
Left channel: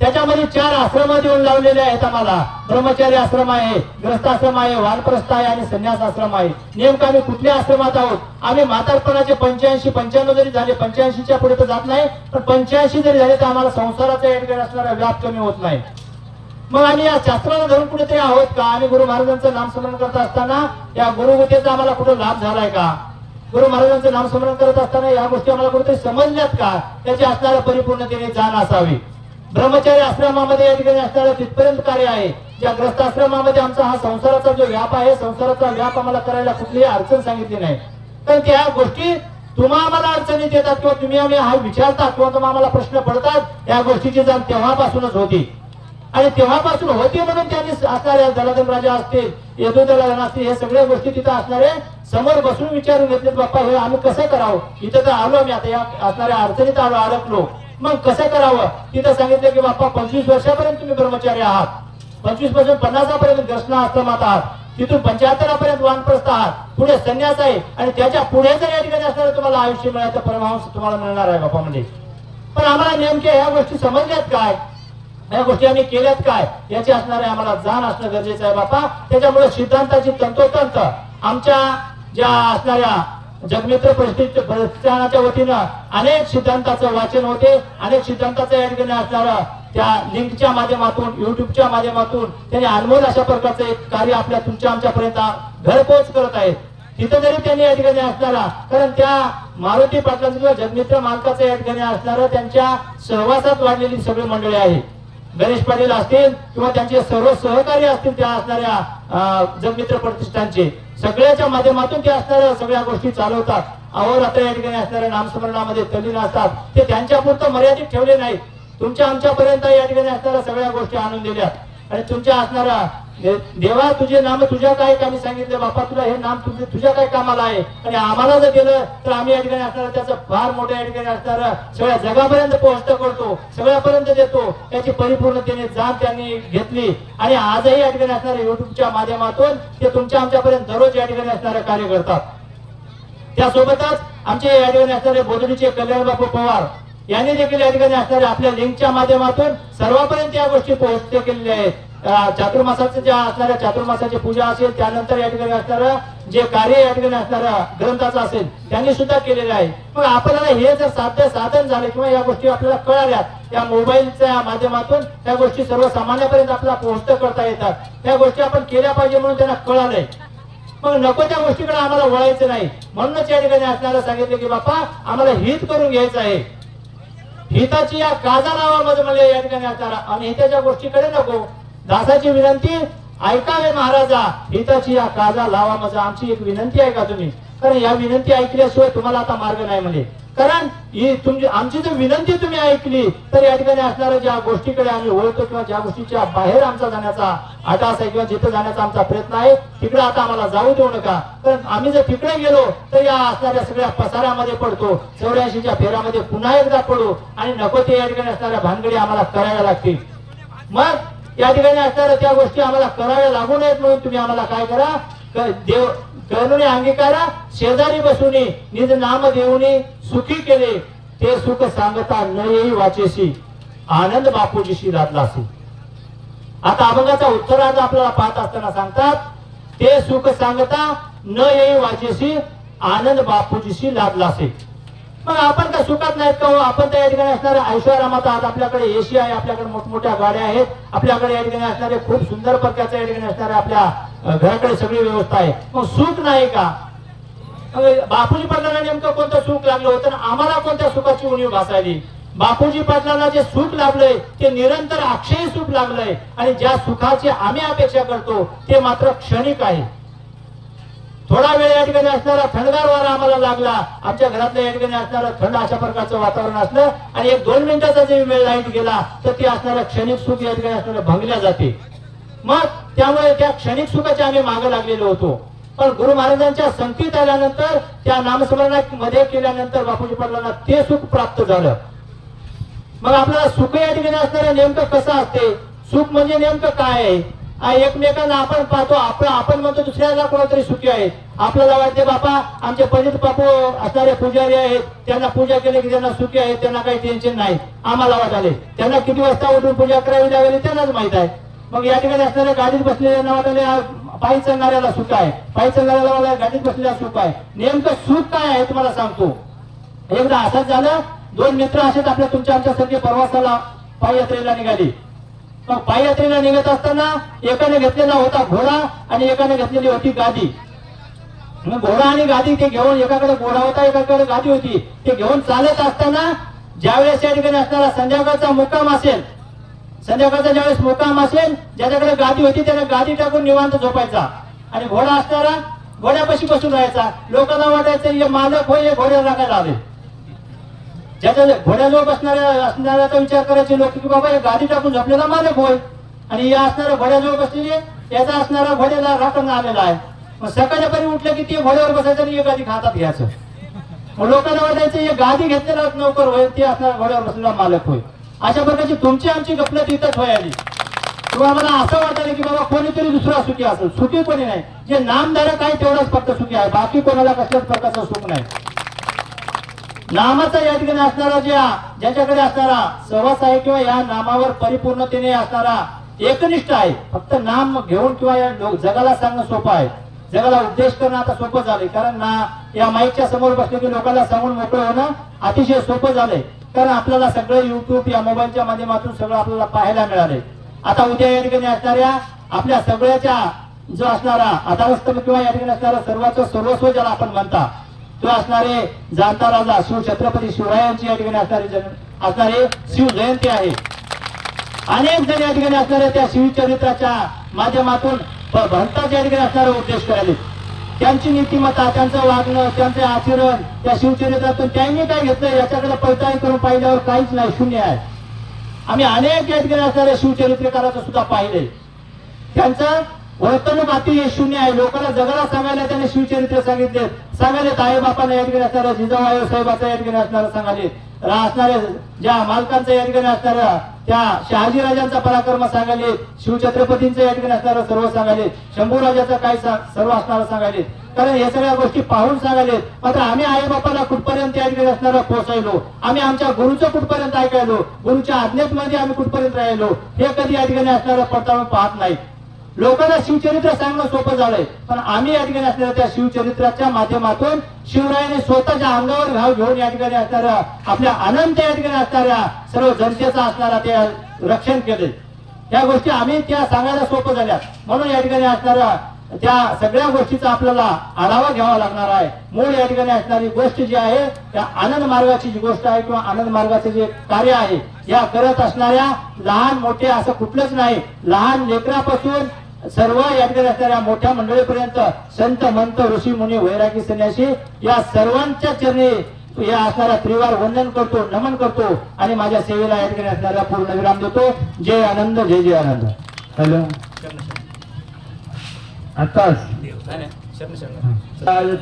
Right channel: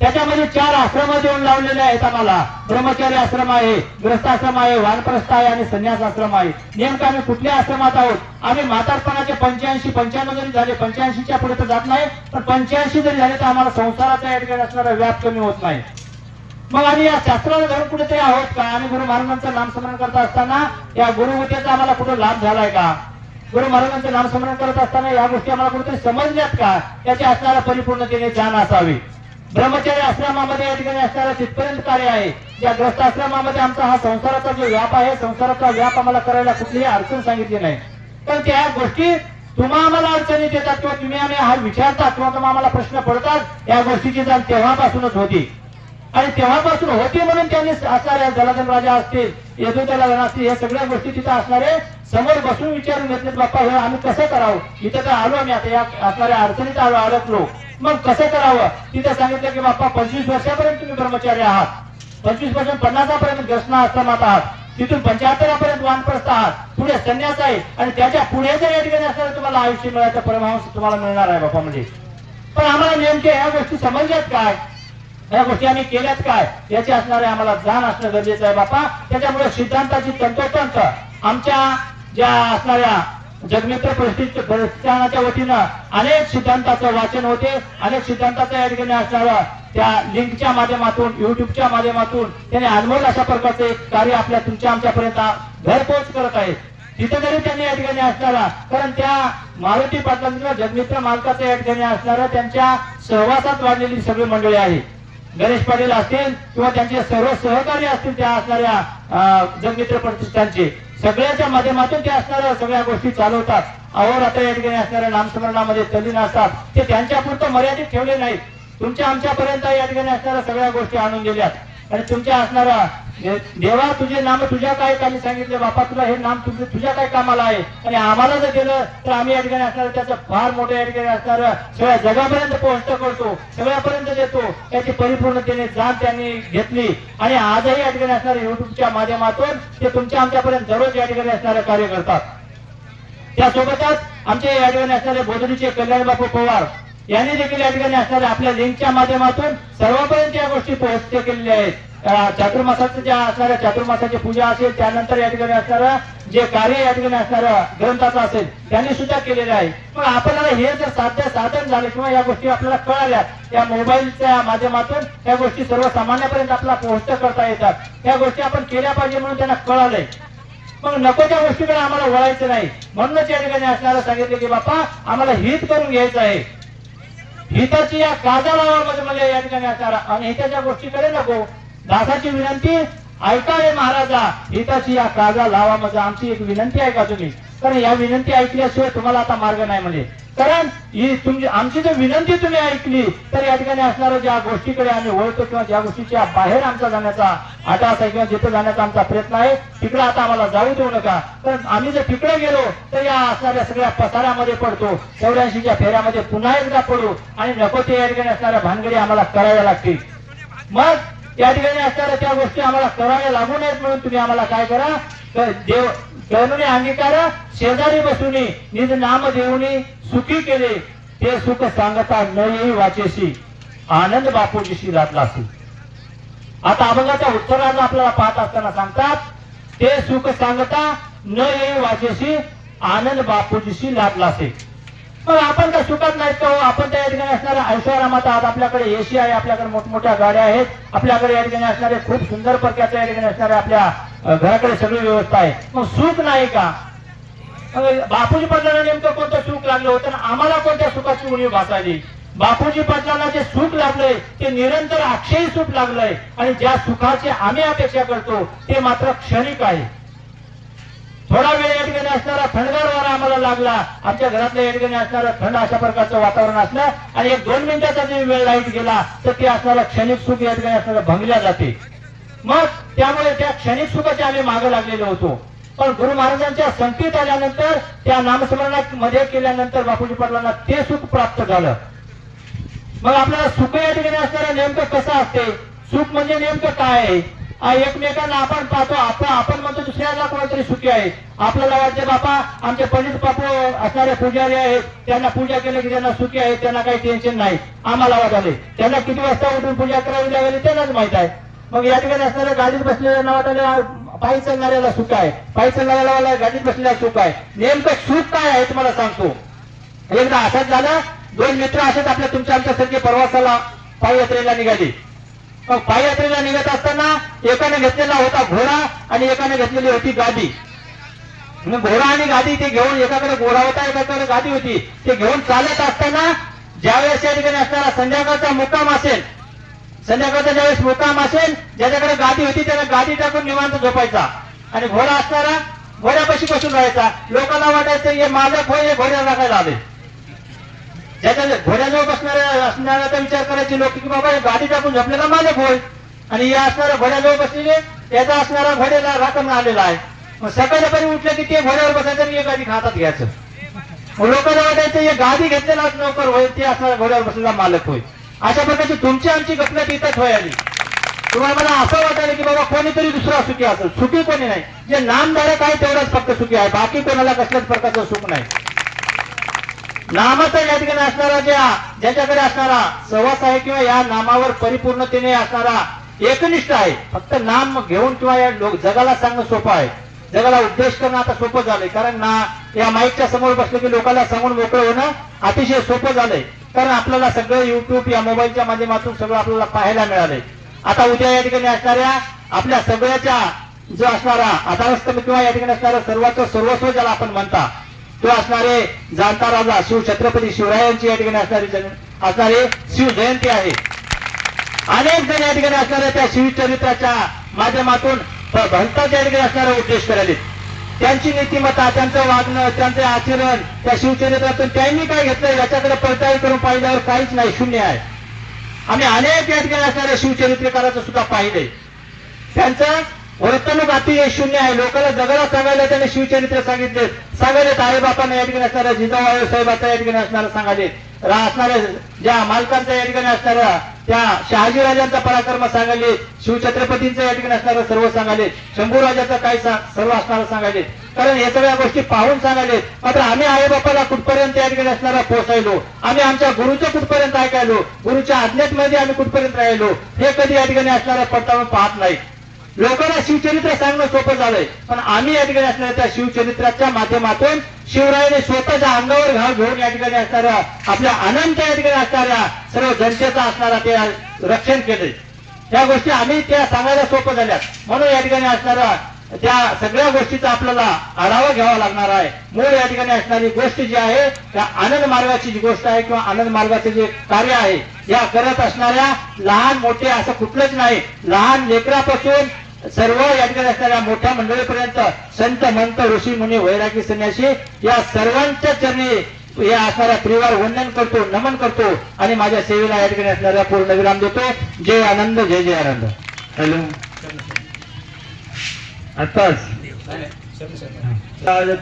त्याच्यामध्ये 4 आश्रम देऊन लावलेले आहेत आम्हाला. ब्रह्मचारी आश्रम आहे, ग्रस्ताश्रम आहे, वानप्रस्थ आहे आणि संन्यास आश्रम आहे. नेमकं आम्ही कुठल्या आश्रमात आहोत? आम्ही म्हातारपणाचे 85-95 जरी झाले, 85च्या पुढे तर जात नाही, पण 85 जरी झाले तर आम्हाला संसाराचा या ठिकाणी असणारा व्याप कमी होत नाही. मग आम्ही या शास्त्राला धरून कुठेतरी आहोत का? आम्ही गुरु महाराजांचं नामस्मरण करत असताना या गुरुविद्येचा आम्हाला कुठे लाभ झालाय का? गुरु महाराजांचं नामस्मरण करत असताना या गोष्टी आम्हाला कुठेतरी समजल्यात का, त्याची असणारा परिपूर्णतेने जाण असावी. ब्रह्मचर्य आश्रमामध्ये या ठिकाणी असणारं तिथपर्यंत कार्य आहे. या ग्रस्त आश्रमामध्ये आमचा हा संसाराचा जो व्याप आहे, संसाराचा व्याप आम्हाला करायला कुठलीही अडचण सांगितली नाही. पण त्या गोष्टी तुम्हा आम्हाला अडचणीत येतात किंवा तुम्ही आम्ही हा विचारता किंवा तुम्हाला आम्हाला प्रश्न पडतात, या गोष्टीची जाण तेव्हापासूनच होती. आणि तेव्हापासून होती म्हणून त्यांनी असणारे दलाधन राजा असतील, यदुदलाधन असतील, हे सगळ्या गोष्टी तिथं असणारे समोर बसून विचारून घेतले, बाप्पा हे आम्ही कसं करावं, इथं तर आलो आम्ही आता या असणाऱ्या अडचणीत आलो, अडकलो, मग कसं करावं. तिथं सांगितलं की बाप्पा 25 वर्षापर्यंत तुम्ही ब्रह्मचारी आहात, 25 पासून 50 पर्यंत ग्रस्त आश्रमात आहात, तिथून 75 पर्यंत वानप्रस्थ आहात, पुढे संन्यास आहे, आणि त्याच्या पुढे जर या ठिकाणी असणारे तुम्हाला आयुष्य मिळालं, परमहंस तुम्हाला मिळणार आहे बाप्पा. म्हणजे पण आम्हाला नेमके ह्या गोष्टी समजल्यात काय, या गोष्टी आम्ही केल्यात काय, याची असणारे आम्हाला जाण असणं गरजेचं आहे बापा. त्याच्यामुळे सिद्धांताची तंतोतंत आमच्या ज्या असणाऱ्या जगमित्र प्रतिष्ठानाच्या वतीनं अनेक सिद्धांताचं वाचन होते, अनेक सिद्धांताचं या ठिकाणी असणारं त्या लिंकच्या माध्यमातून, युट्यूबच्या माध्यमातून त्यांनी अनमोल अशा प्रकारचं एक कार्य आपल्या तुमच्या आमच्यापर्यंत घरपोच करत आहेत. तिथे जरी त्यांनी या ठिकाणी असणारा, कारण त्या मारुती पाटलांचं जगमित्र मालकाचं या ठिकाणी असणारं त्यांच्या सहवासात वाढलेली सगळी मंडळी आहे. गणेश पाटील असतील किंवा त्यांचे सर्व सहकारी असतील, त्या असणाऱ्या जगमित्र प्रतिष्ठानचे सगळ्याच्या माध्यमातून ते असणाऱ्या सगळ्या गोष्टी चालवतात. अहोरात्र या ठिकाणी असणाऱ्या नामस्मरणामध्ये तल्लीन असतात. ते त्यांच्या पुरतं मर्यादित ठेवले नाहीत, तुमच्या आमच्यापर्यंत या ठिकाणी असणाऱ्या सगळ्या गोष्टी आणून दिल्यात. आणि तुमच्या असणारा देवा तुझे नाम तुझ्या काय कामी सांगितले बापा, तुला हे नाम तुझ्या काय कामाला आहे, आणि आम्हाला जर दिलं तर आम्ही या ठिकाणी असणार त्याचं फार मोठं या ठिकाणी असणार सगळ्या जगापर्यंत पोहोचत करतो, सगळ्यापर्यंत देतो. त्याची परिपूर्णतेने जाण त्यांनी घेतली, आणि आजही या ठिकाणी असणाऱ्या युट्यूबच्या माध्यमातून ते तुमच्या आमच्यापर्यंत दररोज या ठिकाणी असणारे कार्य करतात. त्यासोबतच आमचे या ठिकाणी असणारे बोधडीचे कल्याण बापू पवार यांनी देखील या ठिकाणी असणाऱ्या आपल्या लिंकच्या माध्यमातून सर्वांपर्यंत या गोष्टी पोहोचते केलेल्या आहेत. चातुर्मासाचं ज्या असणाऱ्या चातुर्मासाची पूजा असेल, त्यानंतर या ठिकाणी असणारं जे कार्य या ठिकाणी असणाऱ्या ग्रंथाचं असेल त्यांनी सुद्धा केलेलं आहे. पण आपल्याला हे जर साधन झाले किंवा या गोष्टी आपल्याला कळाल्या, या मोबाईलच्या माध्यमातून या गोष्टी सर्वसामान्यापर्यंत आपल्याला पोहोचत करता येतात. या गोष्टी आपण केल्या पाहिजे म्हणून त्यांना कळालंय. मग नको त्या गोष्टीकडे आम्हाला वळायचं नाही, म्हणूनच या ठिकाणी असणारं सांगितलं की बापा आम्हाला हित करून घ्यायचं आहे. हिताची या काजा लावा म्हणजे या ठिकाणी असणारा, आणि हिताच्या गोष्टीकडे नको. दासाची विनंती ऐका रे महाराजा, हिताची या काजा लावा म्हणजे आमची एक विनंती आहे का तुम्ही, कारण या विनंती ऐकल्याशिवाय तुम्हाला आता मार्ग नाही. म्हणजे कारण ही तुमची आमची जर विनंती तुम्ही ऐकली तर या ठिकाणी असणाऱ्या ज्या गोष्टीकडे आम्ही वळतो किंवा ज्या गोष्टीच्या बाहेर आमचा जाण्याचा आटास आहे किंवा जिथे जाण्याचा आमचा प्रयत्न आहे, तिकडे आता आम्हाला जाऊ देऊ नका. कारण आम्ही जर तिकडे गेलो तर या असणाऱ्या सगळ्या पसाऱ्यामध्ये पडतो, 84च्या फेऱ्यामध्ये पुन्हा एकदा पडू, आणि नको ते या ठिकाणी असणाऱ्या भानगडी आम्हाला कराव्या लागतील. मग या ठिकाणी असणाऱ्या त्या गोष्टी आम्हाला कराव्या लागू नयेत म्हणून तुम्ही आम्हाला काय करा, देव करुणी अंगीकारा, शेजारी बसूनी निज नाम देऊनी सुखी केले, ते सुख सांगता न येई वाचेसी, आनंद बापूजीशी लादलासी. आता अभंगाचा उत्तरार्ध आपल्याला पाहत असताना सांगतात, ते सुख सांगता न येई वाचेसी, आनंद बापूजीशी लादलासी. मग आपण त्या सुखात नाहीत का, आपण त्या ठिकाणी असणाऱ्या ऐश्वर्यात आहात. आपल्याकडे एसी आहे, आपल्याकडे मोठमोठ्या गाड्या आहेत, आपल्याकडे या ठिकाणी असणारे खूप सुंदर प्रकारच्या या ठिकाणी असणाऱ्या आपल्या घराकडे सगळी व्यवस्था आहे. मग सुख नाही का? बापूजी पाटलांना नेमकं कोणतं सुख लागलं होतं, आम्हाला कोणत्या सुखाची उणीव भासायली? बापूजी पाटलांना जे सुख लागलंय ते निरंतर अक्षयी सुख लागलंय, आणि ज्या सुखाची आम्ही अपेक्षा करतो ते मात्र क्षणिक आहे. थोडा वेळ या ठिकाणी असणारा थंडगार वारा आम्हाला लागला, आमच्या घरातल्या या ठिकाणी असणारं थंड अशा प्रकारचं वातावरण असलं, आणि 1-2 मिनिटाचा जरी वेळ लाईट गेला तर ते असणारं क्षणिक सुख या ठिकाणी असणारं भंगल्या जाते. मग त्यामुळे त्या क्षणिक सुखाच्या आम्ही मागे लागलेलो होतो. पण गुरु महाराजांच्या संगतीत आल्यानंतर, त्या नामस्मरणामध्ये केल्यानंतर बापूजी पाटलांना ते सुख प्राप्त झालं. मग आपल्याला सुख या ठिकाणी असणारं नेमकं कसं असते, सुख म्हणजे नेमकं काय आहे? एकमेकांना आपण पाहतो, आपण म्हणतो दुसऱ्याला कोणतरी सुखी आहे. आपल्याला वाटते बापा आमचे पंडित बापू असणारे पुजारी आहेत, त्यांना पूजा केली की त्यांना सुखी आहे, त्यांना काही टेन्शन नाही. आम्हाला वाटाले त्यांना किती वाजता उठून पूजा करावी लागेल त्यांनाच माहित आहे. मग या ठिकाणी असणाऱ्या गाडीत बसलेल्या वाटाले पायी चालणाऱ्याला सुख आहे, पायी चालणाऱ्याला गाडीत बसलेला सुख आहे. नेमकं सुख काय आहे तुम्हाला सांगतो. एकदा असंच झालं, 2 मित्र असेच आपल्या तुमच्या आमच्यासारखे प्रवासाला पायी यात्रेला निघाली. मग पायी यात्रेला निघत असताना एकाने घेतलेला होता घोडा आणि एकाने घेतलेली होती गादी. मग घोडा आणि गादी ते घेऊन, एकाकडे घोडा होता एकाकडे गादी होती, ते घेऊन चालत असताना ज्यावेळेस त्या ठिकाणी असणारा संध्याकाळचा मुक्काम असेल, संध्याकाळचा ज्यावेळेस मुक्काम असेल, ज्याच्याकडे गादी होती त्याने गादी टाकून निवांत झोपायचा आणि घोडा असणारा घोड्यापाशी बसून राहायचा. लोकांना वाटायचं हे मालक होय, घोड्याला राखायला आले. ज्याच्या घोड्याजवळ असणाऱ्याचा विचार करायचे लोक की बाबा गादी टाकून झोपलेला मालक होय, आणि या असणारा घोड्याजवळ बसलेले याचा असणारा घोड्याला राखण आलेला आहे. मग सकाळपर्यंत उठलं की ते घोड्यावर बसायचं आणि गादी हातात घ्यायचं. मग लोकांना वाटायचं हे गादी घेतलेला नोकर होय, ते असणारा घोड्यावर बसलेला मालक होय. अशा प्रकारची तुमची आमची गफलत इथंच होय आली. किंवा मला असं वाटायला की बाबा कोणीतरी दुसरा सुखी असेल. सुखी कोणी नाही, जे नामधारक आहे तेवढाच फक्त सुखी आहे, बाकी कोणाला कसल्याच प्रकारचं सुख नाही. नामाचा या ठिकाणी असणारा ज्याच्याकडे असणारा सहवास आहे किंवा या नामावर परिपूर्णतेने असणारा एकनिष्ठ आहे, फक्त नाम घेऊन किंवा या जगाला सांगणं सोपं आहे, जगाला उपदेश करणं आता सोपं झालंय. कारण ना या माईकच्या समोर बसले की लोकांना सांगून मोकळं होणं अतिशय सोपं झालंय. कारण आपल्याला सगळं युट्यूब या मोबाईलच्या माध्यमातून सगळं आपल्याला पाहायला मिळालंय. आता उद्या या ठिकाणी असणाऱ्या आपल्या सगळ्याच्या जो असणारा आधारस्तंभ किंवा या ठिकाणी असणारा सर्वांचं सर्वस्व ज्याला आपण म्हणता, तो असणारे जाणता राजा शिव छत्रपती शिवरायांची या ठिकाणी असणारे शिव जयंती आहे. अनेक जण या ठिकाणी असणाऱ्या त्या शिवचरित्राच्या माध्यमातून भक्ताच्या ठिकाणी असणारे उपदेश करायले. त्यांची नीतिमत्ता, त्यांचं वागणं, त्यांचे आचरण त्या शिवचरित्रातून त्यांनी काय घेतलं याच्याकडे पडताळणी करून पाहिल्यावर काहीच नाही, शून्य आहे. आम्ही अनेक या ठिकाणी असणाऱ्या शिवचरित्रकाराचं सुद्धा पाहिलंय. त्यांचं वर्तणूक अति शून्य आहे. लोकांना जगाला सांगायला त्याने शिवचरित्र सांगायले आई बापांना या ठिकाणी असणाऱ्या जिजाऊ साहेबांचा या ठिकाणी असणारा सांगायले, असणाऱ्या ज्या मालकांचा या ठिकाणी असणाऱ्या त्या शहाजीराजांचा पराक्रम सांगायले, शिवछत्रपतींचं या ठिकाणी असणारं सर्व सांगायले, शंभूराजाचा काही सर्व असणारं सांगायले. कारण हे सगळ्या गोष्टी पाहून सांगायले. मात्र आम्ही आई बापाला कुठपर्यंत या ठिकाणी असणारा पोहोचायलो, आम्ही आमच्या गुरुचं कुठपर्यंत ऐकायलो, गुरुच्या आज्ञेमध्ये आम्ही कुठपर्यंत राहिलो, हे कधी या ठिकाणी असणारा पडताळून पाहत नाही. लोकांना शिवचरित्र सांगणं सोपं झालंय, पण आम्ही या ठिकाणी असणाऱ्या त्या शिवचरित्राच्या माध्यमातून शिवरायाने स्वतःच्या अंगावर घाव घेऊन या ठिकाणी असणाऱ्या आपल्या अनंत या ठिकाणी असणाऱ्या सर्व जनतेचा असणारा ते रक्षण केले. त्या गोष्टी आम्ही त्या सांगायला सोपं झाल्या. म्हणून या ठिकाणी असणाऱ्या त्या सगळ्या गोष्टीचा आपल्याला आढावा घ्यावा लागणार आहे. मूळ या ठिकाणी असणारी गोष्ट जी आहे त्या आनंद मार्गाची जी गोष्ट आहे किंवा आनंद मार्गाचे जे कार्य आहे, या करत असणाऱ्या लहान मोठे असं कुठलंच नाही, लहान लेकरापासून सर्व या ठिकाणी असणाऱ्या मोठ्या मंडळीपर्यंत संत मंत ऋषी मुनी वैरागी संन्यासी या सर्वांच्या चरणी या असणाऱ्या त्रिवार वंदन करतो, नमन करतो आणि माझ्या सेवेला या ठिकाणी असणाऱ्या पूर्ण विराम देतो. जय आनंद, जय जय आनंद. हॅलो आताच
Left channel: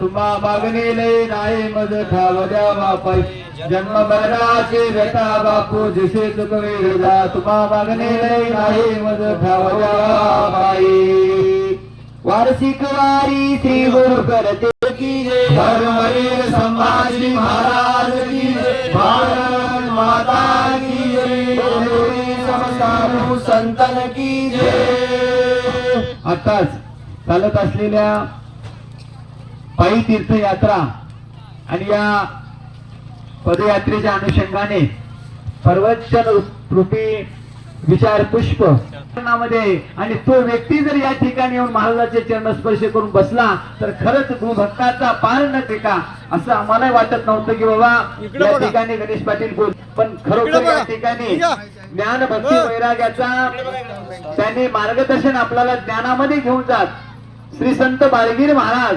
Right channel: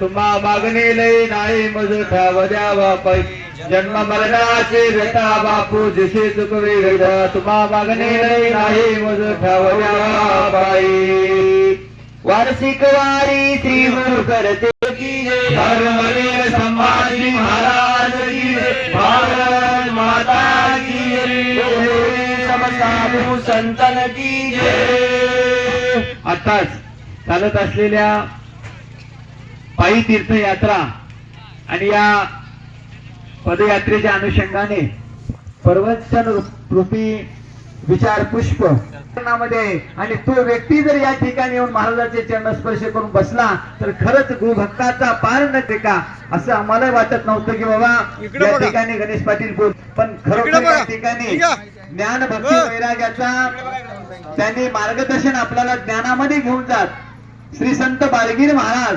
तुम्हा मागणे लय नाही मज ठाव द्यावा पाई, जन्म मरणाचे व्यथा बापू दिसे चुकवे गदा, तुम्हा मागणे लय नाही मज ठाव द्यावा पाई. वार्षिक वारी श्री गुरु करते की जय, धर्मवीर संभाजी महाराज की जय, भारत माता की जय, समसाधू संतन की जय. आताच चालत असलेल्या पायी तीर्थयात्रा आणि या पदयात्रेच्या अनुषंगाने प्रवचन रूपी विचार पुष्प मध्ये, आणि तो व्यक्ती जर या ठिकाणी येऊन महाराजांचे चरण स्पर्श करून बसला तर खरंच गुरुभक्ताचा पार न टेका असं आम्हाला वाटत नव्हतं की बाबा या ठिकाणी गणेश पाटील बोल, पण खरोखर या ठिकाणी ज्ञान भक्ती वैराग्याचा त्यांनी मार्गदर्शन आपल्याला ज्ञानामध्ये घेऊन जात. श्री संत बाळगीर महाराज,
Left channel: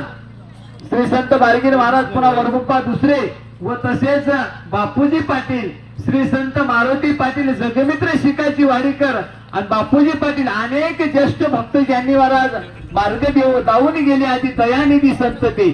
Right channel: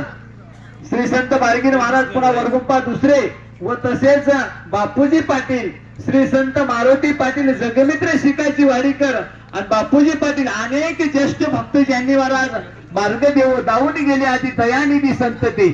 श्री संत बाळगीर महाराज पुन्हा वरगुप्पा दुसरे व तसेच बापूजी पाटील, श्री संत मारुती पाटील जगमित्र शिकायची वाडीकर आणि बापूजी पाटील अनेक ज्येष्ठ भक्त ज्यांनी महाराज मार्ग देऊन गेले आधी दयानिधी संत ते